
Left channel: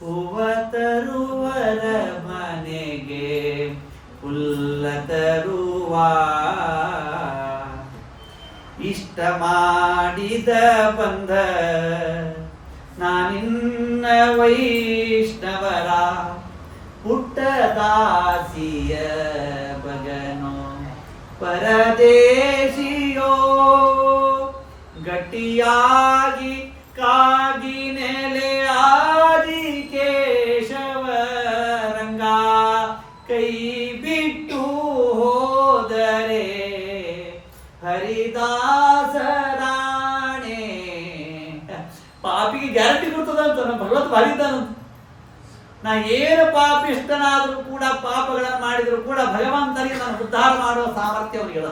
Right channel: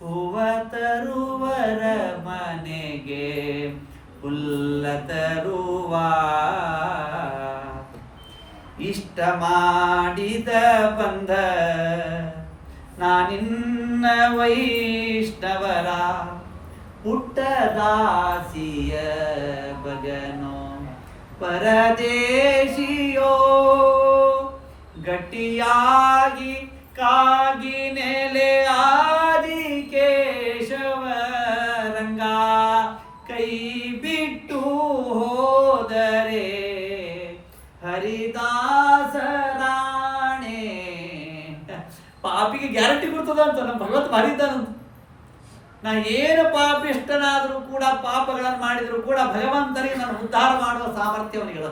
ಹೂವ ತರುವರ ಮನೆಗೆ ಹುಲ್ಲ ತರುವ. ಇಷ್ಟ ಮಾಡಿದ ಬಂಧ ನಾನಿನ್ನ ವೈಷ್ಣವರ ಪುಟ್ಟದಾಸಿಯ ಬಗನೋ ಪರದೇಶಿಯೋ ಗಟ್ಟಿಯಾಗಿ ಕಾಗಿ ನೆಲೆ ಆದಿ ಕೇಶವ ರಂಗ ಕೈ ಬಿಟ್ಟು ಹೋದರೆ ಹರಿದಾಸರಾಣೆ. ಪಾಪಿಗೆ ಗ್ಯಾರಂಟಿ ಕೊಡ್ತದಂತ ನಮ್ಮ ಭಗವಂತ ಭಾರಿ ಇದ್ದಾನಂತ. ನಾ ಏನು ಪಾಪಿಷ್ಟನಾದರೂ ಕೂಡ, ಪಾಪಗಳನ್ನು ಮಾಡಿದರೂ ಕೂಡ ಭಗವಂತನಿಗೆ ನಾನು ಉದ್ಧಾರ ಮಾಡುವ ಸಾಮರ್ಥ್ಯ ಅವನಿಗದ.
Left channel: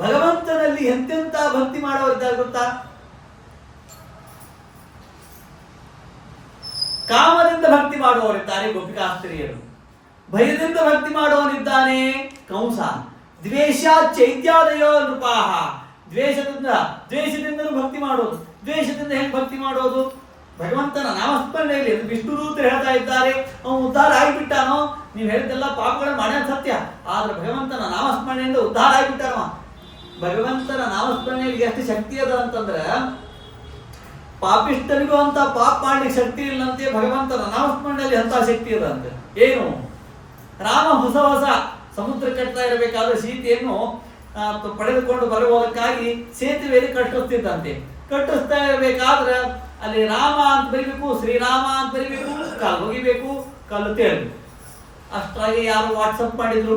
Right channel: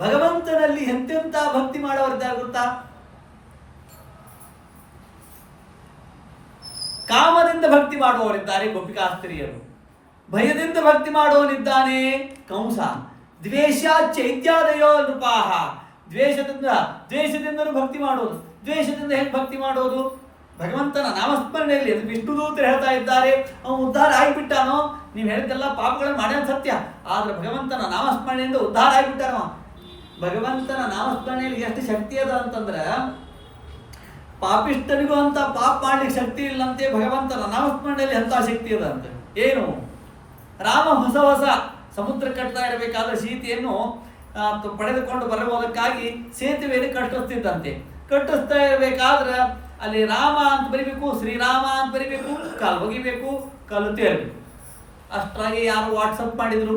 ಭಗವಂತನಲ್ಲಿ ಎಂತೆಂತ ಭಕ್ತಿ ಮಾಡೋರಿದ್ದಾರೆ ಗೊತ್ತಾ? ಕಾಮದಿಂದ ಭಕ್ತಿ ಮಾಡುವವರಿದ್ದಾರೆ ಗೋಪಿಕಾಸ್ತ್ರೀಯರು, ಭಯದಿಂದ ಭಕ್ತಿ ಮಾಡುವವನಿದ್ದಾನೆ ಕಂಸ, ದ್ವೇಷ ಚೈತ್ಯಾದಯೋ ನೃಪಾಹ, ದ್ವೇಷದಿಂದಲೂ ಭಕ್ತಿ ಮಾಡೋದು. ದ್ವೇಷದಿಂದ ಹೇಗೆ ಭಕ್ತಿ ಮಾಡೋದು? ಭಗವಂತನ ನಾಮಸ್ಮರಣೆಯಲ್ಲಿ ವಿಷ್ಣುದೂತರು ಹೇಳ್ತಾ ಇದ್ದಾರೆ, ಅವನು ಉದ್ಧಾರ ಆಗಿಬಿಟ್ಟಾನೋ. ನೀವು ಹೇಳಿದ್ದೆಲ್ಲ ಪಾಪಗಳನ್ನು ಮಾಡ್ಯಾನ ಸತ್ಯ, ಆದ್ರೆ ಭಗವಂತನ ನಾಮಸ್ಮರಣೆಯಿಂದ ಉದ್ಧಾರ ಆಗಿಬಿಟ್ಟಾನೋ. ಭಗವಂತನ ನಾಮಸ್ಮರಣೆಯಲ್ಲಿ ಎಷ್ಟು ಶಕ್ತಿ ಅದ ಅಂತಂದ್ರ, ಪಾಪಿಷ್ಟನಿಗೂ ಅಂತ ಪಾಪ ಮಾಡ್ಲಿಕ್ಕೆ ಶಕ್ತಿ ಇಲ್ಲಂತೆ, ಭಗವಂತನ ನಾಮಸ್ಮರಣೆಯಲ್ಲಿ ಅಂತ ಶಕ್ತಿ ಅದ ಅಂತ. ಏನು? ರಾಮ ಹೊಸ ಹೊಸ ಸಮುದ್ರ ಕಟ್ತಾ ಇರಬೇಕಾದ್ರೆ ಸೀತೆಯನ್ನು ಪಡೆದುಕೊಂಡು ಬರಬಹುದಕ್ಕಾಗಿ ಸೇತುವೆಯಲ್ಲಿ ಕಟ್ಟಿಸ್ತಿದ್ದಂತೆ. ಕಟ್ಟಿಸ್ತಾ ಇರಬೇಕಾದ್ರೆ ಅಲ್ಲಿ ರಾಮ ಅಂತ ಬರಿಬೇಕು, ಶ್ರೀರಾಮ ಅಂತ ಬರಿಬೇಕು, ಕಾಲು ಹೋಗಿಬೇಕು, ಕಾಲು ತೇರ್ಬೇಕು. ಅಷ್ಟಾಗಿ ಯಾರು ವಾಟ್ಸಪ್ ಮಾಡಿದ್ರು,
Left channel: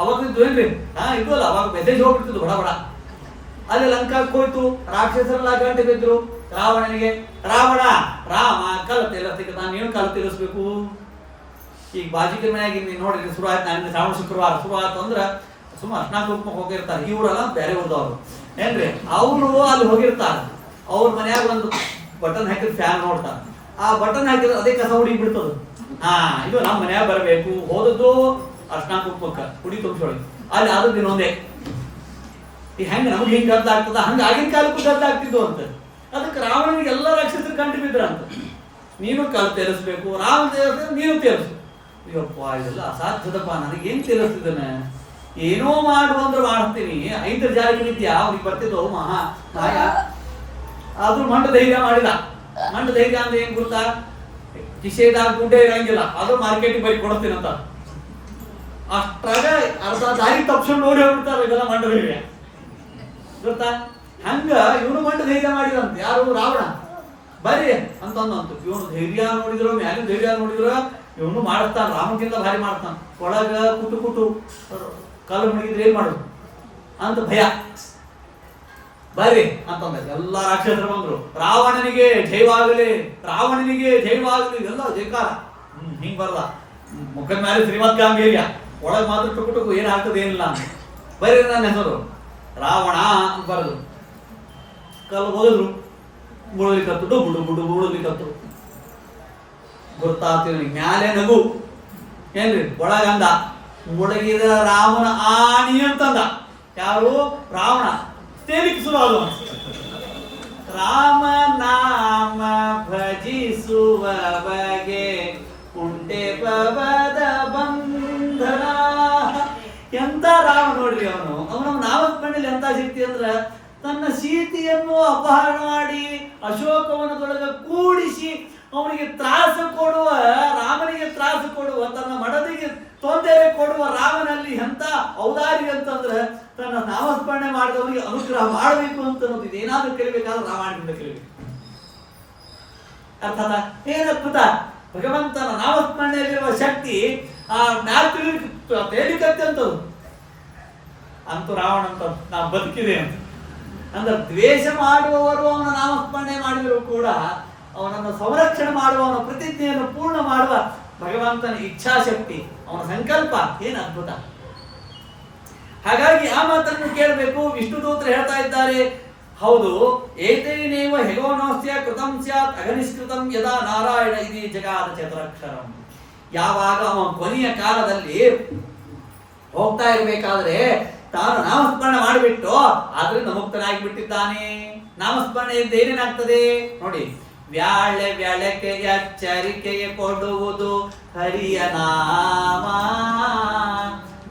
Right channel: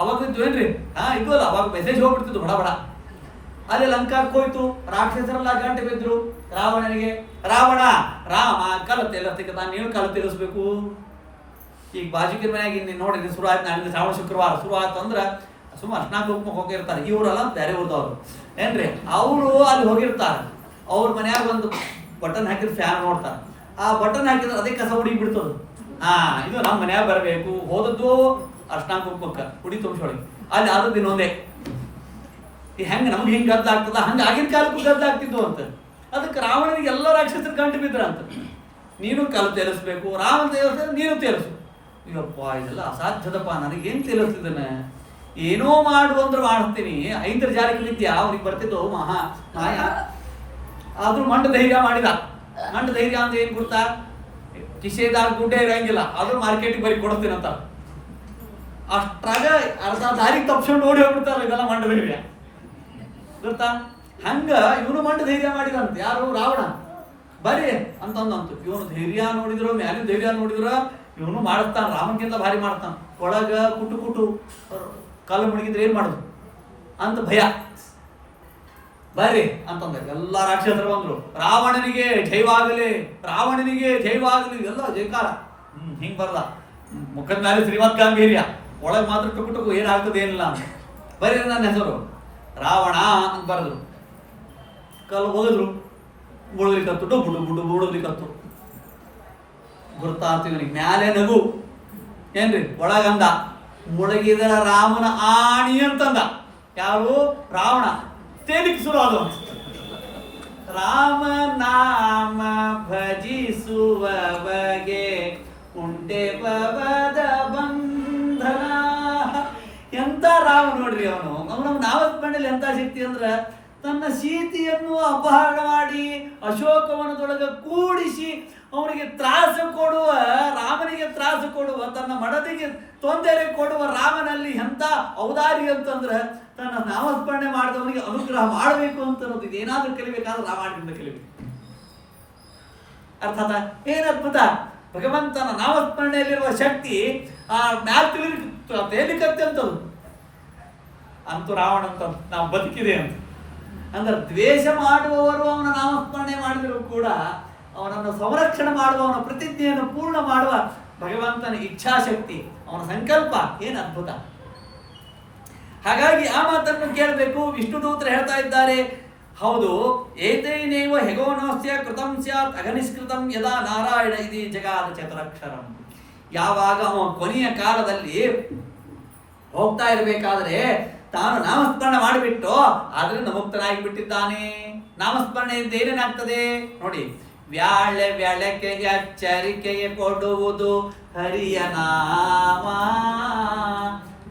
ಅವಾಗ ಇದ್ವೇನ್ರಿ? ಇದು ಅಲ್ಲ, ಅವಾಗ ಮೆಸೇಜ್ ಹೋಗ್ಬಿಡ್ತಿದ್ದು ಬಡ ಬಡ. ಅಲ್ಲಿ ಲಂಕಾಕ್ಕೆ ಹೋಯ್ತು, ರಾಕ್ಷಸರೆಲ್ಲ ಗಂಟೆ ಬಿದ್ರು ರಾವಣನಿಗೆ. ರಾವಣ ರಾಮ ಕಲ್ಲು ತೇಲಿಸ್ತಿದ್ದ, ನಾನು ಏನು ಕಲ್ಲು ತೇಲಿಸ್ಬೇಕು? ಈಗ ಬಾಜಿಕೆ ಮನೆಯಾಗಿ ನೀನು ನೋಡ್ರಿ ಶುರು ಆಯ್ತು, ನಾನು ಶ್ರಾವಣ ಶುಕ್ರವಾರ ಶುರು ಆಯ್ತು ಅಂದ್ರೆ ಸುಮ್ಮನೆ ಅರ್ಶನಾಕ್ ಹೋಗ್ಬೇಕು ಹೋಗಿರ್ತಾರೆ. ಇವರೆಲ್ಲ ಬೇರೆ ಊರದವ್ರು ಏನ್ರಿ, ಅವರು ಅಲ್ಲಿ ಹೋಗಿರ್ತಾರೆ. ಅವ್ರ ಮನ್ಯಾಗ ಒಂದು ಬಟನ್ ಹಾಕಿದ್ರೆ ಫ್ಯಾನ್ ನೋಡ್ತಾರೆ. ಆ ಬಟನ್ ಹಾಕಿದ್ರೆ ಅದೇ ಕಸ ಹುಡುಗಿ ಬಿಡ್ತದ. ಇದು ನಮ್ಮ ಮನ್ಯಾಗ ಬರಬೇಕು, ಹೋದದ್ದು ಅರ್ಶನಾಕ್ ಹೋಗ್ಬೇಕ, ಹುಡಿ ತುಂಬಿಸೋಳಿ ಅಲ್ಲಿ ಆದದ್ದು ಇನ್ನೊಂದೇ. ಈ ಹೆಂಗೆ ನಮ್ಗೆ ಹಿಂಗೆ ಗದ್ದಾಗ್ತದ, ಹಂಗೆ ಆಗಿನ ಕಾಲಕ್ಕೂ ಗದ್ದಾಗ್ತಿದ್ದು ಅಂತ. ಅದಕ್ಕೆ ರಾವಣನಿಗೆ ಎಲ್ಲ ರಾಕ್ಷಸರು ಕಂಡು ಬಿದ್ರಂತ. ನೀನು ಕಲ್ಲು ತೇಲಿಸ್ಬೇಕು, ರಾಮ ತೇಲಿಸ್, ನೀನು ತೇಲಿಸು. ಅಯ್ಯಪ್ಪ ಇದೆಲ್ಲ ಅಸಾಧ್ಯದಪ್ಪ, ನನಗೇನು ತೇಲಿಸ್ತಿದ್ದಾನೆ, ಏನೋ ಮಾಡು ಅಂದ್ರೆ ಮಾಡ್ತೀನಿ. ಐಂದ್ರಜಾಲಿಕ ವಿದ್ಯೆ ಅವ್ರಿಗೆ ಬರ್ತಿದ್ದು ಮಾಯ. ಆದ್ರೂ ಮಂಡ ಧೈರ್ಯ ಮಾಡಿದ. ಮಂಡ ಧೈರ್ಯ ಅಂದ್ರೆ ಏನ್ ಗೊತ್ತಾ? ಕಿಶೆದಾಗ ದುಡ್ಡೇ ಇರಂಗಿಲ್ಲ, ಆದ್ರೂ ಮಾರ್ಕೆಟಿಗೆ ಬರೀ ಕೊಡ್ತೀನಂತ. ಅಷ್ಟಾಗ ಅರ್ಧ ದಾರಿ ತಪ್ಪಿಸ್ಕೊಂಡು ನೋಡಿ ಹೋಗ್ಬಿಡ್ತಾರೆ. ಇದೆಲ್ಲ ಮಂಡ ಧೈರ್ಯ ಗೊತ್ತಾ? ಹಂಗ ಇವನು ಮಂಡ ಧೈರ್ಯ ಮಾಡಿದಂತ. ಯಾರು? ರಾವಣ. ಬರೀ ಅಂತಂದಂತು. ಇವನು ಧೈರ್ಯ ನೋಡಿದ್ರು, ಮ್ಯಾಲಿನ ಧೈರ್ಯ ನೋಡಿದ್ರು, ಇವನು ಮಾಡಿಸ್ತಾನ, ರಾಮನ್ಗಿಂತ ಭಾರಿ ಮಾಡ್ತಾನ. ಒಳಗ ಕುಟು ಕುಟು ಕಲ್ಲು ಮುಳುಗಿದ್ರೆ ಏನ್ ಮಾಡೋದು ಅಂತ ಭಯ. ಬರ್ರಿ ಅಂತಂದ. ಎಲ್ಲ ರಾಕ್ಷಸರು ಬಂದ್ರು. ರಾವಣನಿಗೆ ಜೈವಾಗಲಿ, ರಾವಣನಿಗೆ ಜೈವಾಗಲಿ, ಎಲ್ಲ ಜೈಕಾರ. ಹಿಂಗ್ ಬರ್ದ. ಮುಖದ ಮೇಲೆ ಶ್ರೀಮದ್ ಗಾಂಭೀರ್ಯ, ಒಳಗೆ ಮಾತ್ರ ಟುಕು ಟುಕು ಏನಾಗ್ತದೆ ಏನಿಲ್ಲ ಅಂತ. ಬರ್ರಿ ನನ್ನ ಹೆಸರು ರಾವಣ ಅಂತ ಬರದು. ಕಲ್ಲು ಹೋಗಿದ್ರು, ಮುಳುಗ್ಲಿಕ್ಕತ್ತು, ಡುಬುಡು ಬುಡು ಮುಳುಗ್ಲಿಕ್ಕತ್ತು. ಗುರ್ತಾತೀವನಿಗೆ ಮ್ಯಾಲೆ ನಗು. ಏನ್ರಿ? ಒಳಗಂದ ಮುಳುಗಿದ ರಾಮನ ಆಣಿ ಅಂತಂದ. ಯಾರು? ರಾವಣ. ತೇಲಿಕ್ಕೆ ಶುರು ಅದು. ರಾಮ ನಾಮ ಭಜಿಸುವ ಬಗೆ ಉಂಟೆ ಪವದ ಬಂಧನ. ಎಂತ ರಾಮ ನೋಡ್ರಿ ಅವನು. ಅವನ ನಾಮಸ್ಮರಣೆಯಲ್ಲಿ ಎಂತ ಶಕ್ತಿ ಅಂದ್ರ, ತನ್ನ ಸೀತೆಯನ್ನು ಅಪಹರಣ ಮಾಡಿ ಅಶೋಕವನದೊಳಗ ಕೂಡಿಸಿ ಅವನಿಗೆ ತ್ರಾಸ ಕೊಡುವ, ರಾಮನಿಗೆ ತ್ರಾಸ ಕೊಡುವ, ತನ್ನ ಮಡದಿಗೆ ತೊಂದರೆ ಕೊಡುವ ರಾಮನಲ್ಲಿ ಎಂತ ಔದಾರಿ ಅಂತಂದ್ರೆ, ತನ್ನ ನಾಮಸ್ಮರಣೆ ಮಾಡಿದವನಿಗೆ ಅನುಗ್ರಹ ಮಾಡಬೇಕು ಅಂತ ಅನ್ನೋದು. ಇದೇನಾದ್ರೂ ಕಲಿಬೇಕಾದ್ರೆ ರಾಮಾಯಣದಿಂದ ಕಲಿಬೇಕು. ಅರ್ಥಾತ? ಏನ್ ಅದ್ಭುತ! ಭಗವಂತನ ನಾಮಸ್ಮರಣೆಯಲ್ಲಿರುವ ಶಕ್ತಿ ಆ ಮ್ಯಾಲ್ ತೇಲಿಕತ್ತೆ ಅಂತದು. ಅಂತೂ ರಾವಣ ಅಂತ ನಾವು ಬದುಕಿದೆ ಅಂತ ಅಂದ್ರೆ, ದ್ವೇಷ ಮಾಡುವವರು ಅವನ ನಾಮಸ್ಮರಣೆ ಮಾಡಿದರೂ ಕೂಡ ಅವನನ್ನು ಸಂರಕ್ಷಣೆ ಮಾಡುವವನ ಪ್ರತಿಜ್ಞೆಯನ್ನು ಪೂರ್ಣ ಮಾಡುವ ಭಗವಂತನ ಇಚ್ಛಾಶಕ್ತಿ, ಅವನ ಸಂಕಲ್ಪ ಏನು ಅದ್ಭುತ! ಹಾಗಾಗಿ ಆ ಮಾತನ್ನು ಕೇಳಬೇಕು. ವಿಷ್ಣು ದೂತರು ಹೇಳ್ತಾ ಇದ್ದಾರೆ, ಹೌದು, ಏತೈನೇವ ಹೆಗೋನೋಸ್ಯ ಕೃತಂ ಸ್ಯಾತ್ ಅಘನಿಷ್ಕೃತಂ ಯದಾ ನಾರಾಯಣ ಇದಿ ಜಗಾದ ಚತುರಕ್ಷರಂ. ಯಾವಾಗ ಅವನ ಕೊನೆಯ ಕಾಲದಲ್ಲಿ ಹೋಗ್ತಾ ಇರಬೇಕಾದ್ರೆ ತಾನು ನಾಮಸ್ಮರಣೆ ಮಾಡಿಬಿಟ್ಟು ಆದ್ರಿಂದ ಮುಕ್ತನಾಗಿ ಬಿಟ್ಟಿದ್ದಾನೆ. ನಾಮಸ್ಮರಣೆ ಇದ್ದ ಏನೇನಾಗ್ತದೆ ನೋಡಿ. ವ್ಯಾಳೆ ವ್ಯಾಳಕ್ಕೆ ಎಚ್ಚರಿಕೆಗೆ ಕೊಡುವುದು ಹರಿಯ ನಾಮ,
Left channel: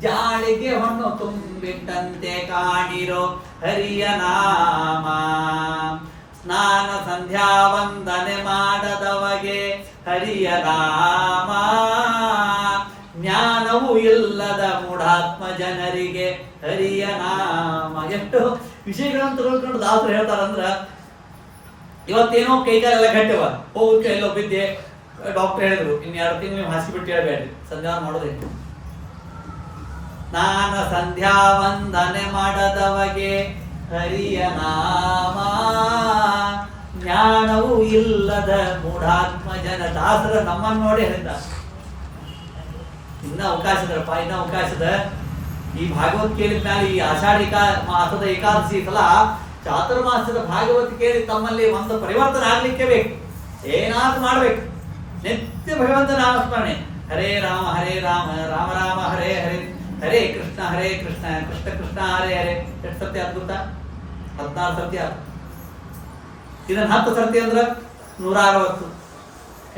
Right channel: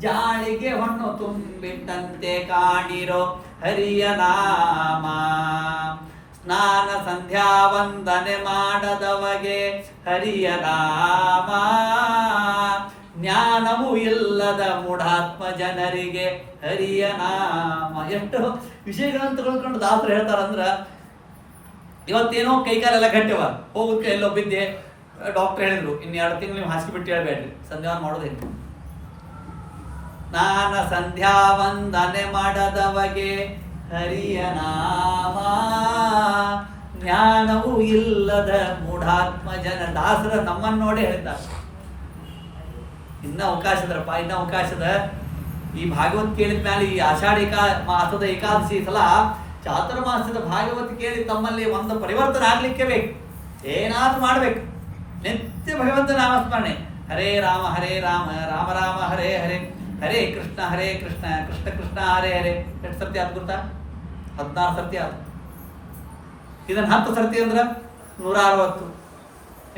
ಜಾಳಿಗೆ ಹೊನ್ನು ತುಂಬಿಟ್ಟಂತೆ ಕಾಣಿರೋ ಹರಿಯ ನಾಮ. ಸ್ನಾನ ಸಂಧ್ಯಾ ವಂದನೆ ಮಾಡದವಗೆ ಹರಿಯ ನಾಮ. ಜ್ಞಾನವೂ ಇಲ್ಲದ ಮೂಢಾತ್ಮ ಜನರಿಗೆ ಹರಿಯ ನಾಮ. ಎಷ್ಟು ವಿಷಯಗಳನ್ನು ತಗೊಂಡ್ಕೊಂಡು ದಾಸರು ಹೇಳ್ತಾರಂದ್ರ, ಇವತ್ತೇನೋ ಕೈಕಾಲೆಲ್ಲ ಗಟ್ಟಿವ, ಹೋಗೋಕೆ ಎಲ್ಲೋ ಬಿದ್ದೆ, ಡಾಕ್ಟರ್ ಹೇಳಿದ್ರು 2 ತಿಂಗಳು ನೀವು ಹಾಸಿಗೆ ಬಿಟ್ಟು ಹೇಳ್ಬೇಡ್ರಿ, ಸಂಧ್ಯಾ ಮಾಡೋದೇನು. ಸ್ನಾನ ಸಂಧ್ಯಾ ವಂದನೆ ಮಾಡದವಗೆ ಹರಿಯ ನಾಮ. ಜ್ಞಾನವೂ ಇಲ್ಲದ ಮೂಢಾತ್ಮ ಜನ. ದಾಸರ ನಮ್ಮನ್ನು ನೋಡಿ ಹೇಳಿದ್ದ. ಇನ್ನ ಅವಕಾಶದಪ್ಪ, ಇನ್ನ ಅವಕಾಶದ. ಈ ಭಾಗವತ್ ಕೇಳಿದ ಮೇಲೆ ಈ ಆಷಾಢ ಮಾಸದ ಏಕಾದಶಿ ಸಲ ಚಾತುರ್ಮಾಸದ ಭಾಗವತ್ ಕೇಳಿ ತಮ್ಮಲ್ಲಿ ಒಂದು ಪರಿವರ್ತನೆ ಆಗ್ಲಿಕ್ಕೆ ಬೇಕು, ಏನಾದ್ರೂ ಮಾಡ್ಬೇಕು. ನಿತ್ಯ ಭಗವಂತ ನಾಮಸ್ಮರಣೆ. ಹರೇ ರಾಮ ರಾಮ ರಾಮ ಹರೇ ಹರೇ, ಹರೇ ಕೃಷ್ಣ ಕೃಷ್ಣ ಕೃಷ್ಣ ಹರೇ ಹರೇ. ಎಷ್ಟು ಸರ್ತಿ ಆತ್ ಗೊತ್ತಾ? 16 ಸರ್ತಿ ಆತ. ಇದನ್ನ 10 ಸರ್ತಿ ಅಂದ್ರ 160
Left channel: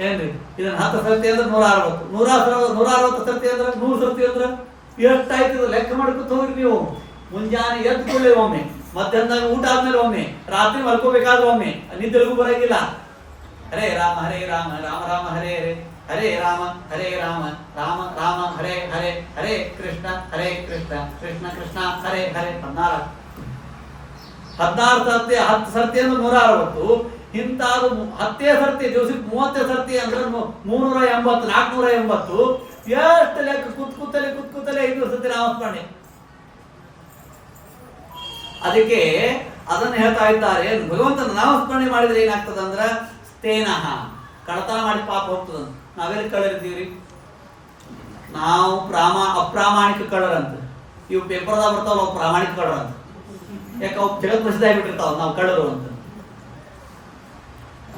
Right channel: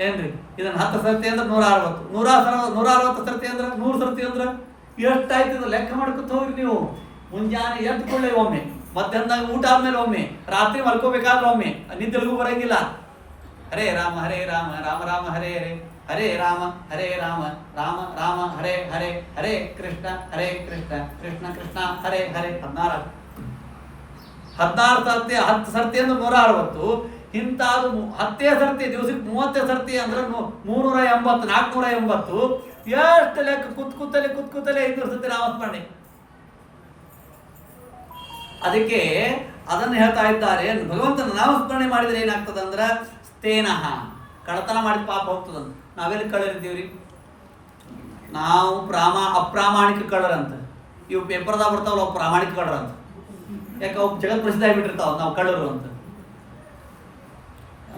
ಏನ್ರಿ? ಇದನ್ನ 10 ಸರ್ತಿ ಅಂದ್ರೆ 160. 160 ಸರ್ತಿ ಅಂದ್ರೆ 100 ಸರ್ತಿ ಅಂದ್ರೆ ಎಷ್ಟಾಯ್ತು ಲೆಕ್ಕ ಮಾಡ್ಕೊತ ಹೋಗ್ರಿ ನೀವು. ಮುಂಜಾನೆ ಎದ್ದು ಕೂಡಲೇ ಒಮ್ಮೆ, ಮಧ್ಯಾಹ್ನದಾಗ ಊಟ ಆದ್ಮೇಲೆ ಒಮ್ಮೆ, ರಾತ್ರಿ ಮಲ್ಕೋಬೇಕಾದ್ರೆ ಒಮ್ಮೆ, ನಿದ್ದೆಗೂ ಬರಂಗಿಲ್ಲ. ಹರೇ ರಾಮ ರಾಮ ರಾಮ ಹರೇ ಹರೇ, ಹರೇ ರಾಮ ರಾಮ ರಾಮ ಹರೇ ಹರೇ, ಹರೇ ಕೃಷ್ಣ ಕೃಷ್ಣ ಕೃಷ್ಣ ಹರೇ ಹರೇ. 16 ಸರ್ತಿ. 10 ಸರ್ತಿ ಅಂದ್ರೆ 160. ಇಂತಾದ್ರು 10 ಸರ್ತಿ ದಿವಸಕ್ಕೆ 30 ಸರ್ತಿ ಅಂದ್ರೆ 380, 480. ಎಷ್ಟು ಲೆಕ್ಕ ಕೂತಲೆ 500 ಸರ್ತಿ ನಾಮಸ್ಮರಣೆ. ಅದಕ್ಕೆ ಅದನ್ನು ಹೇಳ್ತಾ ಇದ್ದಾರೆ, ಭಗವಂತನ ನಾಮಸ್ಮರಣೆ ಮಾಡಿದ್ರೆ ಏನಾಗ್ತದ ಅಂದ್ರ ಸ್ಥೇನಃ, ಕಳತನ ಮಾಡಿ ಪಾಪ ಹೋಗ್ತದಂತ. ನಾವೆಲ್ಲಿ ಕಳ್ಳರಿದ್ದೀವ್ರಿ? ನಾವು ಅಪ್ರಾಮಾಣಿಕ ಕಳ್ಳರಂತ. ಇವು ಪೇಪರ್ದಾಗ ಬರ್ತಾವಲ್ಲ, ಅವು ಪ್ರಾಮಾಣಿಕ ಕಳ್ಳರಂತ. ಯಾಕೆ ಅವು ಜಗತ್ ಪ್ರಸಿದ್ಧ ಆಗಿಬಿಟ್ಟಿರ್ತಾವ ನಾವು ಕಳ್ಳರು ಅಂತ.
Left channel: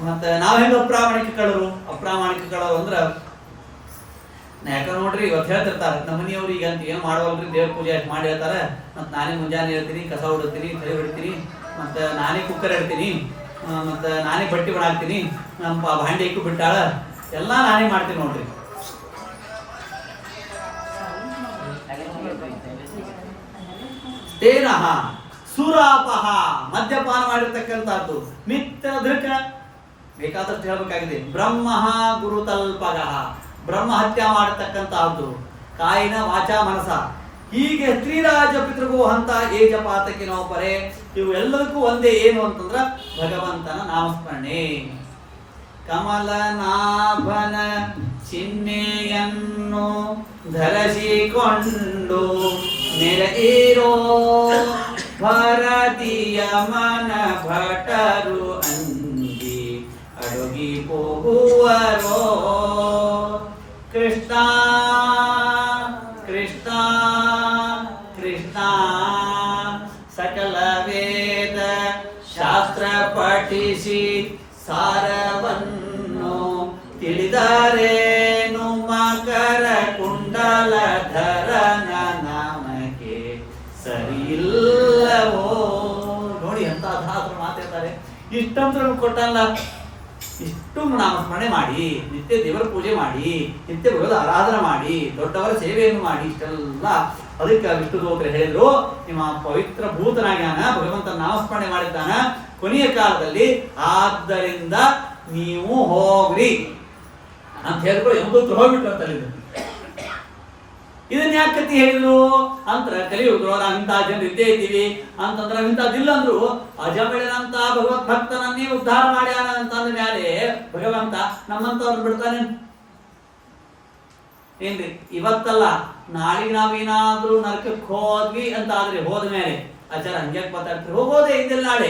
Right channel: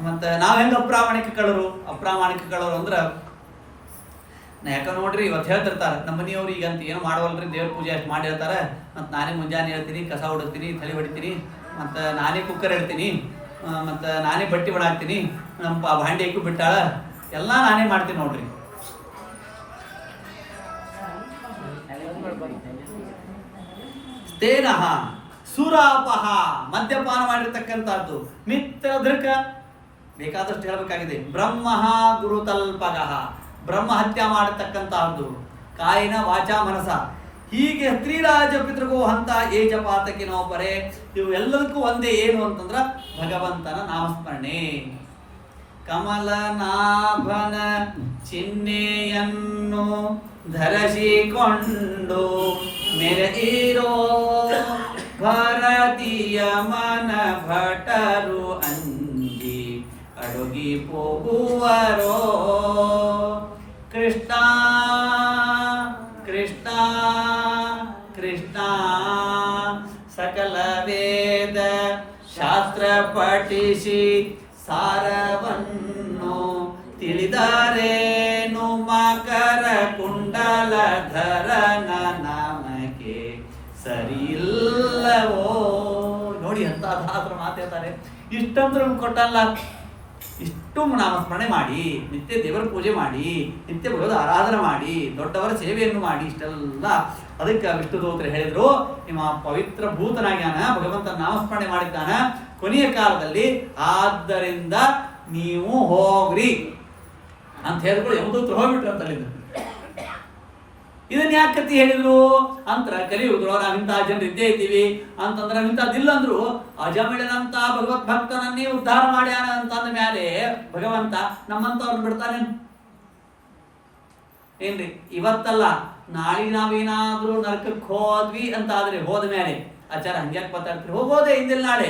ಮತ್ತೆ ನಾವ್ ಹೆಂಗ ಅಪ್ರಾಮಾಣಿಕ ಕಳ್ಳರು ಅಂದ್ರ, ಯಾಕ ನೋಡ್ರಿ ಇವತ್ತು ಹೇಳ್ತಿರ್ತಾರೆ ನಮ್ಮ ಮನೆಯವ್ರು ಈಗ ಅಂತ ಏನು ಮಾಡವಲ್ರಿ, ದೇವ್ರ ಪೂಜೆ ಅಷ್ಟು ಮಾಡಿ ಹೇಳ್ತಾರೆ. ಮತ್ತು ನಾನೇ ಮುಂಜಾನೆ ಹೇಳ್ತೀನಿ, ಕಸ ಹೊಡಿತೀನಿ, ತಲೆ ಹೊಡಿತೀನಿ, ಮತ್ತು ನಾನೇ ಕುಕ್ಕರ್ ಇಡ್ತೀನಿ, ಮತ್ತು ನಾನೇ ಬಟ್ಟೆ ಬಡಾಕ್ತೀನಿ, ನಮ್ಮ ಭಾಂಡಿ ಇಕ್ಕಿ ಬಿಟ್ಟಾಳ, ಎಲ್ಲ ನಾನೇ ಮಾಡ್ತೀನಿ ನೋಡ್ರಿ. ತೇನಃ ಸುರಾಪಹ, ಮದ್ಯಪಾನ ಮಾಡಿರ್ತಕ್ಕಂಥದ್ದು. ಮಿತ್ರ ದೃಕ, ಬೇಕಾದಷ್ಟು ಹೇಳ್ಬೇಕಾಗಿದೆ. ಬ್ರಹ್ಮ ಗುರುತಲ್ಪಗ, ಬ್ರಹ್ಮ ಹತ್ಯೆ ಮಾಡತಕ್ಕಂತಹದ್ದು. ಕಾಯಿನ ವಾಚ ಮನಸ, ಹೀಗೆ ಸ್ತ್ರೀರಾಜ ಪಿತೃಗೋ ಹಂತ ಏಜ ಪಾತಕಿನೋ ಪರೆ. ಇವು ಎಲ್ಲದಕ್ಕೂ ಒಂದೇ ಏನು ಅಂತಂದ್ರ ಭಗವಂತನ ನಾಮಸ್ಮರಣೆ. ಕಮಲನಾಭನ ಚಿಹ್ನೆಯನ್ನು ಧರಿಸಿಕೊಂಡು ಮೆರೆಯಿರೋ ಭಾರತೀಯ ಮನ ಭಟರು ಅಂಜಿ ಅಡುಗಿ ಹೋಗುವರೋ. ಕೃಷ್ಣ ಕೃಷ್ಣ ಕೃಷ್ಣ ಸಕಲ ವೇದ ಶಾಸ್ತ್ರ ಪಠಿಸಿ ಸಾರವನ್ನು ತಿಳಿದರೇನು ಮಕರ ಕುಂಡಲಧರನ ನಾಮಕ್ಕೆ ಸರಿಯಿಲ್ಲವೋ. ನೋಡಿ ಅಂತ ದಾಸರು ಮಾತಾಡ್ತಾರೆ. ಇಷ್ಟಂತ್ರ ಕೊಟ್ಟಲ್ಲ, ಇಷ್ಟು ನಾಮಸ್ಮರಣೆ ಮಾಡಿ, ನಿತ್ಯ ದೇವರ ಪೂಜೆ ಮಾಡಿ, ನಿತ್ಯ ಭಗವದ್ ಆರಾಧನೆ ಮಾಡಿ, ದೊಡ್ಡವರ ಸೇವೆಯನ್ನು ಮಾಡಿ, ಇಷ್ಟೆಲ್ಲ ಅದಕ್ಕೆ ವಿಷ್ಣು ದೂತರು ಹೇಳಿದ್ರು, ನಿಮ್ಮ ಪವಿತ್ರ ಭೂತನಾಗ್ಯಾನ, ಭಗವಂತನ ನಾಮಸ್ಮರಣೆ ಮಾಡಿದ್ದಾನ ಕೊನೆಯ ಕಾಲದಲ್ಲಿ, ಆದ್ದರಿಂದ ನೀವು ಹೋಗ್ರಿ ಅಂತ ಹೇಳಿದ್ರು. ಯಮದೂತರು ಹೋಗ್ಬಿಟ್ರು ಅಂತ ಹೇಳಿದ್ರು. ಇದನ್ನ ಯಾಕೆ ಕತಿ ಹೇಳಿದ್ರು ಅಂತರ, ಕಲಿಯುಗದ್ರು ನಾವಿಂತಹ ಜನರು ಇದ್ದೇ ಇದ್ದೀವಿ ಅಂತಂದ್ರೆ, ನಾವಿಂತಹದ್ದಿಲ್ಲ ಅಂದ್ರು ಅಜಮಿಳನಂತ ಭಗವತ್ ಭಕ್ತನನ್ನೇ ಉದ್ಧಾರ ಮಾಡ್ಯಾನ ಅಂತಂದ ಮೇಲೆ ಭಗವಂತ ನಮ್ಮಂತವ್ರನ್ನ ಬಿಡ್ತಾನೆ ಏನ್ರಿ? ಇವತ್ತಲ್ಲ, ನಾಳೆಗೆ ನಾವೇನಾದ್ರೂ ನರಕಕ್ಕೆ ಹೋದ್ವಿ ಅಂತ ಆದ್ರೆ ಹೋದ ಮೇಲೆ ಆಚಾರ ಹಂಗ್ಯಾಕ್ ಮಾತಾಡ್ತೀರಿ? ಹೋಗೋದೇ ಹಿಂದಿನ ನಾಳೆ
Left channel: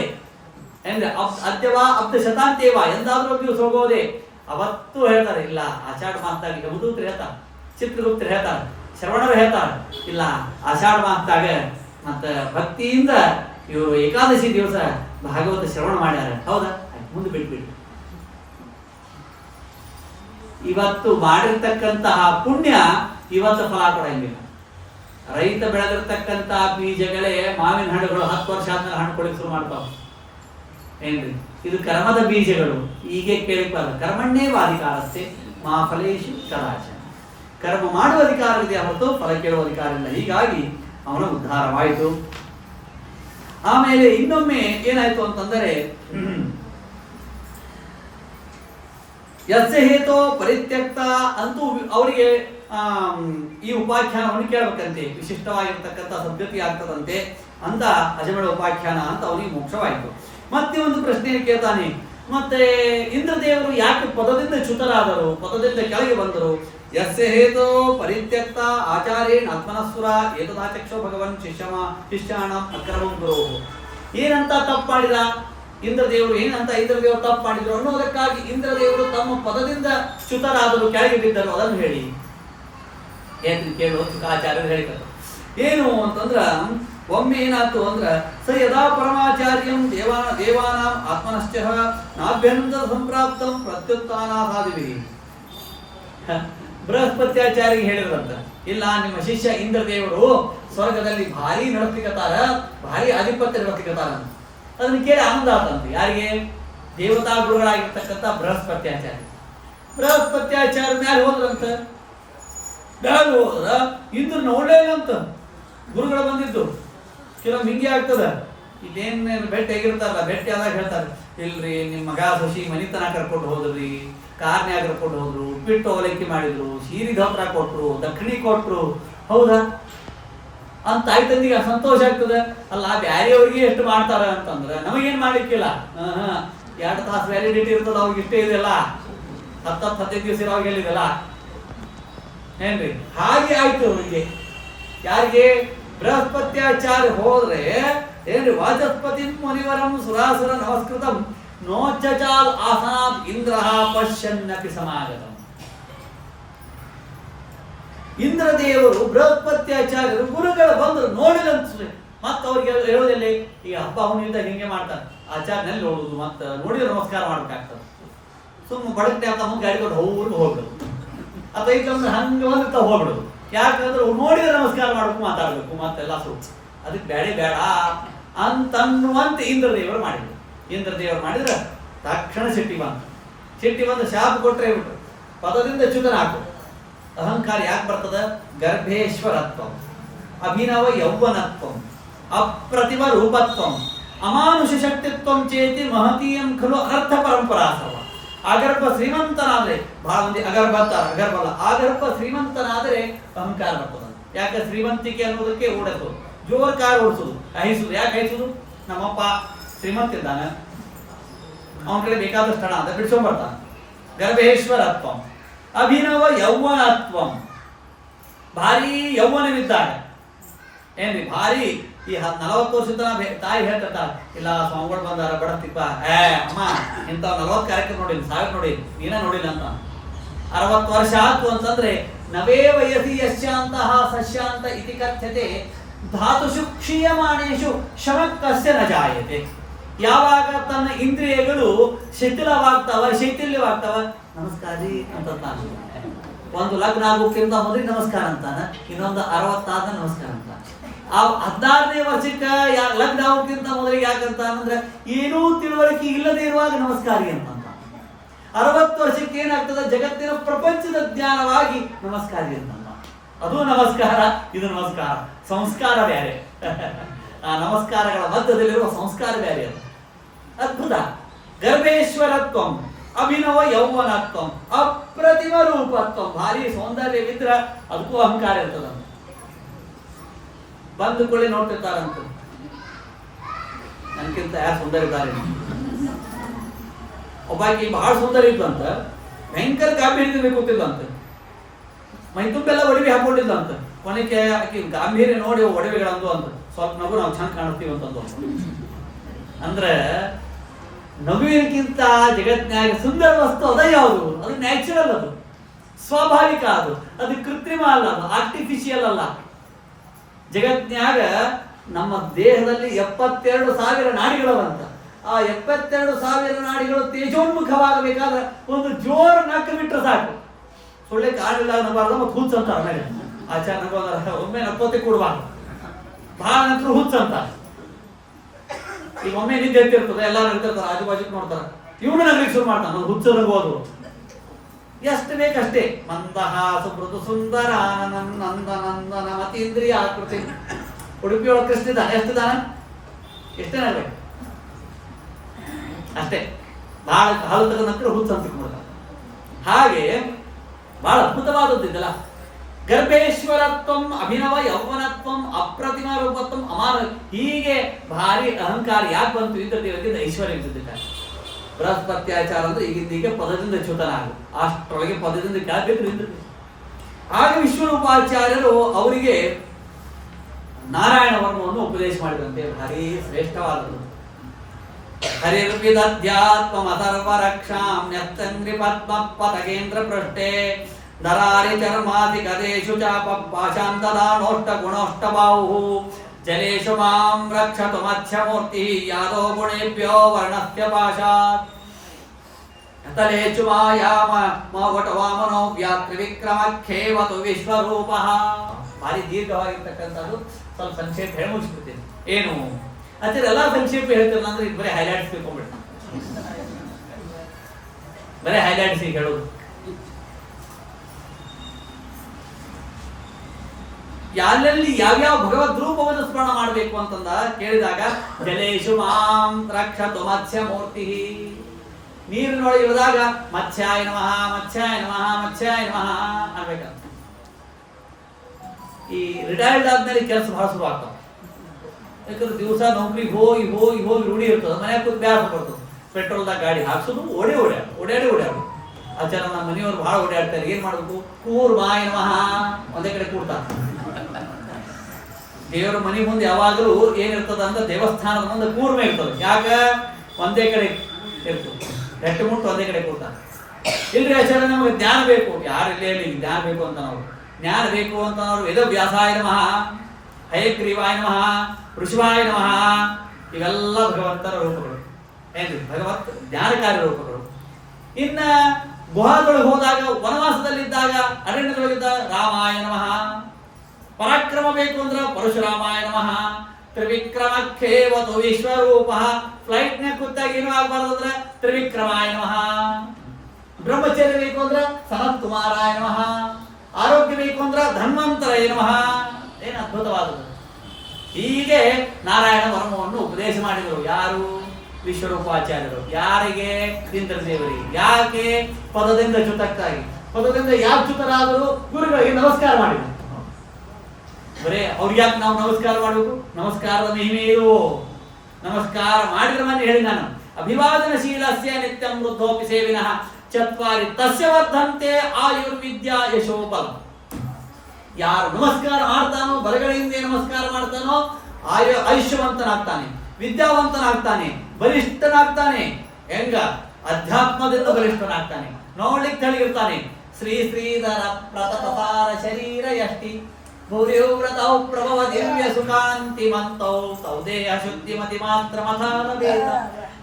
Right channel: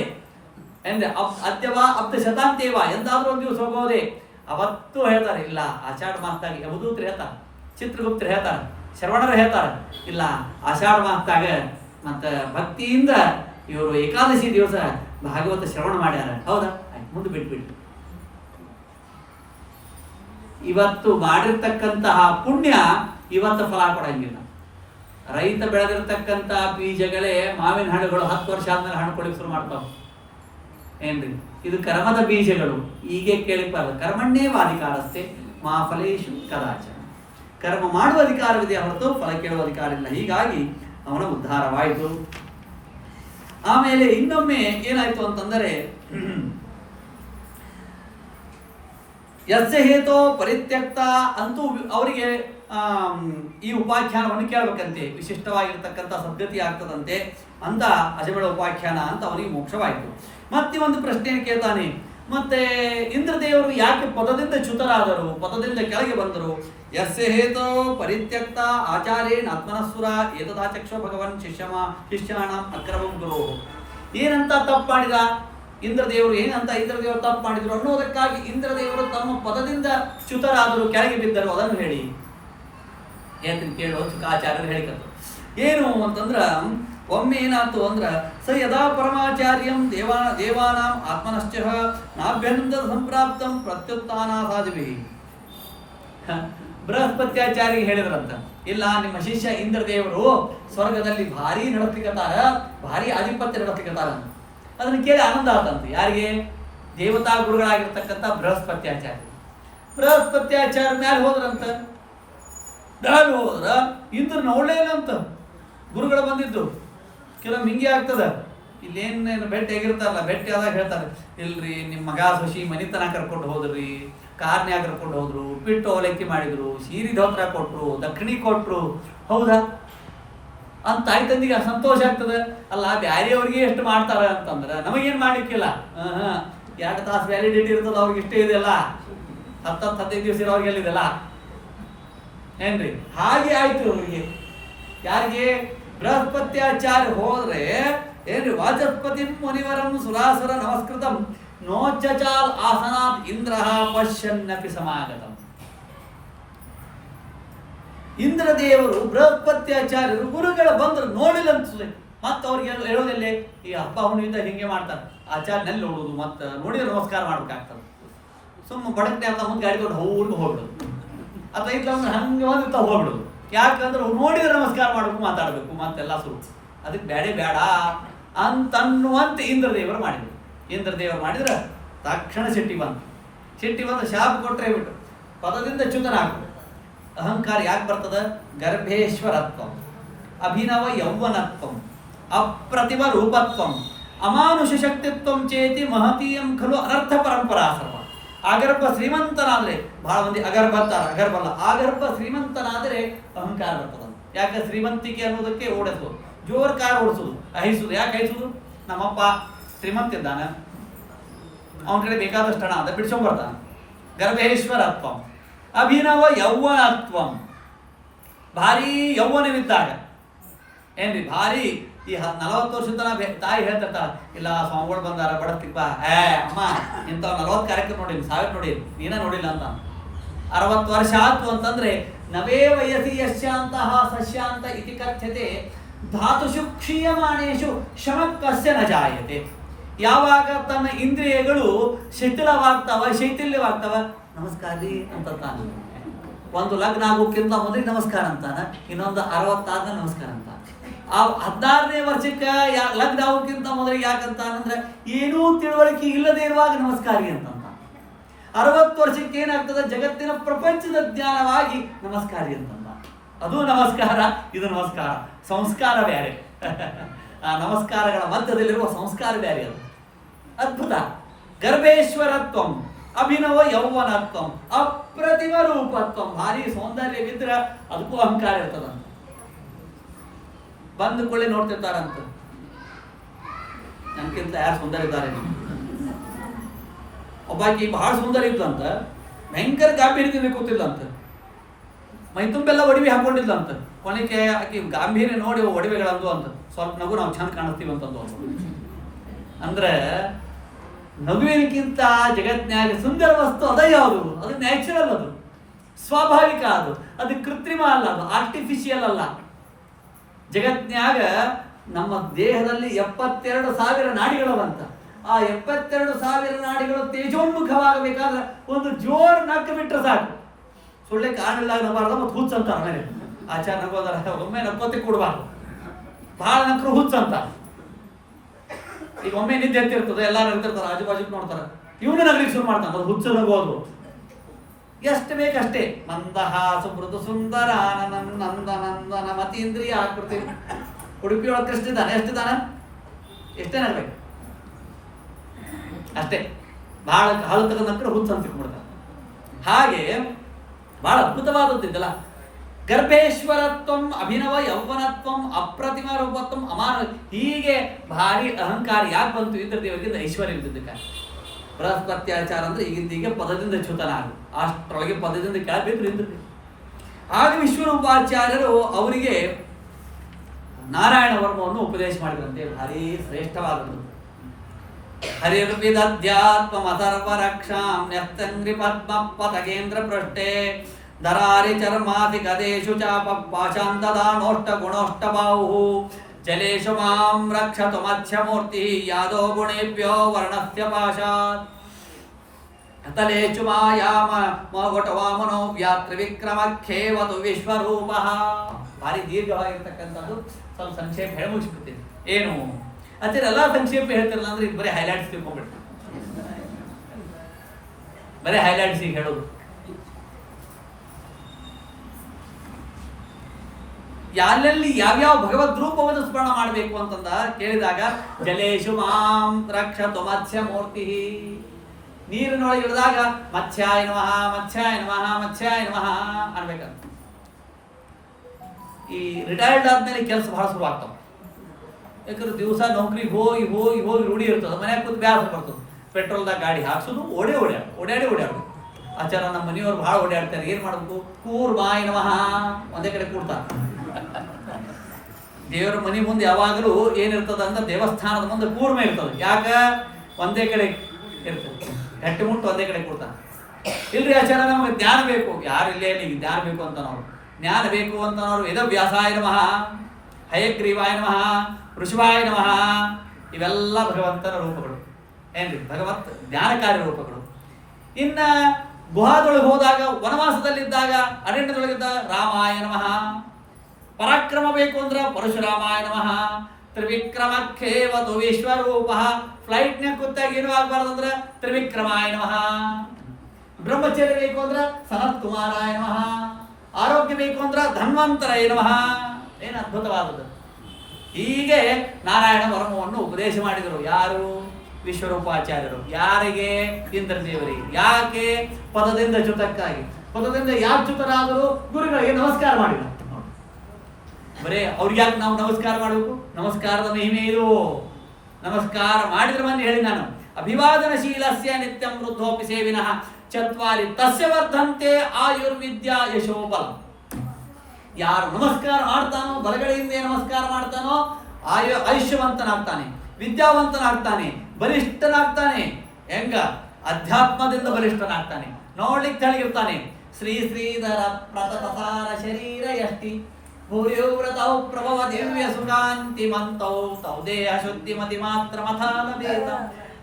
ಅಂದ್ರೆ ಅದ್ಯವಾ ಅಬ್ಧ ಶತಾಂತೇವ, ಎಂದಾದ್ರೂ ಒಂದು ದಿವಸ ಹೋಗೋದೆ. ಅವತ್ತು ಹೇಳ್ತಾರೆ, ಇಲ್ಲ ಆಷಾಢ ಮಾಸದಾಗ ಯಮದೂತರು ಹೇಳ್ತಾರೆ, ಚಿತ್ರಗುಪ್ತರು ಹೇಳ್ತಾರೆ, ಶ್ರವಣರು ಹೇಳ್ತಾರೆ, ಇಲ್ಲ ಆಷಾಢ ಮಾಸದಾಗ ಮತ್ತ ಭಕ್ತಿಯಿಂದ ಇವರು ಏಕಾದಶಿ ದಿವಸ ಭಾಗವತ ಶ್ರವಣ ಮಾಡ್ಯಾರ. ಹೌದಾ? ಮುಂದೆ ಬಿಟ್ಬಿಡಿ. ಇವತ್ತು ಮಾಡಿರ್ತಕ್ಕಂತಹ ಪುಣ್ಯ ಇವತ್ತು ಫಲ ಕೊಡಂಗಿಲ್ಲ. ರೈತ ಬೆಳೆದಿರ್ತಕ್ಕಂತಹ ಬೀಜಗಳೇ ಮಾವಿನ ಹಣ್ಣುಗಳು 10 ವರ್ಷ ಆದ್ಮೇಲೆ ಹಣ್ಣು ಕೊಡಲಿಕ್ಕೆ ಶುರು ಮಾಡ್ತಾವ ಏನ್ರಿ? ಇದು ಕರ್ಮದ ಬೀಜಗಳು. ಹೀಗೆ ಕೇಳಿಬಾರ್ದು. ಕರ್ಮಣ್ಣೇ ವಾಧಿಕಾರಸ್ಥೆ ಮಾ ಫಲೇಶು ಕದಾಚ. ಕರ್ಮ ಮಾಡುವ ಅಧಿಕಾರವಿದೆ ಹೊರತು ಫಲ ಕೇಳುವ ಅಧಿಕಾರ ಇಲ್ಲ. ಹೀಗಾಗಿ ಅವನ ಉದ್ಧಾರವಾಯಿತು. ಆಮೇಲೆ ಇನ್ನೊಮ್ಮೆ ಏನಾಯ್ತು ಅಂತಂದರೆ, ಯಸ್ಯ ಹೇತೋ ಪರಿತ್ಯಕ್ತ ಅಂತೂ ಅವರಿಗೆ ಈ ಉಪಾಖ್ಯಾನವನ್ನು ಕೇಳಬೇಕಂತೆ, ವಿಶಿಷ್ಟವಾಗಿರ್ತಕ್ಕಂಥ ಸದ್ಗತಿ ಆಗ್ತದಂತೆ ಅಂತ ಅಜಮಳ ಉಪಾಖ್ಯಾನ ಅಂತ ಅವನಿಗೆ ಮೋಕ್ಷವಾಯಿತು. ಮತ್ತೆ ಒಂದು ಪ್ರಶ್ನೆ ಕೇಳ್ತಾನೆ, ಮತ್ತೆ ಇಂದ್ರದೇವರು ಯಾಕೆ ಪದದಿಂದ ಚ್ಯುತರಾದರು, ಪದದಿಂದ ಕೆಳಗೆ ಬಂದರು? ಯಸ್ಯ ಹೇತೋ ಪರಿತ್ಯಕ್ತ ಆಚಾರ್ಯೇಣ ಆತ್ಮನಸ್ಸುರ ಏತದಾಚಕ್ಷೋ ಭಗವನ್ ಶಿಷ್ಯಾಣ ಅಕ್ರಮಂ ಗುರು. ಏನಂತ ತಪ್ಪು ಮಾಡಿದ ಇಂದ್ರದೇವರು, ಏನಂತ ಇಂದ್ರದೇವರು ತಪ್ಪು ಮಾಡಿದ್ರು ಅನ್ನೋದಕ್ಕಾಗಿ ಇಂದ್ರದೇವರು ತಮ್ಮ ಪದದಿಂದ ಚ್ಯುತರಾದರು, ಕೆಳಗೆ ಬಿದ್ದರು. ಅದನ್ನು ಹೇಳಿ ಏನ್ರಿ ಕೇಳು ಶುಕಾಚಾರ್ಯರು ಹೇಳಿಕರು. ಏನು ಅಂತಂದ್ರ ಒಮ್ಮೆ ಏನಾಯ್ತು ಅಂದ್ರ ಸ ಯದಾ ಪರಮಾಚಾರ್ಯಂ ದೇವಾನಾಂ ಆತ್ಮನಶ್ಚ ನಾಭ್ಯಂತ ಸಂಪ್ರಾಪ್ತಂ ಪ್ರತ್ಯುತ್ಥಾನಾಸಾದಿಭಿ. ಬೃಹಸ್ಪತ್ಯಾಚಾರ್ಯ ಹೇಳಿದ್ರಂತ, ಇಲ್ಲ ನಿಮ್ಮ ಶಿಷ್ಯ ಇಂದ್ರದೇವರು ಸ್ವರ್ಗದಲ್ಲಿ ಭಾರಿ ನಡಸ್ಲಿಕ್ಕತ್ತಾರ, ಭಾರಿ ಆಧಿಪತ್ಯ ನಡಸ್ಲಿಕ್ಕತ್ತಾರ. ಅದನ್ನ ಕೇಳಿ ಆನಂದ ಆತಂತೆ. ಯಾರಿಗೆ? ದೇವತಾ ಗುರುಗಳಾಗಿರ್ತಕ್ಕಂಥ ಬೃಹಸ್ಪತ್ಯಾಚಾರ್ಯ. ಬೃಹಸ್ಪತ್ಯಾಚಾರ್ಯ ಮ್ಯಾಲೆ ಹೋದ್ರಂತ. ಮ್ಯಾಲೆ ಹೋದ್ರ ಇಂದ್ರ ನೋಡಲೇ ಇಲ್ಲ ಅಂತ. ಗುರುಗಳು ಬಂದಿದ್ದು ಕೆಲವೊಮ್ಮೆ ಹಿಂಗೆ ಆಗ್ತದ. ಇಲ್ಲೇನೇನು ಭೇಟಿ ಆಗಿರ್ತಾರಲ್ಲ, ಭೇಟಿ ಆದಾಗ ಹೇಳ್ತಾರೆ, ಇಲ್ರಿ ನಿಮ್ಮ ಮಗ ಸೊಸಿ ಮನಿತನ ಕರ್ಕೊಂಡು ಹೋದ್ರಿ, ಕಾರ್ನ್ಯಾಗ ಕರ್ಕೊಂಡು ಹೋದ್ರು, ಬಿಟ್ಟು ಅವಲಕ್ಕಿ ಮಾಡಿದ್ರು, ಸೀರೆ ಧೋತ್ರ ಕೊಟ್ರು, ದಕ್ಷಿಣಿ ಕೊಟ್ರು. ಹೌದಾ ಅಂತ ತಾಯಿ ತಂದಿಗೆ ಸಂತೋಷ ಆಗ್ತದೆ. ಅಲ್ಲ ಬ್ಯಾರೆಯವ್ರಿಗೆ ಎಷ್ಟು ಮಾಡ್ತಾರ ಅಂತಂದ್ರೆ ನಮಗೇನು ಮಾಡ್ಲಿಕ್ಕಿಲ್ಲ. 2 ತಾಸು ವ್ಯಾಲಿಡಿಟಿ ಇರ್ತದೆ, ಅವ್ರಿಗೆ ಇಷ್ಟೇ ಇದೆಯಲ್ಲ, 10-15 ದಿವಸ ಇರೋವಾಗ ಎಲ್ಲಿದೆಲ್ಲ ಏನ್ರಿ. ಹಾಗೆ ಆಯ್ತು ಅವರಿಗೆ. ಯಾರಿಗೆ? ಬೃಹಸ್ಪತ್ಯಾಚಾರ್ಯ ಹೋದ್ರೆ ಏನ್ರಿ, ವಾಚಸ್ಪತಿ ಮುನಿವರಂ ಸುರಾಸುರ ನಮಸ್ಕೃತಂ ನೋಚಚಾಲ್ ಆಸನಾತ್ ಇಂದ್ರ ಪಶ್ಯನ್ನಪಿ ಸಮಾಗತಂ. ಇಂದ್ರದೇವರು ಬೃಹಸ್ಪತ್ಯಾಚಾರ್ಯರು ಗುರುಗಳು ಬಂದರು, ನೋಡಿಲ್ಲ ಅನ್ಸುತ್ತೆ. ಮತ್ತೆ ಅವ್ರಿಗೆ ಹೇಳೋದಿಲ್ಲೇ ಈ ಹಬ್ಬ ಹುಣ್ಣಿಂದ ಹಿಂಗೆ ಮಾಡ್ತಾರೆ, ಆಚಾರ್ಯನಲ್ಲಿ ನೋಡುದು, ಮತ್ತೆ ನೋಡಿದ್ರೆ ನಮಸ್ಕಾರ ಮಾಡ್ಬೇಕಾಗ್ತದೆ. ಸುಮ್ಮನೆ ಬಡಕ್ನೆ ಅಂತ ಮುಂದೆ ಗಾಡಿಕೊಂಡು ಊರಿಗೆ ಹೋಗ್ಬಿಡೋದು, ಅಥವಾ ಇಲ್ಲಂದ್ರೆ ಹಂಗೆ ಬಂದಿರ್ತಾವ ಹೋಗ್ಬಿಡೋದು. ಯಾಕಂದ್ರೆ ನೋಡಿದ್ರೆ ನಮಸ್ಕಾರ ಮಾಡ್ಬೇಕು, ಮಾತಾಡ್ಬೇಕು, ಮತ್ತೆಲ್ಲ ಸುಳ್ಳು. ಅದಕ್ಕೆ ಬೇಡ ಅಂತನ್ನುವಂತೆ ಇಂದ್ರದೇವರು ಮಾಡಿದ್ರು. ಇಂದ್ರದೇವರು ಮಾಡಿದ್ರೆ ತಕ್ಷಣ ಸಿಟ್ಟಿ ಬಂದು ಶಾಪ ಕೊಟ್ಟರೆ ಬಿಟ್ಟು ಪದದಿಂದ ಚ್ಯುತನ ಹಾಕು. ಅಹಂಕಾರ ಯಾಕೆ ಬರ್ತದ? ಗರ್ಭೇಶ್ವರತ್ವಂ, ಅಭಿನವ ಯೌವನತ್ವಂ, ಅಪ್ರತಿಮ ರೂಪತ್ವಂ, ಅಮಾನುಷ ಶಕ್ತಿತ್ವಂ ಚೇತಿ ಮಹತೀಯಂ ಖಲು ಅನರ್ಥ ಪರಂಪರಾಸವ. ಆಗರ್ಭ ಶ್ರೀಮಂತನಾದ್ರೆ, ಬಹಳ ಮಂದಿ ಅಗರ್ಭ ಅಂತಾರೆ, ಅಗರ್ಭಲ್ಲ, ಆಗರ್ಭ ಶ್ರೀಮಂತನಾದರೆ ಅಹಂಕಾರ ಬರ್ತದ. ಯಾಕೆ? ಶ್ರೀಮಂತಿಕೆ ಅನ್ನೋದಕ್ಕೆ ಓಡಿಸೋದು, ಜೋರ್ ಕಾರ್ ಓಡಿಸೋದು, ಅಹಿಸೋದು. ಯಾಕೆ ಅಹಿಸೋದು? ನಮ್ಮಪ್ಪ ಶ್ರೀಮಂತಿದ್ದಾನೆ, ಅವನ ಕಡೆ ಬೇಕಾದಷ್ಟು ಹಣ ಅಂತ ಬಿಡಿಸ್ಕೊಂಡ್ಬರ್ತಾನೆ. ಗರ್ಭೇಶ್ವರತ್ವಂ, ಅಭಿನವ ಯೌವನತ್ವಂ, ಭಾರಿ ಯೌವನವಿದ್ದಾಗ ಏನ್ರಿ, ಭಾರಿ ಈ 40 ವರ್ಷದ ತಾಯಿ ಹೇಳ್ತಿರ್ತಾರ, ಇಲ್ಲ ಸ್ವಾಮಿಗಳು ಬಂದಾರ ಬಡಸ್ತಿಪ್ಪ, ಅಮ್ಮ ಇಂಥವ್ 40 ಕಾರ್ಯಕ್ರಮ ನೋಡಿಲ್ಲ, 1000 ನೋಡಿಲ್ಲ, ನೀನ ನೋಡಿಲ್ಲ ಅಂತ. 60 ವರ್ಷ ಆಯ್ತು ಅಂತಂದ್ರೆ ನವೇ ವಯಸ್ಸಿ ಯಶ್ಯಾಂತಹ ಸಶ್ಯಾಂತ ಇತಿ ಕಥ್ಯತೆ ಧಾತುಷು ಕ್ಷೀಯಮಾನೇಶು ಶಮಕ್ಕಸ್ಯ ನ ಜಾಯತೆ. ಯಾವಾಗ ತನ್ನ ಇಂದ್ರಿಯಗಳು ಶೈಥಿಲ್ಯವಾಗ್ತಾವ ನಮಸ್ಕಾರ ರೀ ಅಂತ ತಾನೆ. ಒಂದು ಲಗ್ನ ಆಗೋಕ್ಕಿಂತ ಮೊದಲಿಗೆ ನಮಸ್ಕಾರ ಅಂತಾನ, ಇನ್ನೊಂದು 60 ಆದ ನಮಸ್ಕಾರ ಅಂತ. ಆ 16ನೇ ವರ್ಷಕ್ಕೆ ಲಗ್ನ ಆಗೋಕ್ಕಿಂತ ಮೊದಲಿಗೆ ಯಾಕಂತ ಅಂದ್ರೆ ಏನೂ ತಿಳುವಳಿಕೆ ಇಲ್ಲದೆ ಇರುವಾಗ ನಮಸ್ಕಾರಿ ಅಂತ. 60 ವರ್ಷಕ್ಕೆ ಏನಾಗ್ತದೆ? ಜಗತ್ತಿನ ಪ್ರಪಂಚದ ಜ್ಞಾನವಾಗಿ ನಮಸ್ಕಾರಿ ಅಂತ. ಅದು ನಮಸ್ಕಾರ, ಇದು ನಮಸ್ಕಾರ. ಸಂಸ್ಕಾರ ಬೇರೆ. ಆ ನಮಸ್ಕಾರಗಳ ಮಧ್ಯದಲ್ಲಿರುವ ಸಂಸ್ಕಾರ ಬೇರೆ. ಅದು ಅದ್ಭುತ. ಗರ್ಭೇಶ್ವರತ್ವಂ, ಅಭಿನವ ಯೌವನತ್ವಂ, ಅಪ್ರತಿಮ ರೂಪತ್ವಂ. ಭಾರಿ ಸೌಂದರ್ಯವಿದ್ರೆ ಅದಕ್ಕೂ ಅಹಂಕಾರ ಇರ್ತದಂತ. ಬಂದು ಕೊಳ್ಳಿ ನೋಡ್ತಿರ್ತಾರಂತ, ನನ್ಕಿಂತ ಯಾರು ಸುಂದರ ಇದ್ದಾರೆ. ಒಬ್ಬಾಕಿ ಬಹಳ ಸುಂದರ ಇದ್ದಂತ, ಭಯಂಕರ ಗಾಂಭೀರ್ಯದಿಂದ ಕೂತಿದ್ದಂತ, ಮೈ ತುಂಬೆಲ್ಲ ಒಡವೆ ಹಾಕೊಂಡಿದ್ದಂತ. ಕೊನೆಗೆ ಆಕಿ ಗಾಂಭೀರ್ಯ ನೋಡಿ ಒಡವೆಗಳಂದು ಅಂತ ಸ್ವಲ್ಪ ನಗು ನಾವು ಚಂದ ಕಾಣಿಸ್ತೀವಿ ಅಂತಂದು. ಅಂದ್ರೆ ನಗುವಿನಕ್ಕಿಂತ ಜಗತ್ನ್ಯಾಗ ಸುಂದರ ವಸ್ತು ಅದ ಯಾವುದು? ಅದು ನ್ಯಾಚುರಲ್, ಅದು ಸ್ವಾಭಾವಿಕ, ಅದು ಕೃತ್ರಿಮ ಅಲ್ಲ, ಅದು ಆರ್ಟಿಫಿಷಿಯಲ್ ಅಲ್ಲ. ಜಗತ್ನ್ಯಾಗ ನಮ್ಮ ದೇಹದಲ್ಲಿ 72,000 ನಾಡಿಗಳವಂತ. ಆ 72,000 ನಾಡಿಗಳು ತೇಜೋನ್ಮುಖವಾಗಬೇಕಾದ್ರೆ ಒಂದು ಜೋರು ನಕ್ಕ ಬಿಟ್ಟರೆ ಸಾಕು. ಸುಳ್ಳೆ ಕಾಣಿಲ್ಲ ಅನ್ನಬಾರ್ದು, ಮತ್ತು ಹುಚ್ಚ ಅಂತ. ಆಮೇಲೆ ಆಚಾರ ನಗೋದಾರ, ಒಮ್ಮೆ ನಕ್ಕೋತಿ ಕೊಡ್ಬಾರ್ದು, ಬಹಳ ನಕ್ಕರು ಹುಚ್ಚ ಅಂತ. ಈಗ ಒಮ್ಮೆ ನಿದ್ದೆ ಎತ್ತಿರ್ತದೆ, ಎಲ್ಲಾರು ಇರ್ತಿರ್ತಾರೆ, ಆಜು ಬಾಜುಕ್ ನೋಡ್ತಾರೆ, ಇವನು ನಗರಿಗೆ ಶುರು ಮಾಡ್ತಾನೆ, ಅದು ಹುಚ್ಚ ನಗೋದು. ಎಷ್ಟು ಬೇಕಷ್ಟೇ. ಮಂದಹಾಸು ಮೃದು ಸುಂದರ ನಂದನಂದನ ಮತೀಂದ್ರಿಯ ಆಕೃತಿ. ಉಡುಪಿಯೊಳಗೆ ಕೃಷ್ಣ ಇದ್ದಾನೆ, ಎಷ್ಟಿದ್ದಾನೆ? ಎಷ್ಟೇನಾಗಬೇಕು ಅಷ್ಟೇ. ಬಹಳ ಹಾಲು ತಗೊಂಡ್ರೆ ಹುಚ್ಚು ಅಂತಿಕೊಂಡ್ಬಿಡ್ತಾನೆ. ಹಾಗೆ ಬಹಳ ಅದ್ಭುತವಾದದ್ದಿದ್ದಲ್ಲ. ಗರ್ಭೇಶ್ವರತ್ವಂ, ಅಭಿನವ ಯೌವನತ್ವಂ, ಅಪ್ರತಿಮ ರೂಪತ್ವಂ, ಅಮಾರ. ಹೀಗೆ ಭಾರಿ ಅಹಂಕಾರ ಯಾಕೆ ಬಂತು? ಇಂದ್ರದೇವರಿಂದ ಐಶ್ವರ್ಯವಿದ್ದಕ್ಕೆ. ಬೃಹಸ್ಪತ್ಯಾಚಾರ ಅಂದ್ರೆ ಈಗಿಂದೀಗೆ ಪದದಿಂದ ಚ್ಯುತನಾಗು, ಅಷ್ಟರೊಳಗೆ ಪದದಿಂದ ಕೇಳಬೇಕು ಇಂದ್ರದೇವ. ಆಗ ವಿಶ್ವರೂಪಾಚಾರ್ಯರು ಅವರಿಗೆ ನಾರಾಯಣ ವರ್ಮವನ್ನು ಉಪದೇಶ ಮಾಡಿದಂತೆ. ಭಾರಿ ಶ್ರೇಷ್ಠವಾದದ್ದು. ಹರಿರ್ವಿದಧ್ಯಾತ್ಮಸರ್ವರಕ್ಷಾಂ ನ್ಯಸ್ತಂಗ್ರಿ ಪದ್ಮ ಪತಕೇಂದ್ರ ಪೃಷ್ಠೆ ದರಾರಿ ಚರ್ಮಾತಿ ಗದೇಶು ಚಾಪ ಪಾಶಾಂತದಾನೋಷ್ಟ ಗುಣೋಷ್ಟ ಬಾಹು ಜಲೇಶು ಮಾಂ ರಕ್ಷತು ಮತ್ಸ್ಯಮೂರ್ತಿ ಯಾದೋ ಗುಣೇಭ್ಯೋ ವರ್ಣಸ್ಯ ಪಾಶಾತ್ ತಲೇಚು ಮಾಯಾಮ ಮೋಘಟವಾಮನೋ ವ್ಯಾತ್ರಿವಿಕ್ರಮಖೇವತು ವಿಶ್ವರೂಪಃ. ಭಾರಿ ದೀರ್ಘವಾಗಿರ್ತಕ್ಕಂಥದ್ದು. ಸ್ವಲ್ಪ ಸಂಕ್ಷೇಪ ಹೇಳಿ ಮುಗಿಸ್ಬಿಡ್ತೀನಿ. ಏನು ಅಂತೀರ? ಎಲ್ಲ ಸಂಕ್ಷೇಪ ಹೇಳ್ತಿರಲ್ಲ ಅಂದ್ರೆ ಬರೀ ಹೈಲೈಟ್ಸ್ ತಿಳ್ಕೊಂಡ್ಬಿಡ್ತೀನಿ. ಬರೀ ಹೈಲೈಟ್ಸ್ ಈಗ ಹೇಳೋದು. ಎಲ್ಲೆಲ್ಲಿ ಯಾವ್ಯಾವ ಭಗವದ್ ರೂಪವನ್ನು ಸ್ಮರಣ ಮಾಡಬೇಕು ಅಂತಂದ ಕೇಳಿದಾಗ ಜಲೇಶು ಮಾಂ ರಕ್ಷತು ಮತ್ಸ್ಯ ಮೂರ್ತಿ. ನೀರಿನೊಳಗೆ ಇಳಿದಾಗ ಮತ್ಸ್ಯಾಯ ನಮಃ ಮತ್ಸ್ಯಾಯ ನಮಃ ಮತ್ಸ್ಯಾಯ ನಮಃ ಅನ್ಬೇಕಂತ. ಈ ರಿಟೈರ್ಡ್ ಆದ್ಮೇಲೆ ಕೆಲಸ ಬಹಳ ಶುರು ಆಗ್ತಾವ. ಯಾಕಂದ್ರೆ ದಿವಸ ನೌಕರಿಗೆ ಹೋಗಿ ಹೋಗಿ ಹೋಗಿ ರೂಢಿ ಇರ್ತದೆ. ಮನ್ಯಾಗ ಕೂತ್ ಬ್ಯಾಸ ಬರ್ತದೆ. ಪೆಟ್ರೋಲ್ದಾಗ ಗಾಡಿ ಹಾಕ್ಸೋದು, ಓಡಾಡಿ. ಆಚಾರ ನಮ್ಮ ಮನೆಯವ್ರು ಬಹಳ ಓಡಾಡ್ತಾರೆ. ಏನ್ ಮಾಡ್ಬೇಕು? ಕೂರ್ ಬಾಯಿ ನಮಃ ಒಂದೇ ಕಡೆ ಕೂಡ್ತಾರೆ. ದೇವರ ಮನೆ ಮುಂದೆ ಯಾವಾಗಲೂ ಏನಿರ್ತದ ಅಂದ್ರೆ ದೇವಸ್ಥಾನದ ಮುಂದೆ ಕೂರ್ಮೆ ಇರ್ತದೆ. ಯಾಕ? ಒಂದೇ ಕಡೆ ಇರ್ತದೆ. ಗಟ್ಟಿ ಮುಟ್ಟು ಒಂದೇ ಕಡೆ ಕೂಡ್ತಾನೆ. ಇಲ್ರಿ ಆಚಾರ ನಮಗೆ ಜ್ಞಾನ ಬೇಕು. ಯಾರು ಇಲ್ಲೇ ಇಲ್ಲಿ ಜ್ಞಾನ ಬೇಕು ಅಂತ ನಾವು ಜ್ಞಾನ ಬೇಕು ಅಂತ ನಾವು ವೇದವ್ಯಾಸಾಯ ನಮಃ, ಹಯಗ್ರೀವಾಯ ನಮಃ, ಋಷಭಾಯ ನಮಃ. ಇವೆಲ್ಲ ಭಗವಂತನ ರೂಪಗಳು ಏನ್ರಿ? ಭಗವತ್ ಜ್ಞಾನಕಾರಿ ರೂಪಗಳು. ಇನ್ನ ಗುಹಾದೊಳಗೆ ಹೋದಾಗ, ವನವಾಸದಲ್ಲಿದ್ದಾಗ, ಅರಣ್ಯದೊಳಗಿದ್ದ ರಾಮಾಯ ನಮಃ. ಪರಾಕ್ರಮ ಬೇಕು ಅಂದ್ರ ಪರಶುರಾಮಾಯ ನಮಃ. ತ್ರಿವಿಕ್ರಮಖೇವತು ವಿಶ್ವರೂಪ. ಫ್ಲೈಟ್ನಾಗ ಕೂತಾಗ ಏನು ಆಗ್ಬಾರ್ದು ಅಂದ್ರೆ ತ್ರಿವಿಕ್ರಮಾಯ ನಮಃ. ಬ್ರಹ್ಮಚರ್ಯ ಬೇಕು ಅಂದ್ರ ಸನತ್ ಕುಮಾರಾಯ ನಮಃ. ಆರೋಗ್ಯ ಬೇಕು ಅಂದ್ರ ಧನ್ವಂತರಾಯ ನಮಃ. ಏನು ಅದ್ಭುತವಾದದ್ದು. ಹೀಗೆ ನಾರಾಯಣ ವರ್ಮವನ್ನು ಉಪದೇಶ ಮಾಡಿದರು. ಯಾರು? ವಿಶ್ವರೂಪಾಚಾರ್ಯರು. ಯಾರಿಗೆ? ಇಂದ್ರದೇವರಿಗೆ. ಯಾಕೆ? ಪದದಿಂದ ಚ್ಯುತಕ್ಕಾಗಿ. ಪದದಿಂದ ಯಾಕೆ ಚ್ಯುತರಾದರು? ಗುರುಗಳಿಗೆ ನಮಸ್ಕಾರ ಮಾಡಿದ. ಬರೇ ಅವ್ರಿಗೆ ಯಾಕೆ ನಾವು ನಮಸ್ಕಾರ ಮಾಡಬೇಕು? ನಮಸ್ಕಾರದ ಮಹಿಮೆ ಇದು. ನಮಸ್ಕಾರ ಮಾಡಿದ್ರೆ ಮನೆ ಹೇಳಿ ನಾನು ಅಭಿವಾದನಶೀಲಸ್ಯ ನಿತ್ಯಂ ವೃದ್ಧೋಪಿ ಸೇವಿನಃ ಚತ್ವಾರಿ ತಸ್ಯ ವರ್ಧಂತೆ ಆಯುರ್ವಿದ್ಯಾ ಯಶೋಬಲ. ಯಾರು ನಮಸ್ಕಾರ ಮಾಡ್ತಾನೋ, ಬಲಗಡೆಯಿಂದ ನಮಸ್ಕಾರ ಮಾಡ್ತಾನೋ, ಆಯುಷ್ಯವಂತನಾಗ್ತಾನೆ, ವಿದ್ಯಾವಂತನಾಗ್ತಾನೆ, ಬಲಿಷ್ಠನಾಗ್ತಾನೆ. ಹೆಂಗ? ಅಧ್ಯಾತ್ಮದಿಂದ ಬಲಿಷ್ಠನಾಗ್ತಾನೆ. ನೋಡ್ಲಿಕ್ಕೆ ತೆಳಗಿರ್ತಾನೆ. ಶ್ರೀ ಶ್ರೀಧರ ಪ್ರತತಾರ ಶರೀರ ಯಷ್ಟಿ ಭೂರ್ಯವ್ರತೌ ಪ್ರಭವ ದಿವ್ಯ ಸುಖಾಂತಿ ಮಂತೌ ತೌ ದೇಹ ಶುದ್ಧಿ ಮತಿ ಮಾತ್ರ ಮಥಾಲ ವೇದ.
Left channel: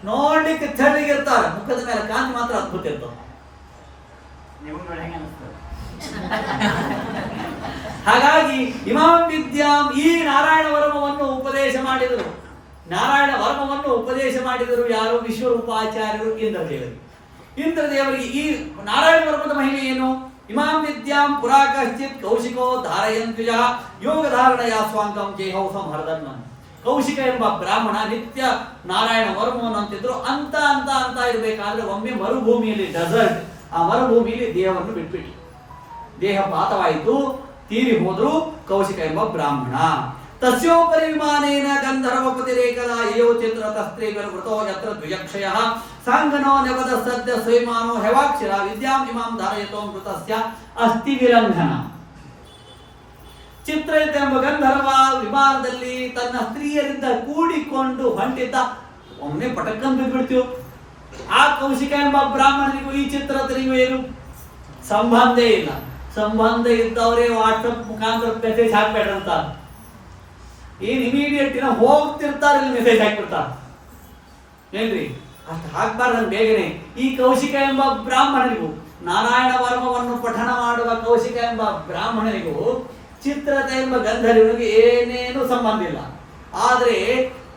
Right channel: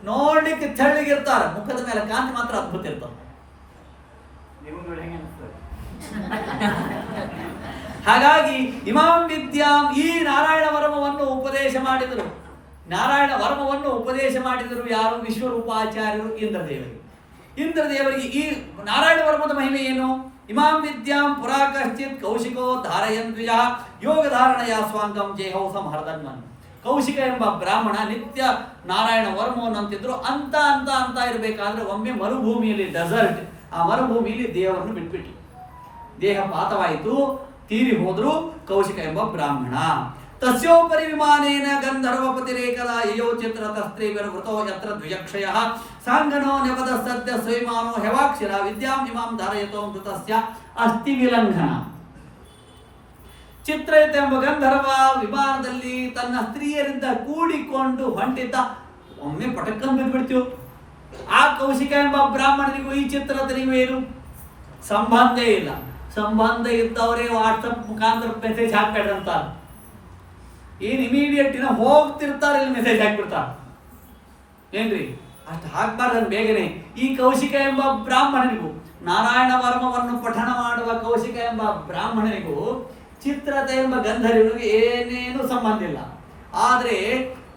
ನೋಡ್ಲಿಕ್ಕೆ ತೆಳ್ಳಗಿರ್ತಾರ, ಮುಖದ ಮೇಲೆ ಕಾಂತಿ ಮಾತ್ರ ಅದ್ಭುತ ಇರ್ತದೆ. ಹಾಗಾಗಿ ಇಮಾಂ ವಿದ್ಯಾಂ, ಈ ನಾರಾಯಣ ವರ್ಮವನ್ನು ಉಪದೇಶ ಮಾಡಿದರು. ನಾರಾಯಣ ವರ್ಮವನ್ನು ಉಪದೇಶ ಮಾಡಿದರು ಯಾರು? ವಿಶ್ವರೂಪಾಚಾರ್ಯರು ಇಂದ್ರದೇವರಿಗೆ. ಇಂದ್ರದೇವರಿಗೆ ಈ ನಾರಾಯಣ ವರ್ಮದ ಮಹಿಮೆ ಏನು? ಇಮಾಂ ವಿದ್ಯಾಂ ಪುರಾ ಕಶ್ಚಿತ್ ಕೌಶಿಕೋ ಧಾರಯನ್ ದ್ವಿಜ ಯೋಗ ಧಾರಣಯ ಸ್ವಾಂಗಂ ಜೇಹೌ ಸಂಹರ್ದನ್ಮನ್. ಕೌಶಿಕ ಎಂಬ ಬ್ರಾಹ್ಮಣ ನಿತ್ಯ ನಾರಾಯಣ ವರ್ಮವನ್ನು ಅಂತಿದ್ರು. ಅಂತ ಇರಬೇಕಾದ್ರೆ ಒಮ್ಮೆ ಮರುಭೂಮಿಯಲ್ಲಿ, ಡೆಸರ್ಟ್, ಆ ಮರುಭೂಮಿಯಲ್ಲಿ ದೇಹವನ್ನು ಬಿಟ್ಬಿಟ್ಟು ದೇಹ ಪಾತವಾಯಿತು, ತೀರಿ ಹೋದ್ರು ಕೌಶಿಕ ಎಂಬ ಬ್ರಾಹ್ಮಣ. ತಸ್ಯೋಪರಿ ವಿಮಾನೇನ ಗಂಧರ್ವಪತಿರೇಕದ ಯಯೋ ಚಿತ್ರ ತಸ್ತ್ರೇ ವೃತೋ ಯತ್ರ ದ್ವಿಜಕ್ಷಯ ಸಾಂಗನೋ ನೆವದ ಸದ್ಯ ಸ್ವಯಮಾನೋ ಹೆವಾಕ್ಷರ ವಿದ್ಯಾಂ ಇಮಾಂ ಧಾರಯತೋ ಮೃತಸ್ಯ ಅಸ್ಥಿ ವಿಲಂಘನ. ಚಿತ್ರಯುತ ಎಂಬ ಗಂಧರ್ವ ವಿಮಾನದಲ್ಲಿ ತನ್ನ ಸ್ತ್ರೀಯರಿಂದ ಕೂಡಿಕೊಂಡು ಹೊಂಟಿದ್ದ. ಒಮ್ಮೆ ಪಟಕ್ಕನ್ ಬಿದ್ಬಿಡ್ತೀವಿ. ಆ ಕೌಶಿಕ ಎಂಬ ಬ್ರಾಹ್ಮಣನಿಗೂ ಈ ಚಿತ್ರದನಿಗೂ ಏನು ಸಂಬಂಧ ಇಲ್ಲ. ಸಂಬಂಧ ಇದ್ದವರೇ ವಾಟ್ಸಪ್ ಮುಖಾಂತರ ಮೆಸೇಜ್ ಹಾಕ್ಬೇಡ್ರಂತ. ಏನ್ ಇಮಿಡಿಯೇಟ್ ಹೋಗ್ತಿರ್ತಾರೆ, ಇಲ್ಲಿ ಮೆಸೇಜ್ ಹಾಕ್ಬಿಡ್ತಾರೆ. ಏನ್ರಿ? ಅಷ್ಟು ಹಾಕ್ಬಾರ್ದು ಬೇಗನೆ. ಈ ಕೌಶಿಕ ಎಂಬ ಬ್ರಾಹ್ಮಣನಿಗೂ, ನಾರಾಯಣ ವರ್ಮವನ್ನು ಪಠನ ಮಾಡುವ ಕೌಶಿಕ ಎಂಬ ಬ್ರಾಹ್ಮಣನಿಗೂ ಚಿತ್ರತ ಎಂಬ ಗಂಧರ್ವನಿಗೆ ಏನೇನು ಸಂಬಂಧ ಇಲ್ಲ. ಆದರೆ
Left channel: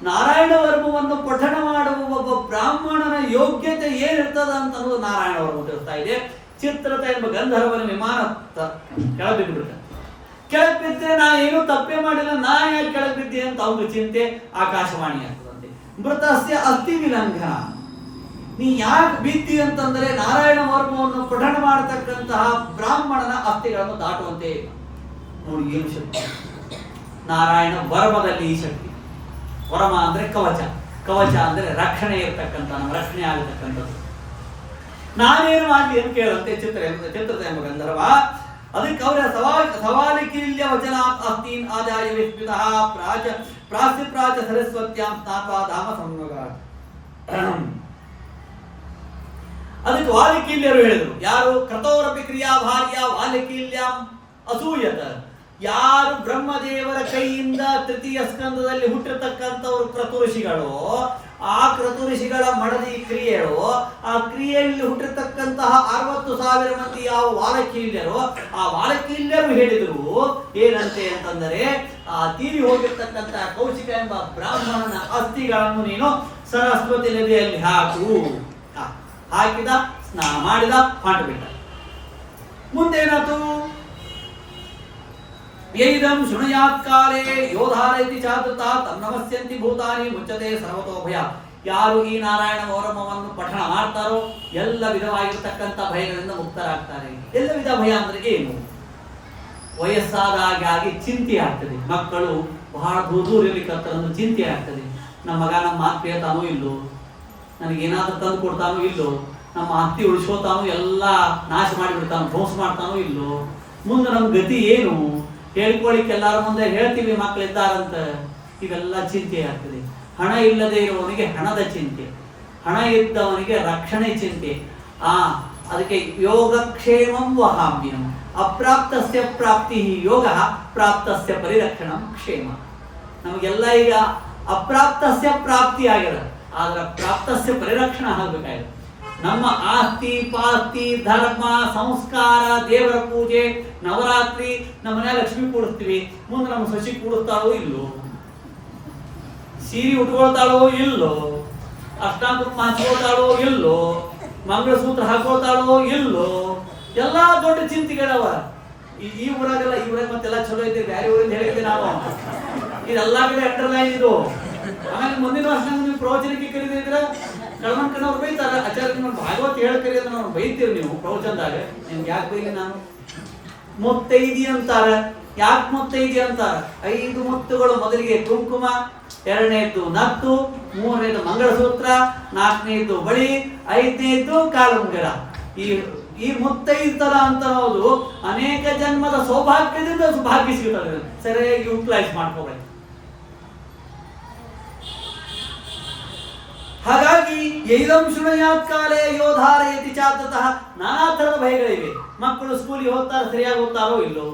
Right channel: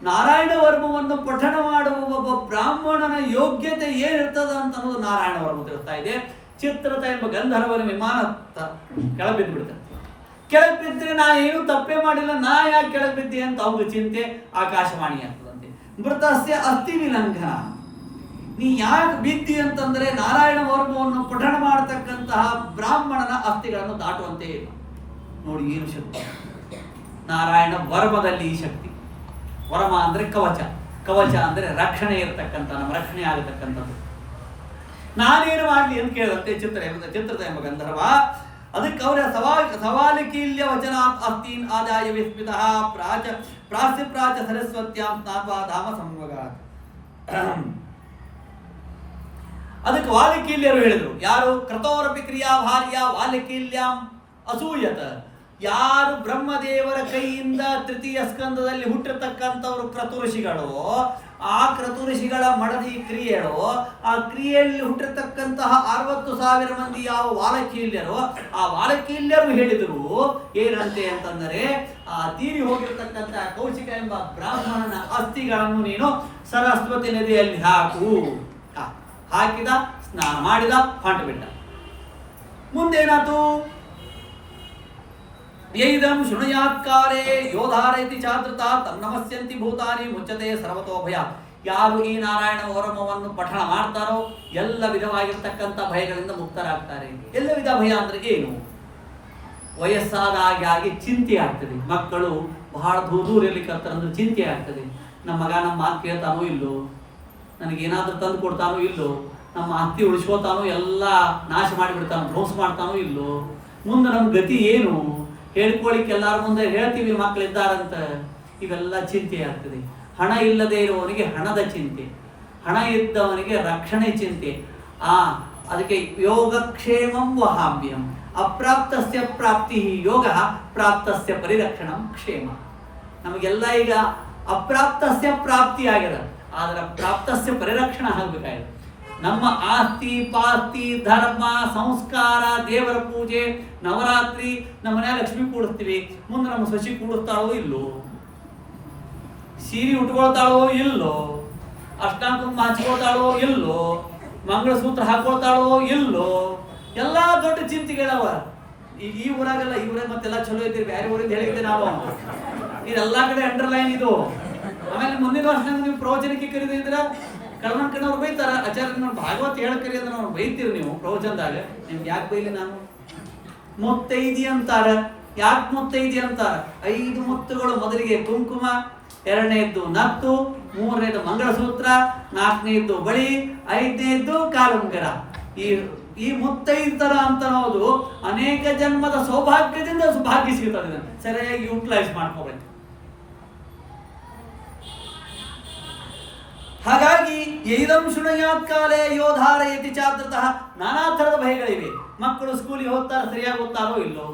ನಾರಾಯಣ ವರ್ಮವನ್ನು ಪಠನ ಮಾಡುವ ಒಬ್ಬ ಬ್ರಾಹ್ಮಣನ ಯೋಗ್ಯತೆ ಏನಿರ್ತದ ಅಂತ ಅನ್ನೋದು ನಾರಾಯಣ ವರ್ಮ ತಿಳಿಸ್ತಾ ಇದೆ. ಚಿತ್ರತ ಎಂಬ ಗಂಧರ್ವನ ವಿಮಾನ ಕೆಳಗೆ ಬಿದ್ದು ಬಿಡ್ತಾನೆ. ಕೆಳಗೆ ಬಿದ್ದರೆ ನಾ ಏನೂ ತಪ್ಪೇ ಮಾಡಿಲ್ಲ, ನಾ ಯಾಕೆ ಕೆಳಗೆ ಬಿದ್ದೆ ಅಂತ ಅವ್ರ ಚಿಂತೆ ಆಕಾಶವಾಣಿ ಆಗ್ತದಂತೆ. ಮೃತಸ್ಯ ಅಸ್ಥಿ ವಿಲಂಘನ, ನೀ ಯಾಕೆ ಬಿದ್ದಿ ಅಂತಂದ್ರೆ ನಾರಾಯಣ ವರ್ಮವನ್ನು ಪಠಣ ಮಾಡತಕ್ಕಂತಹ ಬ್ರಾಹ್ಮಣನ ಅಸ್ಥಿಗಳನ್ನು ದಾಟುವಂತೆ ಇಲ್ಲ. ನೋಡಿ ಏನು ಶಕ್ತಿ ನಾರಾಯಣ ವರ್ಮದಲ್ಲಿ. ಈ ಶಕ್ತಿ, ವರ್ಮ ಅಂದ್ರೆ ಕವಚ, ಕವಚ ಅಂದ್ರೆ ರಕ್ಷಣೆ ಇರತಕ್ಕಂಥ, ನಮ್ಮ ರಕ್ಷಣೆ ಆಗತಕ್ಕಂಥದ್ದು. ನಾನೇನು ಮಾಡಲಿ ಅಂತ ಕೇಳುವಂತೆ ಚಿತ್ರದ ಎಂಬ ಗಂಧರ್ವ. ಅದಕ್ಕೆ ಅವರ ಸವಾಲಿಕೀಲ್ಯ ವಚನ ಅಸ್ತೀನ್ ಆದಾಯ ವಿಸ್ಮಿತ ಪ್ರಾಚ್ಯ ಸರಸ್ವತ್ಯಾಂ ಸ್ನಾತ್ವಾ ಧಾಮ ಸಂಯೋಗ. ಅದಕ್ಕೆ ವಾಲಿಕೀಲ್ಯರು ಹೇಳಿದರು, ಯಾರು ಕ್ರತೋರಪಿ ಕ್ರಿಯಾ ಭಾರ್ಯ ವಾಲಿಕೀಲ್ಯಾಂ ಅಸೂಯತ, ಯಾರು ಬ್ರಹ್ಮದೇವರ ಕೈಯಿಂದ ತೃತೀಯ ಸ್ಕಂದದಲ್ಲಿ ಹುಟ್ಟಿರ್ತಕ್ಕಂಥವ್ರು ಕ್ರತು ಋಷಿಗಳು, ಆ ಕ್ರತು ಋಷಿಗಳ ಮಡದಿ ಕ್ರಿಯೆಗಳು, ಆ ಕ್ರಿಯೆಯಲ್ಲಿ ಹುಟ್ಟಿರ್ತಕ್ಕಂತಹ 60,000 ಮಂದಿ ಯಾವ ವಾಲಕೀಲ್ಯರು, ಆ ವಾಲಕೀಲ್ಯರು ಹೇಳಿದರು ಏನಂತೆ ಅಂತಂದರೆ, ಆ ತೀರಿ ಹೋಗಿರ್ತಕ್ಕಂತಹ ಕೌಶಿಕ ಎಂಬ ಬ್ರಾಹ್ಮಣನ ಅಸ್ಥಿಗಳನ್ನು ನೀನು ಸರಸ್ವತಿ ನದಿಯಲ್ಲಿ ಹಾಕು. ಹಾಕಿದ, ಸ್ನಾನ ಮಾಡಿದ, ಹೊಂಟು ಬಿಟ್ಟ. ಮುಂದೇನಾತು? ಯೈದಂ ಶೃಣುಯಾತ್ ಕಾಲೇ ಯೋಧಾರೈತಿ ಚಾತೃತ ತನ್ನಮಸ್ಯಂತಿ ಭೂತಾನಿ ಮುಚ್ಚತೆ ಸರ್ವತೋ ಭಯ. ಯಾರು ಈ ನಾರಾಯಣ ವರಮವನ್ನು ಪಠಣ ಮಾಡ್ತಾರೋ ಎಲ್ಲ ವಿಧವಾಗಿರ್ತಕ್ಕಂಥ ಭಯಗಳಿಂದ ಮುಕ್ತರಾಗ್ತಾರೆ. ಎಲ್ಲ ವಿಧ ಭಯ ಅಂದ್ರೆ ಏನು? ವಯಸ್ಸಾದ ಹಾಗೆ ಚಿಂತೆ ಆಗ್ತದೆ. ಮಕ್ಕಳು ಬಹಳ ದೂರಿರ್ಲಿಕ್ಕಂದ್ರೆ ಚಿಂತೆ ಆಗ್ತದೆ. ನಮ್ಮ ಮಗ ನಮ್ಮ ಮಾತು ಕೇಳ್ತಾನೋ ಇಲ್ಲೋ, ನನಗೇನಾದ್ರೂ ತಂದು ಕೊಡ್ತಾನೋ ಇಲ್ಲೋ, ನಮ್ಮ ಅತ್ತಿ ಉಳಿಸ್ಕೋತಾನೋ ಎಲ್ಲ ನಾಶ ಮಾಡಿಬಿಡ್ತಾನೋ, ಧ್ವಂಸ ಮಾಡ್ತಾನೋ ಇಲ್ಲೋ, ಮುಂದೆ ನಮ್ಮ ಗತಿ ಏನು? ಹೇಳ್ಕೊಳಿಕ್ಕೆ ಎಲ್ಲಾರ ಮುಂದೆ ಹೇಳ್ತೀವಿ ಮಕ್ಕಳಿದ್ದಾರಂತ, ಇವೆಲ್ಲ ಚಿಂತೆ ಆಗ್ತದೆ. ಹಣ ಇಲ್ಲದೆ ಇರುವವನಿಗೆ ಹಣದ ಚಿಂತೆ, ಹಣ ಇದ್ದವನಿಗೆ ರಕ್ಷಣೆ ಚಿಂತೆ. ಅದಕ್ಕೆ ಯೋಗಕ್ಷೇಮಂ ವಹಾಮ್ಯಂ, ಅಪ್ರಾಪ್ತಸ್ಯ ಪ್ರಾಪ್ತಿ ಯೋಗ, ಪ್ರಾಪ್ತಸ್ಯ ಪರಿರಕ್ಷಣಂ ಕ್ಷೇಮ. ನಮಗೆಲ್ಲ ಈಗ ಅಪ್ರಾಪ್ತಸ್ಯ ಪ್ರಾಪ್ತಿ ಆಗ್ಯದ, ಆದ್ರೆ ಪ್ರಾಪ್ತಸ್ಯ ಪರಿರಕ್ಷಣ ಆಗಬೇಕಾಗಿದೆ. ನಮ್ಮ ಆಸ್ತಿ ಪಾಸ್ತಿ ಧರ್ಮ ಸಂಸ್ಕಾರ ದೇವರ ಪೂಜೆ ನವರಾತ್ರಿ ನಮ್ಮ ಮನೆ ಲಕ್ಷ್ಮಿ ಕೂಡಿಸ್ತೀವಿ, ಮುಂದೆ ನಮ್ಮ ಸಸಿ ಕೂಡಿಸ್ತಾಳೋ ಇಲ್ಲೋ, ಸೀರೆ ಉಟ್ಕೊಳ್ತಾಳೋ ಇಲ್ಲೋ, ಅಷ್ಟಾಂಗ ಹಚ್ಕೊಳ್ತಾಳೋ ಇಲ್ಲೋ, ಮಂಗಳಸೂತ್ರ ಹಾಕೊಳ್ತಾಳೋ ಇಲ್ಲೋ, ಎಲ್ಲಾ ದೊಡ್ಡ ಚಿಂತೆಗಳವ. ಈ ಊರಾಗೆಲ್ಲ, ಈ ಊರಾಗ ಮತ್ತೆಲ್ಲ ಚಲೋ ಇದ್ದೀವಿ, ಬೇರೆ ಊರಿಂದ ಹೇಳಿದ್ದೆ ನಾವು, ಇದೆಲ್ಲಾ ಕಡೆ ಅಂಡರ್ಲೈನ್ ಇದು. ಆಮೇಲೆ ಮುಂದಿನ ವರ್ಷ ನೀವು ಪ್ರವಚನಕ್ಕೆ ಕರೀದಿದ್ರ ಕಳ್ಮನ್ ಕಣ್ಣವ್ರು ಬೈತಾರ, ಆಚಾರ್ಯ ನಿಮ್ಮ ಭಾಗವತ್ ಹೇಳಿ ಕರೆಯೋದನ್ನ ಅವ್ರು ಬೈತೀರಿ ನೀವು ಪ್ರವಚನದಾಗ. ನಿಮ್ಗೆ ಯಾಕೆ ಬೈಲಿ ನಾನು? ಮುತ್ತೈದಿ ಅಂತಾರ. ಯಾಕೆ ಮುತ್ತೈದಿ ಅಂತಾರ? 5 ಮುತ್ತುಗಳು. ಮೊದಲಿಗೆ ಕುಂಕುಮ, 2ನೇದ್ದು ನತ್ತು, 3ನೇದ್ದು ಮಂಗಳಸೂತ್ರ, 4ನೇದ್ದು ಬಳಿ, 5ನೇದ್ದು ಕಾಲುಂಗರ. ಈ ಮುತ್ತೈದರ ಅಂತ ಅನ್ನೋದು ಅನೇಕ ಜನ್ಮದ ಸೌಭಾಗ್ಯದಿಂದ ಭಾಗ್ಯ ಸಿಗುತ್ತದೆ. ಸರಿಯಾಗಿ ಯುಟಿಲೈಸ್ ಮಾಡ್ಕೋಬೇಕು. ಹಾಗಾಗಿ ಯೈದಂ ಶೃಣುಯಾತ್ ಕಾಲೇ ಯೋಧಾರಯತಿ ಚಾತೃತಃ, ನಾನಾ ಥರದ ಭಯಗಳಿವೆ. ಮಕ್ಕಳು ಸ್ಕೂಲಿಗೆ ಹೋಗ್ತಾರೆ, ಸರಿಯಾಗಿ ಓದ್ತಾರೋ ಇಲ್ಲೋ,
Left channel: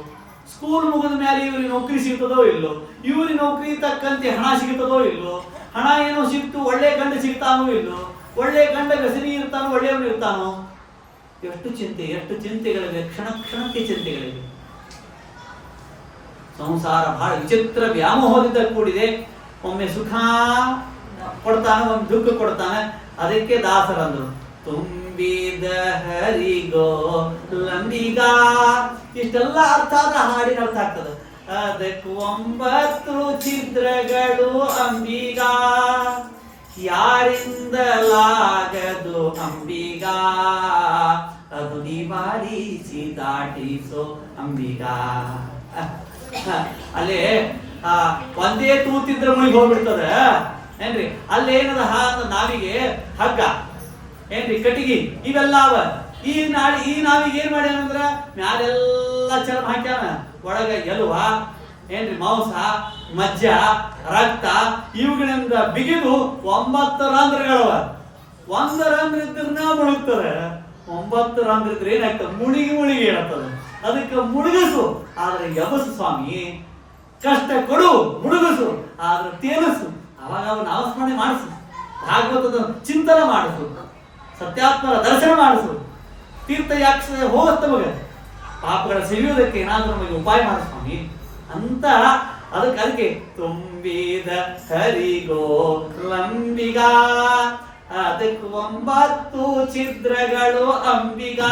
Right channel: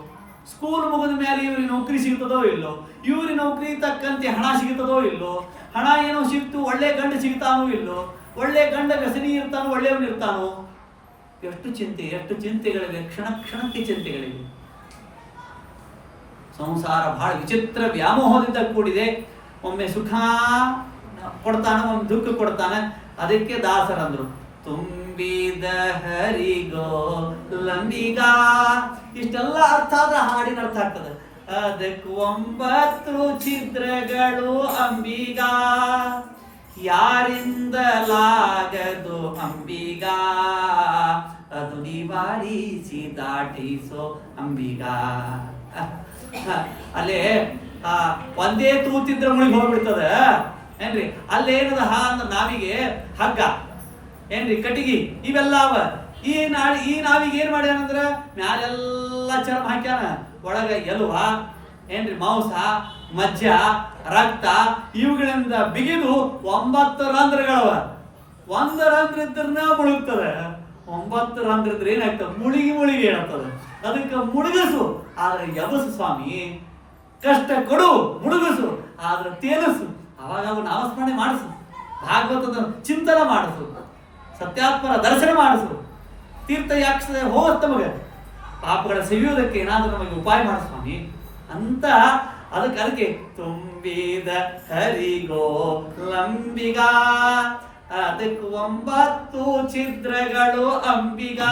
ಸ್ಕೂಲ್ ಮುಗಿದ ಮೇಲೆ ಇವ್ರಿಗೆ ನೌಕರಿ ಸಿಗ್ತದೋ ಇಲ್ಲೋ, ಇವ್ರಿಗೆ ನೌಕರಿ ತಕ್ಕಂತೆ ಹಣ ಸಿಗ್ತದೋ ಇಲ್ಲೋ, ಹಣ ಏನೋ ಸಿಕ್ತು, ಒಳ್ಳೆ ಗಂಡ ಸಿಗ್ತಾನೋ ಇಲ್ಲೋ, ಒಳ್ಳೆ ಗಂಡ ವ್ಯಸನಿ ಇರ್ತಾನೋ ಒಳ್ಳೆಯವನು ಇರ್ತಾನೋ. ಎಷ್ಟು ಚಿಂತೆ, ಎಷ್ಟು ಚಿಂತೆಗಳಿವೆ, ಕ್ಷಣ ಕ್ಷಣಕ್ಕೆ ಚಿಂತೆಗಳಿವೆ. ಸಂಸಾರ ಬಹಳ ವಿಚಿತ್ರ ವ್ಯಾಮೋಹದಿಂದ ಕೂಡಿದೆ. ಒಮ್ಮೆ ಸುಖ ಕೊಡ್ತಾನ, ಒಂದು ದುಃಖ ಕೊಡ್ತಾನೆ. ಅದಕ್ಕೆ ದಾಸರಂದ್ರು, ತುಂಬಿದ ಹರಿಗೋ ಲಂಬಿಗ. ಇಷ್ಟೆಲ್ಲ ಅರ್ಥ ಆದ್ರೆ ಹಾಡಿನ ಅರ್ಥ ಆಗ್ತದೆ. ಅದಕ್ಕೆ 9 ಛಿದ್ರಗಳು ಅಂಬಿಗ, ಯಾರಿಂದಲಾಗದು ಅಂಬಿಗ, ಅದು ನಿವಾರಿಸಿ ದಾಟಿಸೋ ಅಂಬಿಗ. ಅಲ್ಲೇ ಒಂದೇ ತೂತಿದ್ರೆ ಮುಳಿಗೆ ಹೋಗ್ಬಿಡ್ತದ ಏನ್ರಿ. ಅಲ್ಲೇನದ ಅಂತ ನಾವಿಗೆ ಹಗ್ಗ ಏನ್ರಿ, ಕಟ್ಟಿಗೆ ಇವೆಲ್ಲ ಅವ. ಈ ನಾವಿಗೆ ಏನ್ ಮಾಡ್ಯಾನಂದ್ರ ಮ್ಯಾಲೆಲ್ಲ ಚರ್ಮ ಹಾಕ್ಯಾನ, ಒಳಗ ಎಲುವ ಏನ್ರಿ, ಮಾಂಸ, ಮಜ್ಜ, ರಕ್ತ ಇವುಗಳಿಂದ ಬಿಗಿದು 9 ರಂಧ್ರಗಳವ. 1 ರಂಧ್ರ ಇದ್ರನ್ನ ಮುಳುಗ್ತದೆ, 9 ರಂಧ್ರ ಇದ್ರೆ ಏನಾಗ್ತದೆ? ಮುಳುಗಿ ಹೇಳ್ತದೆ. ಅದಕ್ಕೆ ಮುಳುಗಸು ಆದ್ರೆ ಯಬಸು ಸ್ವಾಮಿ, ಕಷ್ಟ ಕೊಡು ಮುಳುಗಸು ಆದ್ರೆ ತೇಲಸು. ಅವಾಗ ಅವು ನಾಮಸ್ಮರಣೆ ಮಾಡಿಸು, ಭಾಗವತದ ಚಿಂತನ ಮಾಡಿಸು, ಸತ್ಯಾತ್ಮರ ದರ್ಶನ ಮಾಡಿಸು, ತೀರ್ಥಯಾಕ್ಷ ಹೋಗತ್ತ ನಮಗೆ ಪಾಪಗಳ ಸಿಗಿಯೋದಕ್ಕೆ ಏನಾದ್ರೂ ನಮಗೆ ಉಪಾಯ ಮಾಡ ಸ್ವಾಮಿ ಅಂತ. ಅದಕ್ಕೆ ತುಂಬಿದ ಹರಿಗೋ ಲಂಬಿಗ, ಅದಕ್ಕೆ 9 ಛಿದ್ರಗಳು ಅಂಬಿಗ,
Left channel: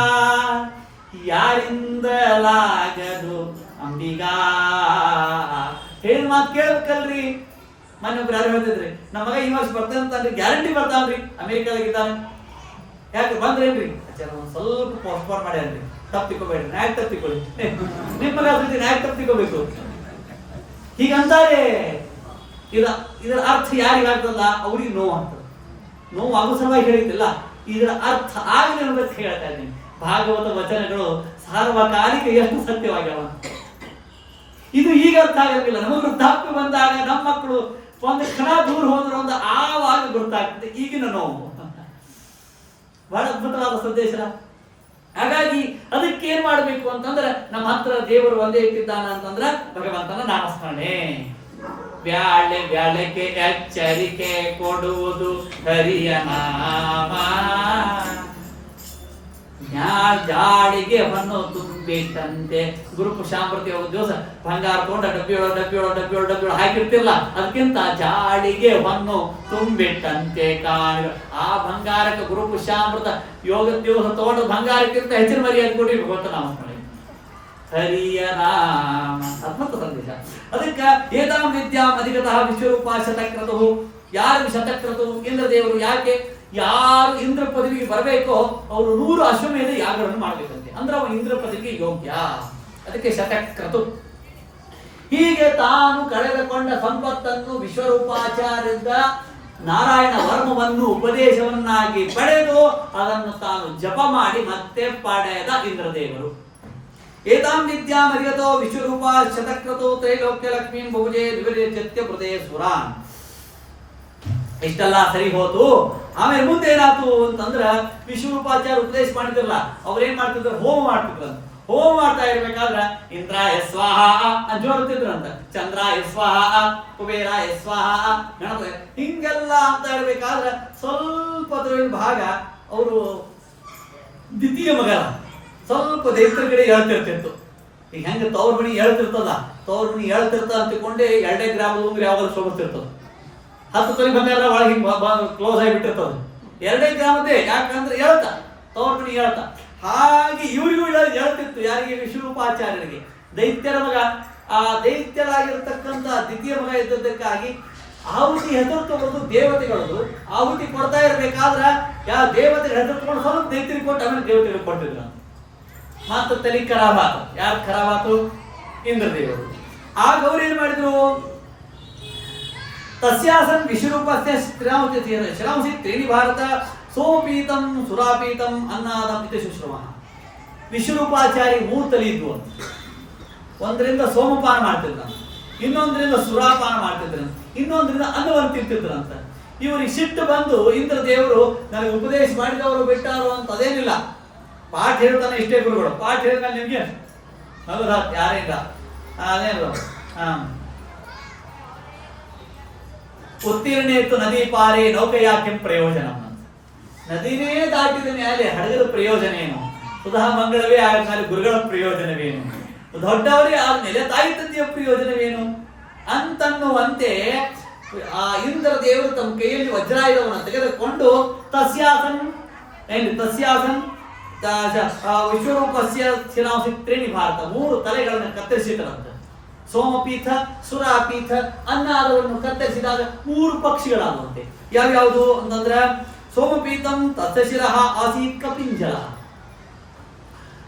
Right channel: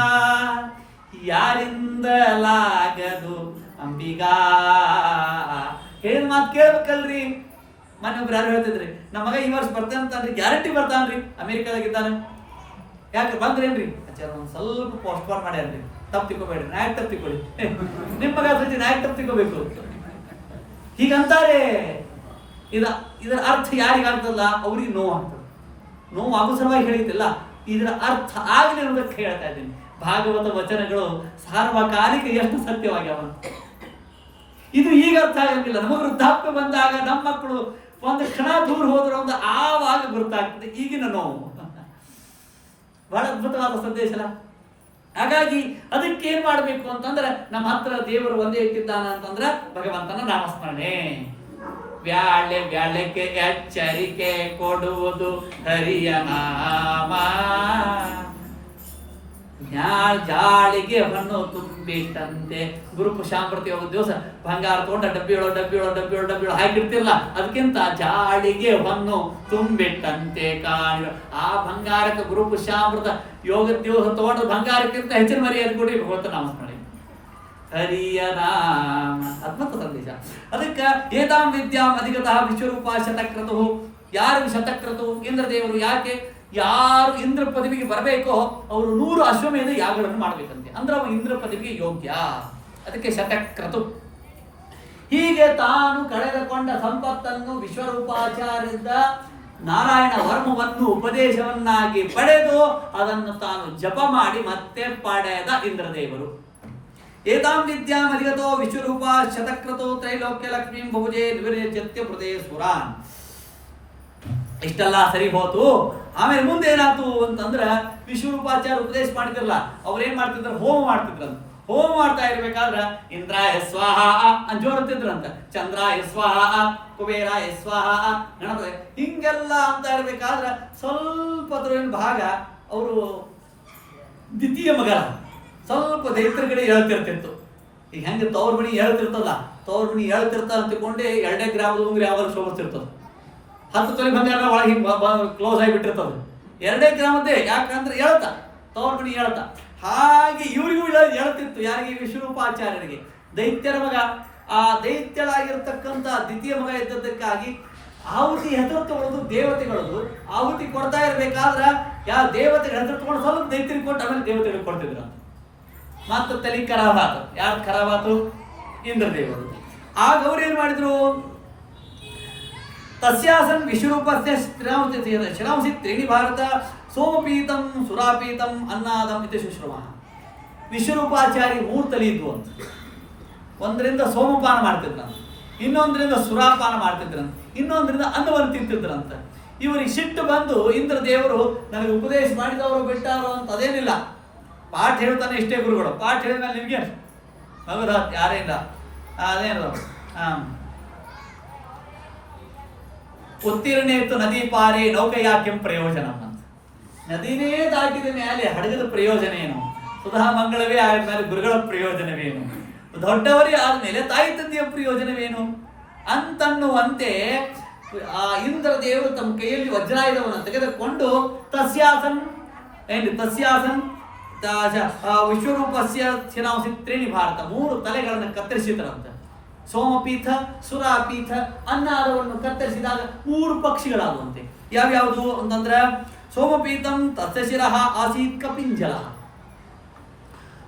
ಯಾರಿಂದಲಾಗದು ಅಂಬಿಗ. ಹೇಳಿದ ಮಾತು ಕೇಳ್ಬೇಕಲ್ರಿ. ಮೊನ್ನೆ ಒಬ್ರು ಯಾರು ಹೇಳ್ತಿದ್ರಿ, ನಮ್ಮ ಮಗ ಈ ವರ್ಷ ಬರ್ತಾನಂತಾನ್ರಿ, ಗ್ಯಾರಂಟಿ ಬರ್ತಾನ್ರಿ, ಅಮೆರಿಕಾದಾಗಿದ್ದಾನೆ. ಯಾಕೆ ಬಂದ್ರೇನ್ರಿ? ಆಚಾರ ಒಂದು ಸ್ವಲ್ಪ ಪೋಸ್ಟ್ಪೋನ್ ಮಾಡ್ಯಾನ್ರಿ, ತಪ್ಪು ತಿಳ್ಕೊಬೇಡ್ರಿ, ನಾಯಕ್ ತಪ್ಪು ತಿಳ್ಕೊಳ್ಳಿ, ನಿಮ್ಮ ಮಗ ಸತಿ ನಾಯಕ್ ತಪ್ಪು ತಿಳ್ಕೋಬೇಕು ಹೀಗಂತಾರೆ. ಇದರ ಅರ್ಥ ಯಾರಿಗಾಗ್ತಲ್ಲ ಅವ್ರಿಗೆ ನೋವು ಆಗ್ತದೆ. ನೋವು ಆಗೋ ಸಲುವಾಗಿ ಹೇಳಿದ್ದಿಲ್ಲ, ಇದರ ಅರ್ಥ ಆಗಲಿ ಅನ್ನೋದಕ್ಕೆ ಹೇಳ್ತಾ ಇದ್ದೀನಿ. ಭಾಗವತ ವಚನಗಳು ಸಾರ್ವಕಾಲಿಕ ಎಷ್ಟು ಸತ್ಯವಾಗ್ಯಾವ. ಇದು ಈಗ ಅರ್ಥ ಆಗಿರಲಿಲ್ಲ. ನಮಗೆ ವೃದ್ಧಾಪ್ಯ ಬಂದಾಗ ನಮ್ಮ ಮಕ್ಕಳು ಒಂದು ಕ್ಷಣ ದೂರ ಹೋದ್ರೆ ಒಂದು ಆವಾಗ ಗೊತ್ತಾಗ್ತದೆ ಈಗಿನ ನೋವು. ಬಹಳ ಅದ್ಭುತವಾದ ಸಂದೇಶ. ಹಾಗಾಗಿ ಅದಕ್ಕೆ ಏನ್ ಮಾಡ್ಬೇಕು ಅಂತಂದ್ರೆ, ನಮ್ಮ ಹತ್ರ ದೇವರು ಒಂದೇ ಇಟ್ಟಿದ್ದಾನ ಅಂತಂದ್ರೆ ಭಗವಂತನ ನಾಮಸ್ಮರಣೆ. ಬ್ಯಾಳೆಗೆ ಎಚ್ಚರಿಕೆ ಕೊಡುವುದು ಹರಿಯ ನಾಮ, ಜಾಳಿಗೆ ಹೊನ್ನು ತುಂಬಿಟ್ಟಂತೆ. ಗುರುಪುಷಾಮೃತಿ ಹೋದ ದಿವಸ ಬಂಗಾರ ತಗೊಂಡ ಡಬ್ಬಿಯೊಳ ಹಾಕಿರ್ತಿರಲ್ಲ, ಅದಕ್ಕಿಂತ ಜಾಳಿಗೆ ಹೊನ್ನು ತುಂಬಿಟ್ಟಂತೆ ಕಾಣಿ. ಆ ಬಂಗಾರಕ್ಕೆ ಗುರುಪುಷಾಮೃತ ಯೋಗ ದಿವಸ ತಗೊಂಡ ಬಂಗಾರಕ್ಕಿಂತ ಹೆಚ್ಚಿನ ಮರ್ಯಾದೆ ಕೊಡಿ ಭಗವಂತ ನಾಮಸ್ಮರಣೆ. ಹರಿಯ ನಾಮ ಅದ್ಭುತ ಸಂದೇಶ. ಅದಕ್ಕೆ ಏತಾಂ ವಿದ್ಯಾಂ ಅಧಿಗತಃ ವಿಶ್ವರೂಪ ಶತಕ್ರತು. ಯಾರು ಶತಕ್ರತು? ಇಂದ್ರದೇವರು. ಯಾಕೆ? ಯಾರು ಇಂದ್ರ ಪದವಿಗೆ ಬರಬೇಕೋ ಅವರು 100 ಅಶ್ವಮೇಧ ಯಾಗಗಳನ್ನು ಮಾಡಬೇಕಂತೆ, ಅಂದ್ರೆ ಅವ ಇಂದ್ರ ಪದವಿಗೆ ಯೋಗ್ಯ. ಅದಕ್ಕೆ ಶತಕ್ರತು. ಹೀಗೆ ತಾನು ಕಳೆದುಕೊಂಡ ಸಂಪತ್ತನ್ನು ವಿಶ್ವರೂಪಾಚಾರ್ಯರಿಂದ ನಾರಾಯಣ ವರ್ಮವನ್ನು ಉಪದೇಶವನ್ನಾಗಿ ಪಡೆದು ಅದನ್ನು ತಾನು ಜಪ ಮಾಡಿ ಮತ್ತೆ ಪಡೆದ ಇಂದ್ರದೇವರು. ಏತಾಂ ವಿದ್ಯಾಂ ಅಧಿಗತೋ ವಿಶ್ವರೂಪ ಶತಕ್ರತೋ ತ್ರೈಲೋಕ್ಯ ಲಕ್ಷ್ಮೀಂ ಭುಜೆ ವಿವಿರೇತ್ಯ ಪ್ರದೇ ಸುರಾನ್. ಇಷ್ಟೆಲ್ಲ ಸರಿ ಹೋತು. ಆಮೇಲೆ ಮುಂದೆ ಏನಾಯ್ತು ಅಂತಂದ್ರ, ವಿಶ್ವರೂಪಾಚಾರ್ಯ ಉಪದೇಶ ಮಾಡಿದ್ರಲ್ಲ, ಅವ್ರೇನ್ ಮಾಡ್ತಿದ್ರು? ಹೋಮ ಮಾಡ್ತಿದ್ರಂತ. ಹೋಮ ಮಾಡ್ತಾ ಇರ್ಬೇಕಾದ್ರ ಇಂದ್ರಾಯ ಸ್ವಾಹ ಅಂತ ಜೋರುತ್ತಿದ್ರಂತ, ಚಂದ್ರಾಯ ಸ್ವಾಹ, ಕುಬೇರಾಯ ಸ್ವಾಹ, ಗಣಪತಿ ಹಿಂಗೆಲ್ಲ ಅಂತ ಇರ್ಬೇಕಾದ್ರ ಸ್ವಲ್ಪ ಅದರಲ್ಲಿ ಭಾಗ ಅವರು ದ್ವಿತೀಯ ಮಗನ ಸ್ವಲ್ಪ ದೈತ್ರ ಕಡೆ ಹೇಳ್ತಿರ್ತಿತ್ತು. ಈಗ ಹೆಂಗೆ ತವ್ರ ಮಣಿ ಹೇಳ್ತಿರ್ತಲ್ಲ, ತವ್ರ ಮಣಿ ಹೇಳ್ತಿರ್ತ ಅಂತಕೊಂಡೆ 2 ಗ್ರಾಮದ ಉಂಗ್ರಿ ಯಾವಾಗ ಶೋಭಿಸ್ತಿರ್ತದೆ. 10 ತೊಲೆ ಬಂಗಾರ ಒಳಗೆ ಹಿಂಗೆ ಕ್ಲೋಸ್ ಆಗಿಬಿಟ್ಟಿರ್ತದೆ. 2 ಗ್ರಾಮದ್ದೇ, ಯಾಕಂದ್ರೆ ಹೇಳ್ತಾ ತವ್ರ ಮಣಿ ಹೇಳ್ತಾ. ಹಾಗೆ ಇವರಿಗೂ ಹೇಳ್ತಿತ್ತು. ಯಾರಿಗೆ? ವಿಶ್ವರೂಪಾಚಾರ್ಯರಿಗೆ. ದೈತ್ಯರ ಮಗ. ಆ ದೈತ್ಯರಾಗಿರ್ತಕ್ಕಂಥ ದ್ವಿತೀಯ ಮಗ ಇದ್ದದ್ದಕ್ಕಾಗಿ ಆಹುತಿ ಹೆಸರು ತಗೊಂಡು ದೇವತೆಗಳದು ಆಹುತಿ ಕೊಡ್ತಾ ಇರ್ಬೇಕಾದ್ರ ಯಾವ ದೇವತೆಗಳ ಹೆಸರು ತಗೊಂಡು ಸ್ವಲ್ಪ ದೈತ್ಯರಿಗೆ ಕೊಟ್ಟು ಆಮೇಲೆ ದೇವತೆಗಳಿಗೆ ಕೊಡ್ತಿದ್ರು. ಮತ್ತು ತಲೆ ಖರಾಬಾತು. ಯಾರು ಖರಾಬಾತು? ಇಂದ್ರದೇವರು. ಆಗ ಅವ್ರು ಏನ್ ಮಾಡಿದ್ರು? ತಸ್ಯಾಸನ್ ವಿಶ್ವರೂಪಸ್ಯ ಶ್ರಾಂಸಿ ತ್ರೀಣಿ ಭಾರತ ಸೋಮಪೀತಂ ಸುರಾಪೀತಂ ಅನ್ನಾದಂ ಇತಿ ಶುಶ್ರಮ. ವಿಶ್ವರೂಪಾಚಾರಿ 3 ತಲೆ ಇದ್ವು ಅಂತ. ಒಂದರಿಂದ ಸೋಮಪಾನ ಮಾಡ್ತಿದ್ರಂತ, ಇನ್ನೊಂದರಿಂದ ಸುರಾಪಾನ ಮಾಡ್ತಿದ್ರಂತ, ಇನ್ನೊಂದರಿಂದ ಅನ್ನವನ್ನು ತಿಂತಿದ್ರಂತ. ಇವರಿಗೆ ಸಿಟ್ಟು ಬಂದು ಇಂದ್ರದೇವರು ನನಗೆ ಉಪದೇಶ ಮಾಡಿದವರು ಬಿಟ್ಟಾರೋ ಅಂತ ಅದೇನಿಲ್ಲ, ಪಾಠ ಹೇಳ್ತಾನೆ ಇಷ್ಟೇ ಗುರುಗಳು. ಪಾಠ ಹೇಳಿದ್ಮೇಲೆ ನಿಮ್ಗೆ ಮಗು ಯಾರೇನ ಅದೇನು ಉತ್ತೀರ್ಣೇತು ನದಿ ಪಾರೆ ನೌಕಯಾಕ್ಯಂ ಪ್ರಯೋಜನ ಅಂತ. ನದಿನೇ ದಾಟಿದ ಮೇಲೆ ಹಡಗದ ಪ್ರಯೋಜನ ಏನು? ಸುಧಾ ಮಂಗಳವೇ ಆದ ಮೇಲೆ ಗುರುಗಳ ಪ್ರಯೋಜನವೇನು? ದೊಡ್ಡವರೇ ಆದ್ಮೇಲೆ ತಾಯಿ ತಂದೆಯ ಪ್ರಯೋಜನವೇನು ಅಂತನ್ನುವಂತೆ ಆ ಇಂದ್ರ ದೇವರು ತಮ್ಮ ಕೈಯಲ್ಲಿ ವಜ್ರಾಯುಧವನ್ನು ತೆಗೆದುಕೊಂಡು ತಸ್ಯಾಸನ್ ವಿಶ್ವರೂಪಸ್ಯ ಶಿರಾಂಸಿ ತ್ರೀಣಿ ಭಾರತ 3 ತಲೆಗಳನ್ನು ಕತ್ತರಿಸಿದರಂತೆ. ಸೋಮಪೀಠ, ಸುರಾಪೀಠ, ಅನ್ನಾದವನ್ನು ಕತ್ತರಿಸಿದಾಗ 3 ಪಕ್ಷಿಗಳಾಗುವಂತೆ. ಯಾವ್ಯಾವುದು ಅಂತಂದ್ರೆ, ಸೋಮಪೀಠಂ ತಸ್ಯ ಶಿರಃ ಆಸೀತ್ ಕಪಿಂಜಲ.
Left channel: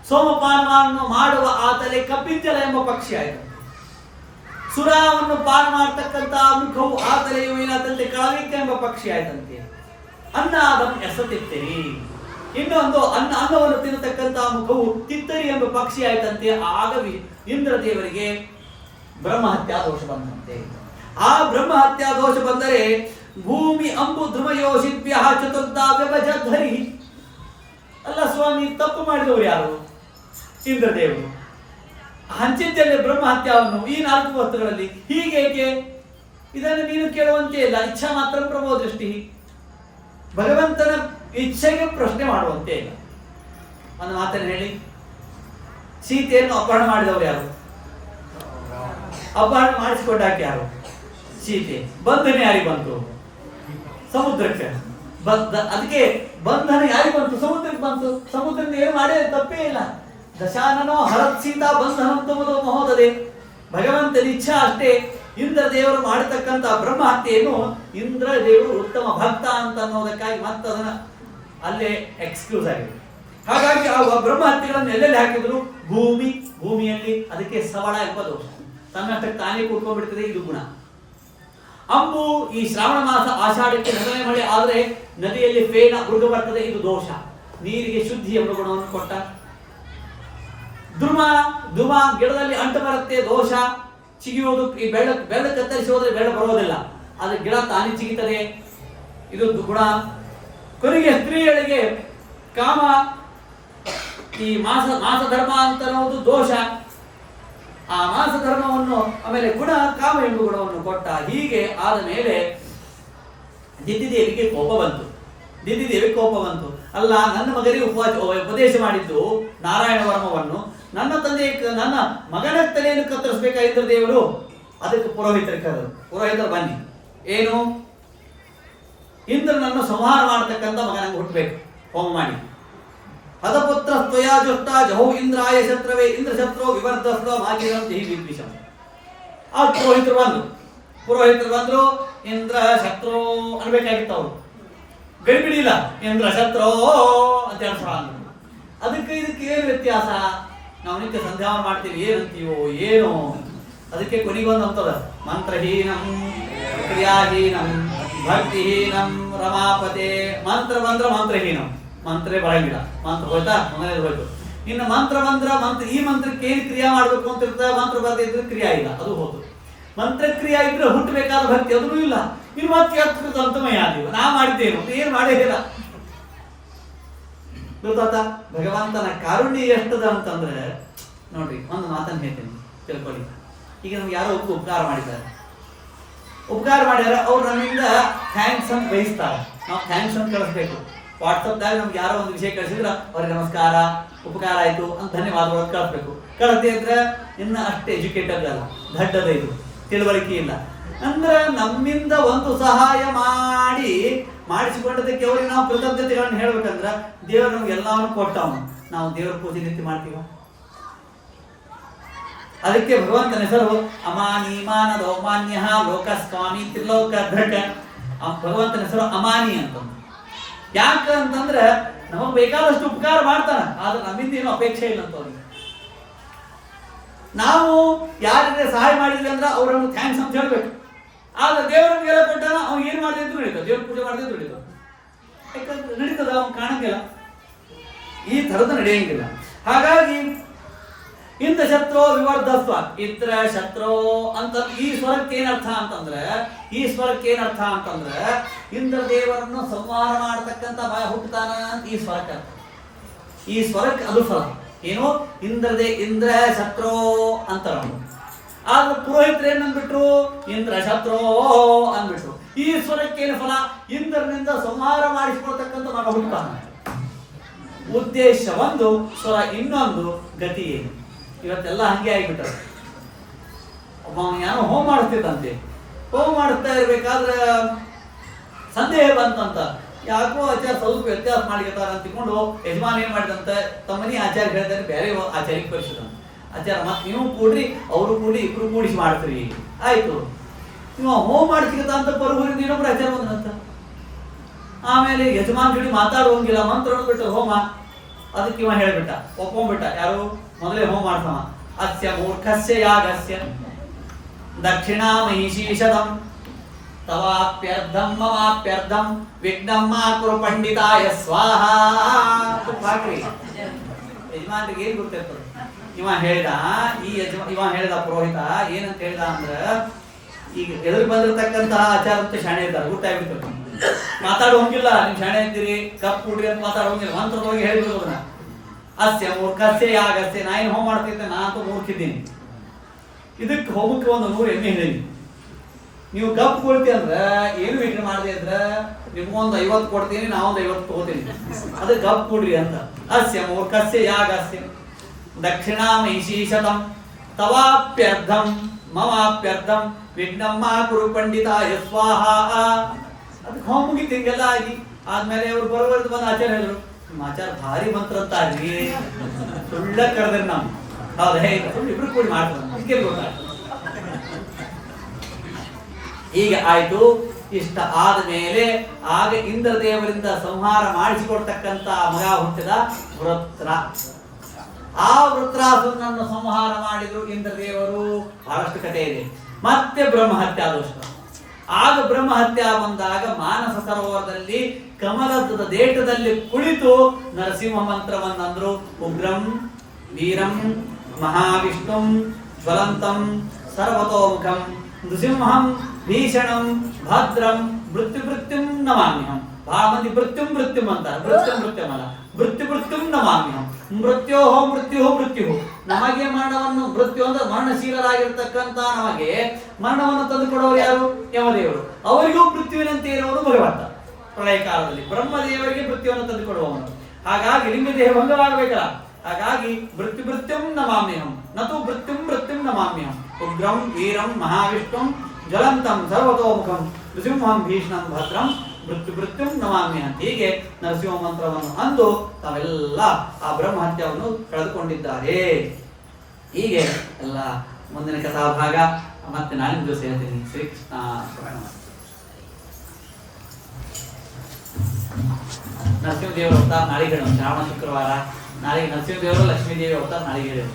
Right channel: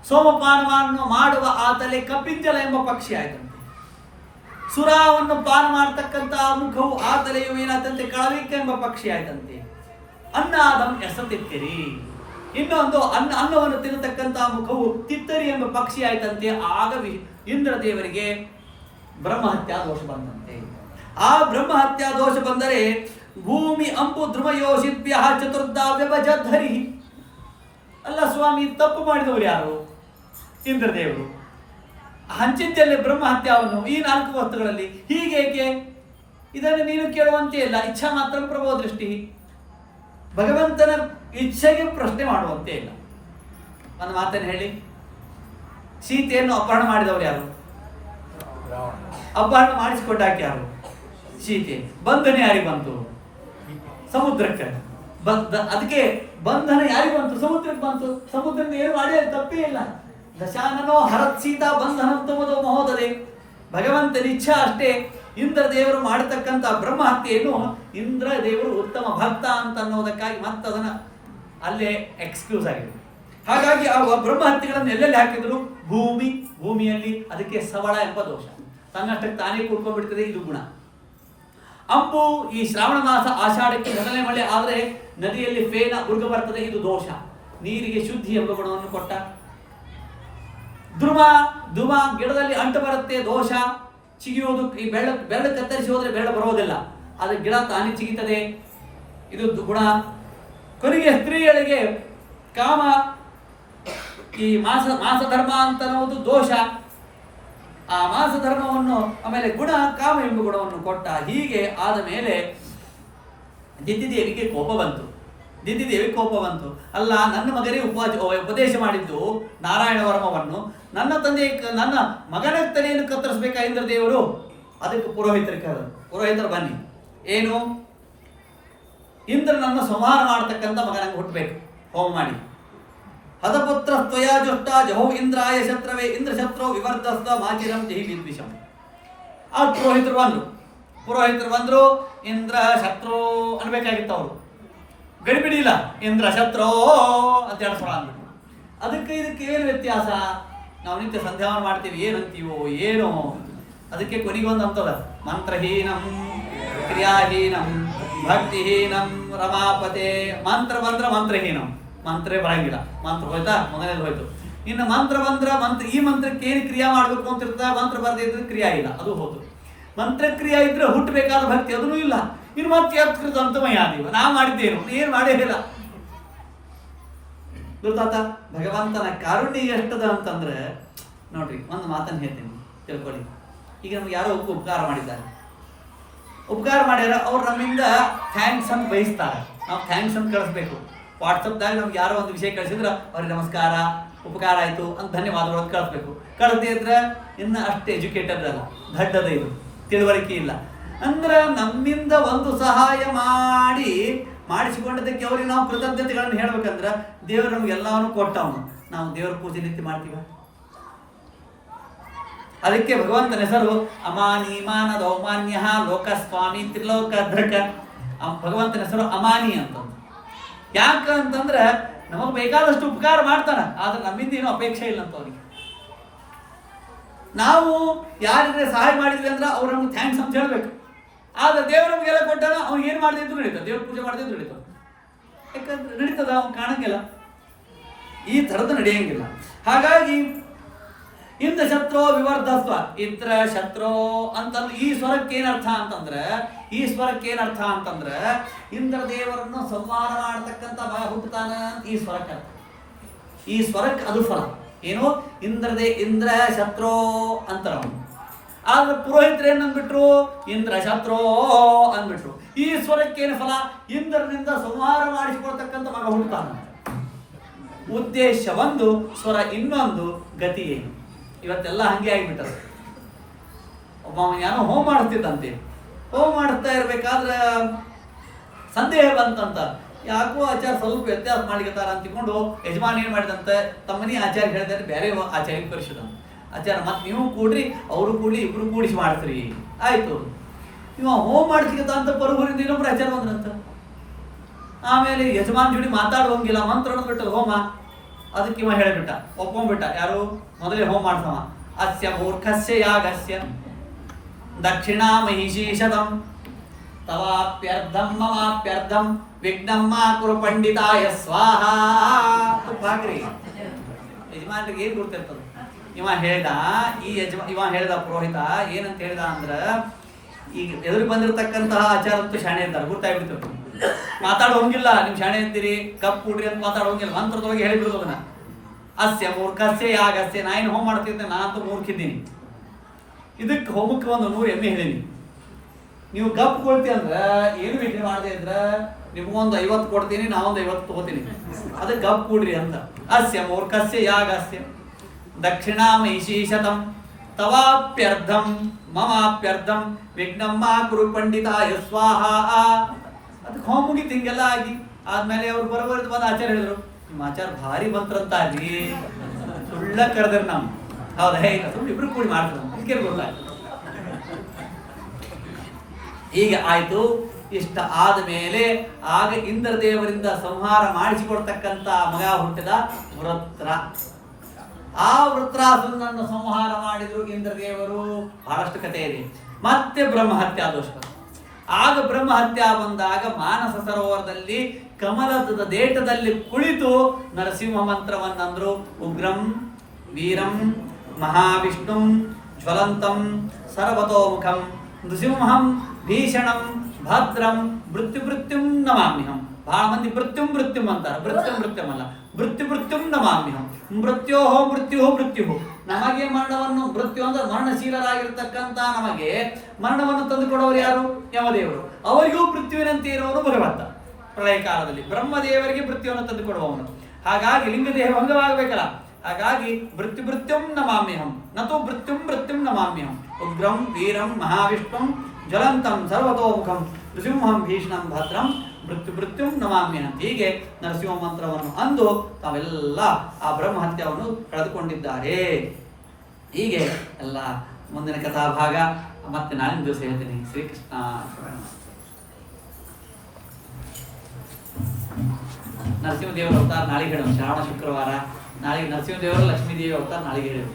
ಸೋಮಪಾನವನ್ನು ಮಾಡುವ ಆ ತಲೆ ಕಪಿಂಜಲ ಎಂಬ ಪಕ್ಷಿ ಆಯ್ತಂತೆ. ಸುರಾವನ್ನು ಪಾನ ಮಾಡತಕ್ಕಂತ ಮುಖವು ಆ ತಲೆಯು ಏನಾದಂತೆ ಕಳವಿಕ ಎಂಬ ಪಕ್ಷಿ ಆಯ್ತಂತೆ. ಅನ್ನಾದಂ ಎಸತಿತ್ತಿರಿ. ಇನ್ನೊಂದು ಅನ್ನವನ್ನು ತಿನ್ನತಕ್ಕಂತ ಮುಖವು ತಿತ್ತರಿ ಎಂಬ ಪಕ್ಷಿ ಆಯ್ತಂತೆ. ಆಗ ಇಂದ್ರದೇವರಿಗೆ ಬ್ರಹ್ಮಹತ್ಯಾ ದೋಷ ಬಂದಂತೆ. ಆ ಬ್ರಹ್ಮಹತ್ಯಾ ದೋಷ ಬಂದರೆ ಭೂಮಿ ಅಂಬು ಧ್ರುವಯೋಷಿಭ್ಯ ಚತುರ್ಧಾ ವ್ಯಭಜಧರಿ. ಅಲ್ಲ ಸ್ವಾಮಿ, ತಪ್ಪು ಮಾಡಿದವರು ಯಾರು? ಇಂದ್ರದೇವರು. ಹಂಚಿದ್ದಲ್ಲೇ ಬ್ರಹ್ಮಹತ್ಯಾವನ್ನು ಈ 4 ವಸ್ತುಗಳಲ್ಲಿ. ಹೀಗೇಕೆ? ಇದನ್ನು ನೀನು ಕೇಳುವಂತೆ ಇಲ್ಲ. ಇಚ್ಛಾ ಮಾತ್ರ ಪ್ರಭೋ ದೃಷ್ಟಿ. ಭಗವಂತನ ಇಚ್ಛೆಗೆ ಪ್ರಶ್ನೆ ಮಾಡುವಂತೆ ಇಲ್ಲ. ಒಂದು ಮಾತನ್ನು ಹೇಳಿ, ಸೀತೆಯನ್ನು ಅಪಹರಣ ಮಾಡಿದವರು ಯಾರು? ಅಪಹರಣ ಮಾಡಿಸಿಕೊಂಡಾಕೆ ಯಾರು? ಸೀತೆ. ಬಂಧನ ಯಾರಿಗೆ ಬಂತು? ಸಮುದ್ರಕ್ಕೆ. ಅದಕ್ಕೆ ಬಂಧನ ಯಾರಿಗೆ ಬಂತು? ಸಮುದ್ರಕ್ಕೆ ಬಂತು. ಸಮುದ್ರದಿಂದ ಏನು ಮಾಡೇ ತಪ್ಪೇ ಇಲ್ಲ. ದಶಾನನೋ ಹರತ್ ಸೀತಾ ಬಂಧನಂತಮದು ಮಹೋದದೆ. ಭಗವಂತನ ಇಚ್ಛಾ ಅಷ್ಟೇ. ಇಂದ್ರ ದೇವರು ಮಾಡತಕ್ಕಂಥ ಬ್ರಹ್ಮ ಹತ್ಯೆಯನ್ನು ಇಂದ್ರ ದೇವರು ಉತ್ತಮ ಭಕ್ತ ಅಂತ ಅನ್ನೋದಕ್ಕಾಗಿ ಮತ್ತೆ ಅದನ್ನ ಅಲ್ಲೇ ಎಕ್ಸ್ಕ್ಯೂಸ್ ಆಗಿದೆ. ಹಾಗಾಗಿ ಆ ಬ್ರಹ್ಮ ಹತ್ಯೆಗಳನ್ನು ಎಲ್ಲೆಲ್ಲಿ ಹಾಕಿದ್ರು? ಭೂಮಿಯಲ್ಲಿ. ಅದಕ್ಕೆ ಸವಳ ಎಂಬ ದೋಷ. ತನ್ನಷ್ಟಕ್ಕೆ ತಾನೇ ಕೂತ್ಕೊಂಡ್ಬಿಡ್ತದೆ, ಇದು ಗುಣ. ಅಂಬು, ಈ ಶ್ರಾವಣ ಮಾಸ ಆಷಾಢಕ್ಕೆ ಮೊದಲನೇ ಮಳೆ ಆದರೆ ನದಿಯಲ್ಲಿ ಫೇನ ಉರುಗ ಬರ್ತದೆ, ಇದು ದೋಷ. ನೀರಿಗೆ ಶುದ್ಧಿ ಎಂಬ ಗುಣವನ್ನು ಕೊಟ್ಟ. ಧುಮ ಗಿಡದಲ್ಲಿ ಅಂಟು ಬರುತ್ತೆ, ದೋಷ. ಚಿಗಿಯುವುದು, ಈ ಬೆಳ್ಳ ಕತ್ತರಿಸಿ ಹೋದ್ರೆ ಬೆಳ್ಳ ಬರೋದಿಲ್ಲ, ಅದು ಗಿಡ ತಾನೇ ಚಿಗಿತದೆ, ಇದು ಗುಣ. ಕೊನೆಗೆ ಸ್ತ್ರೀಯರಿಗೆ ಕಾಮ, ಈ ಮಾಸ ಧರ್ಮ ಅಂತ ಅನ್ನೋದು ದೋಷ. ಆ ಮಾಸ ಧರ್ಮವನ್ನು, ಆಮೇಲೆ ಗುಣ ಕಾಮ ಎಂಬ ಗುಣವನ್ನು ಕೊಟ್ಟ. ಹೀಗೆ ಆದ ಮೇಲೆ ದಿದ್ದಿದೇವಿಗೆ ಕೋಪ ಬಂತು. ಅಲ್ಲ, ನನ್ನ ಮಗನಿಗೆ ಉಪದೇಶ ಮಾಡಿದ್ದು ನಾರಾಯಣ ವರ್ಮವನ್ನು, ನನ್ನ ನನ್ನ ಮಗನ ತಲೆಯನ್ನು ಕತ್ತರಿಸಬೇಕಾ ಇಂದ್ರ ದೇವರು? ಅದಕ್ಕೆ ಪುರೋಹಿತರು ಬನ್ನಿ, ಏನು ಇಂದ್ರನನ್ನು ಸಂಹಾರ ಮಾಡತಕ್ಕಂಥ ಮಗನಂಗೆ ಹುಟ್ಟಬೇಕು, ಹೋಮ ಮಾಡಿ. ಹದಪುತ್ರ ತ್ವಯಾ ಜುಷ್ಟ ಜಹೋ ಇಂದ್ರಾಯ ಶತ್ರವೇ ಇಂದ್ರ ಶತ್ರು ವಿವರ್ಧಸ್ವ ಮಾಗಿರಂ ಜಹಿ ವಿದ್ವಿಷಂ. ಆ ಪುರೋಹಿತರು ಬಂದ್ರು ಇಂದ್ರ ಶತ್ರು ಅನ್ಬೇಕಾಗಿತ್ತು. ಅವರು ಗಡಿಬಿಡಿಲ್ಲ, ಇಂದ್ರ ಶತ್ರು ಅಂತ ಹೇಳ್ತಾರ ಅಂದ್ರು. ಇದಕ್ಕೆ ಏನು ವ್ಯತ್ಯಾಸ? ನಾವು ನಿತ್ಯ ಸಂಧ್ಯಾವನ ಮಾಡ್ತೀವಿ, ಏನಂತೀವೋ ಏನೋ. ಅದಕ್ಕೆ ಕೊನೆಗೊಂದು ಅಂತದ, ಮಂತ್ರಹೀನಂ ಕ್ರಿಯಾಹೀನಂ ಭಕ್ತಿಹೀನಂ ರಮಾಪತೆ. ಮಂತ್ರ ಬಂದ್ರ ಮಂತ್ರಹೀನಂ, ಮಂತ್ರೇ ಬರಂಗಿಲ್ಲ. ಮಂತ್ರ ಹೋಯ್ತಾ, ಮೊದಲನೇದು ಹೋಯ್ತು. ಇನ್ನು ಮಂತ್ರ ಈ ಮಂತ್ರಕ್ಕೆ ಏನು ಕ್ರಿಯಾ ಮಾಡ್ಬೇಕು ಅಂತ ಇರ್ತದೆ, ಮಂತ್ರ ಬರದೇ ಇದ್ರೆ ಕ್ರಿಯಾ ಇಲ್ಲ, ಅದು ಹೋಯ್ತು. ಮಂತ್ರಕ್ರಿಯಾ ಇದ್ರೆ ಹುಟ್ಟಬೇಕಾದ ಭಕ್ತಿ ಅದೂ ಇಲ್ಲ. ಇನ್ನು ಮತ್ತೆ ಅತ್ಕೃತ ಅಂತಮಯ ನೀವು ನಾ ಮಾಡಿದ್ದೇನು, ಏನು ಮಾಡೇ ಇಲ್ಲ. ಗೊತ್ತಾತ ಭಗವಂತನ ಕಾರುಣ್ಯ ಎಷ್ಟದ ಅಂತಂದ್ರೆ, ನೋಡ್ರಿ ಒಂದು ಮಾತನ್ನು ಹೇಳ್ತೇನೆ, ತಿಳ್ಕೊಳ್ಳಿ. ಈಗ ನಮ್ಗೆ ಯಾರೋ ಉಪಕಾರ ಮಾಡಿದ್ದಾರೆ, ಉಪಕಾರ ಮಾಡ್ಯಾರ, ಅವ್ರು ನಮ್ಮಿಂದ ಥ್ಯಾಂಕ್ಸ್ ಅಂತ ಬಯಸ್ತಾರೆ. ನಾವು ಥ್ಯಾಂಕ್ಸ್ ಅಂತ ಕಳಿಸ್ಬೇಕು. ವಾಟ್ಸಪ್ದಾಗ ನಮ್ಗೆ ಯಾರೋ ಒಂದು ವಿಷಯ ಕಳಿಸಿದ್ರೆ ಅವ್ರಿಗೆ ನಮಸ್ಕಾರ, ಉಪಕಾರ ಆಯಿತು ಅಂತ ಧನ್ಯವಾದಗಳನ್ನು ಕಳಿಸ್ಬೇಕು. ಕಳಿಸದೇ ಇದ್ರೆ ಇನ್ನು ಅಷ್ಟು ಎಜುಕೇಟೆಡ್ ಅಲ್ಲ, ದಡ್ಡದ, ಇದು ತಿಳುವಳಿಕೆ ಇಲ್ಲ. ಅಂದ್ರೆ ನಮ್ಮಿಂದ ಒಂದು ಸಹಾಯ ಮಾಡಿಸಿಕೊಂಡದಕ್ಕೆ ಅವ್ರಿಗೆ ನಾವು ಕೃತಜ್ಞತೆಗಳನ್ನು ಹೇಳ್ಬೇಕಂದ್ರೆ, ದೇವರು ನಮ್ಗೆ ಎಲ್ಲವನ್ನು ಕೊಟ್ಟವನು, ನಾವು ದೇವರ ಪೂಜೆ ನಿತ್ಯ ಮಾಡ್ತೀವ. ಅದಕ್ಕೆ ಭಗವಂತನ ಹೆಸರು ಅಮಾನಿ ಮಾನ ದೌಮಾನ್ಯ ಲೋಕಸ್ವಾಮಿ ತ್ರಿಲೋಕ ಧೃಕ. ಭಗವಂತನ ಹೆಸರು ಅಮಾನಿ ಅಂತ. ಯಾಕಂತಂದ್ರೆ ನಮಗ್ ಬೇಕಾದಷ್ಟು ಉಪಕಾರ ಮಾಡ್ತಾನ, ಆದ್ರೆ ನಮ್ಮಿಂದ ಏನು ಅಪೇಕ್ಷೆ ಇಲ್ಲ ಅಂತ ಅವ್ರಿಗೆ. ನಾವು ಯಾರಿಗೆ ಸಹಾಯ ಮಾಡಿದ್ವಿ ಅಂದ್ರೆ ಅವ್ರನ್ನು ಥ್ಯಾಂಕ್ಸ್ ಅಂತ ಹೇಳ್ಬೇಕು. ಆದ್ರೆ ದೇವ್ರ ನಮ್ಗೆಲ್ಲ ಕೊಟ್ಟಾನ, ಅವ್ನು ಏನ್ ಮಾಡದಿದ್ರು ನಡೀತದೆ, ದೇವ್ರ ಪೂಜೆ ಮಾಡದಿದ್ರು ನಡೀತದೆ. ಯಾಕಂದ್ರೆ ನಡೀತದ, ಅವ್ನು ಕಾಣಂಗಿಲ್ಲ, ಈ ಥರದ ನಡೆಯಂಗಿಲ್ಲ. ಹಾಗಾಗಿ ಇಂದ್ರ ಶತ್ರು ವಿವರ್ಧಸ್ವ, ಇದ್ರ ಶತ್ರು ಅಂತ ಈ ಸ್ವರಕ್ಕೆ ಏನರ್ಥ ಅಂತಂದ್ರೆ ಇಂದ್ರ ದೇವರನ್ನು ಸಂಹಾರ ಮಾಡತಕ್ಕಂಥ ಹುಟ್ಟುತ್ತಾನ ಅಂತ ಈ ಸ್ವರಕ್ಕೆ ಅರ್ಥ. ಈ ಸ್ವರಕ್ಕೆ ಅದು ಫಲ ಏನು? ಇಂದ್ರ ಶತ್ರು ಅಂತ. ಆದ್ರೆ ಪುರೋಹಿತರು ಏನಂದ್ಬಿಟ್ರು? ಇಂದ್ರ ಶತ್ರು ಅಂದ್ಬಿಟ್ರು. ಈ ಸ್ವರಕ್ಕೆ ಏನು ಫಲ? ಇಂದ್ರನಿಂದ ಸಂಹಾರ ಮಾಡಿಸಿಕೊಳ್ತಕ್ಕಂಥ ಮಗ ಹುಟ್ಟುತ್ತಾನ. ಉದ್ದೇಶ ಒಂದು, ಸ್ವರ ಇನ್ನೊಂದು, ಗತಿ ಏನು? ಇವತ್ತೆಲ್ಲ ಹಂಗೆ ಆಗಿಬಿಟ್ಟರು. ಒಬ್ಬ ಏನೋ ಹೋಮ ಮಾಡಿಸ್ತಿದ್ದಂತೆ, ಹೋಮ ಮಾಡಿಸ್ತಾ ಇರ್ಬೇಕಾದ್ರೆ ಸಂದೇಹ ಬಂತಂತ. ಯಾಕೋ ಆಚಾರ ಸ್ವಲ್ಪ ವ್ಯತ್ಯಾಸ ಮಾಡಿರ್ತಾರ ಅಂತಿಕೊಂಡು ಯಜಮಾನ್ ಏನ್ ಮಾಡಿದಂತೆ, ತಮ್ಮನಿ ಆಚಾರ್ಯ ಹೇಳ್ತಾರೆ ಬೇರೆ ಆಚಾರ್ಯ ಕಳಿಸಿದಂತ. ಆಚಾರ ಮತ್ತೆ ನೀವು ಕೂಡ್ರಿ, ಅವರು ಕೂಡಿ, ಇಬ್ರು ಕೂಡಿಸಿ ಮಾಡ್ತೀರಿ. ಆಯ್ತು, ನೀವು ಹೋಮ ಮಾಡಿಸಿಗತ್ತ ಅಂತ ಪರೂರಿಂದ ಇನ್ನೊಬ್ರು ಆಚಾರ ಬಂದ್ರಂತ. ಆಮೇಲೆ ಯಜಮಾನ್ ಜೋಡಿ ಮಾತಾಡುವಂಗಿಲ್ಲ, ಮಂತ್ರ ಬಿಟ್ಟು ಹೋಮ. ಅದಕ್ಕೆ ಇವ ಹೇಳಿಬಿಟ್ಟ, ಒಪ್ಕೊಂಡ್ಬಿಟ್ಟ. ಯಾರು? ಮೊದಲೇ ಹೋಮ ಮಾಡ್ತವ. ಅಸ್ಯ ಮೂರ್ಖಸ್ಯ ಯಾಗಸ್ಯ ದಕ್ಷಿಣಾ ಮಹಿಷೀಷದಂ ತವಾಪ್ಯರ್ಧಂ ಮಮಾಪ್ಯರ್ಧಂ ವಿಘ್ನಂ ಮಾ ಕುರು ಪಂಡಿತಾಯ ಸ್ವಾಹ. ಹಾಕ್ರಿ, ಯಜಮಾನ್ರಿಗೆ ಏನ್ ಗೊತ್ತಿರ್ತದ? ಇವ ಹೇಳ್ದ ಪುರೋಹಿತ ಏನಂತ ಹೇಳ್ದ ಅಂದ್ರ, ಈಗ ಎದುರು ಬಂದಿರತಕ್ಕಂತಹ ಆಚಾರ ಅಂತೂ ಶಾಣೆ ಇರ್ತಾರೆ, ಗೊತ್ತಾಗ್ಬಿಡ್ತಾರೆ. ಮಾತಾಡೋಂಗಿಲ್ಲ, ನಿಮ್ ಶಾಣೆ ಅಂತೀರಿ, ಕಪ್ ಕೂಡ್ರಿ ಅಂತ ಮಾತಾಡೋಂಗಿಲ್ಲ. ಮಂತ್ರದೊಳಗೆ ಹೇಳಿಬಿಡೋದು ಅದನ್ನ. ಅಸ್ಯ ಮೂರ್ಖಸ್ಯ ಯಾಗಸ್ಯ, ನಾ ಏನು ಹೋಮ ಮಾಡ್ತಿದ್ದೆ, ನಾನಂತೂ ಮೂರ್ಖಿದ್ದೀನಿ. ಇದಕ್ಕೆ ಹೋಮಕ್ಕೆ ಒಂದು 100 ಎಮ್ಮೆ ಹೇಳಿನಿ. ನೀವು ಗಪ್ ಕೊಡ್ತಿ ಅಂದ್ರೆ ಏನು ವಿಘ್ನ ಮಾಡದೆ ಅಂದ್ರೆ ನಿಮ್ಗೊಂದು 50 ಕೊಡ್ತೀನಿ, ನಾವೊಂದು 50 ತಗೋತೀನಿ. ಅದಕ್ಕೆ ಗಪ್ ಕೊಡ್ರಿ ಅಂತ. ಅಸ್ಯ ಮೂರ್ಖಸ್ಯ ಯಾಗಸ್ಯ ದಕ್ಷಿಣಾ ಮಹಿಷೀಷತಂ ತವಾಪ್ಯರ್ಧಂ ಮಮಾಪ್ಯರ್ಧಂ ವಿಘ್ನಂ ಮಾ ಕುರು ಪಂಡಿತಾಯ ಸ್ವಾಹ. ಅದಕ್ಕೆ ಹೋಮ ಮುಗಿತು, ಹಿಂಗೆಲ್ಲ ಆಗಿ ಆದ್ಮೇಲೆ ಅವ್ರು ಬರೋವರೆದು ಬಂದು ಆಚಾರ್ಯ ಹೇಳಿದ್ರು, ನಿಮ್ಮ ಆಚಾರ ಭಾರಿ ಮಂತ್ರ ಅಂತ ಆಗಿ ಸುಳ್ಳ ಕರೆದ್ರೆ ನಮ್ಮ ಹೌದಾ ಸುಳ್ಳು ಇಬ್ರು ಕೂಡಿ ಮಾಡ್ತಾರೆ ಅದಕ್ಕೆ ಗೊತ್ತಾಯ್ತು. ಹೀಗೆ ಆಯ್ತು. ಇಷ್ಟ ಆದ ಮೇಲೆ ಆಗ ಇಂದ್ರದೇವರಿಂದ ಸಂಹಾರ ಮಾಡಿಸಿಕೊಡ್ತಕ್ಕಂತ ಮಗ ಹುಟ್ಟಿದ ವೃತ್ರ. ಆ ವೃತ್ರಾಸುರನನ್ನು ಸಂಹಾರ ಮಾಡಿದ್ರು ಇಂದ್ರದೇವರು. ಬಹಳಷ್ಟು ಕಥೆ ಇದೆ. ಮತ್ತೆ ಬ್ರಹ್ಮಹತ್ಯಾ ದೋಷ. ಆಗ ಬ್ರಹ್ಮಹತ್ಯೆ ಬಂದಾಗ ಮಾನಸ ಸರೋವರದಲ್ಲಿ ಕಮಲದ ದೇಟದಲ್ಲಿ ಕುಳಿತು ನರಸಿಂಹ ಮಂತ್ರವನ್ನಂದ್ರು. ಉಗ್ರಂ ವೀರಂ ಮಹಾವಿಷ್ಣುಂ ಜ್ವಲಂತಂ ಸರ್ವತೋಮುಖಂ ನೃಸಿಂಹಂ ಭೀಷಣಂ ಭದ್ರಂ ಮೃತ್ಯುಂ ನಮಾಮ್ಯಹಂ. ಬಹಳ ಮಂದಿ ಮೃತ್ಯುಂ ಅಂತಾರೆ. ಮೃತ್ಯುಂ ಅಲ್ಲ, ಮೃತ್ಯುಂ ನಮಾಮ್ಯಹಂ. ಮೃತ್ಯು ನಮಗೆ ಮರಣವನ್ನು, ಮೃತ್ಯು ಅಂದ್ರೆ ಮರಣಶೀಲರಾಗಿರ್ತಕ್ಕಂಥ ನಮಗೆ ಮರಣವನ್ನು ತಂದುಕೊಡೋರು ಯಾರು? ಯಮದೇವರು. ಅವರಿಗೂ ಮೃತ್ಯುವಿನಂತೆ ಇರುವವರು ಭಗವಂತ. ಪ್ರಳಯ ಕಾಲದಲ್ಲಿ ಬ್ರಹ್ಮದೇವರಿಗೆ ಮೃತ್ಯುವನ್ನು ತಂದುಕೊಡುವವನು. ಹಾಗಾಗಿ ಲಿಂಗದೇಹ ಭಂಗವಾಗಬೇಕಲ್ಲ, ಹಾಗಾಗಿ ಮೃತ್ಯುಂ ನಮಾಮ್ಯಹಂ ನತು ಮೃತ್ಯುಂ ನಮಾಮ್ಯಹಂ. ಉಗ್ರಂ ವೀರಂ ಮಹಾವಿಷ್ಣುಂ ಜ್ವಲಂತಂ ಸರ್ವತೋಮುಖಂ ನೃಸಿಂಹಂ ಭೀಷಣಂ ಭದ್ರಂ ಮೃತ್ಯುಂ ನಮಾಮ್ಯಹಂ. ಹೀಗೆ ನರಸಿಂಹ ಮಂತ್ರವನ್ನು ಅಂದು ತಾವೆಲ್ಲ ಆ ಬ್ರಹ್ಮಹತ್ಯವನ್ನು ಕಳೆದುಕೊಂಡಿದ್ದಾರೆ. ಹೀಗೆ ಎಲ್ಲ ಮುಂದಿನ ಕಥಾಭಾಗ ಮತ್ತೆ ನಾಳಿನ ದಿವಸ ಹೇಳ್ತೀನಿ. ಶ್ರೀಕೃಷ್ಣ ಶರಣ. ನರಸಿಂಹದೇವರ ಅವತಾರ ನಾಳೆಗೆ ಹೇಳೋಣ. ಶ್ರಾವಣ ಶುಕ್ರವಾರ ನಾಳೆಗೆ ನರಸಿಂಹದೇವರು ಲಕ್ಷ್ಮೀದೇವಿ ಅವತಾರ ನಾಳೆಗೆ ಹೇಳೋಣ.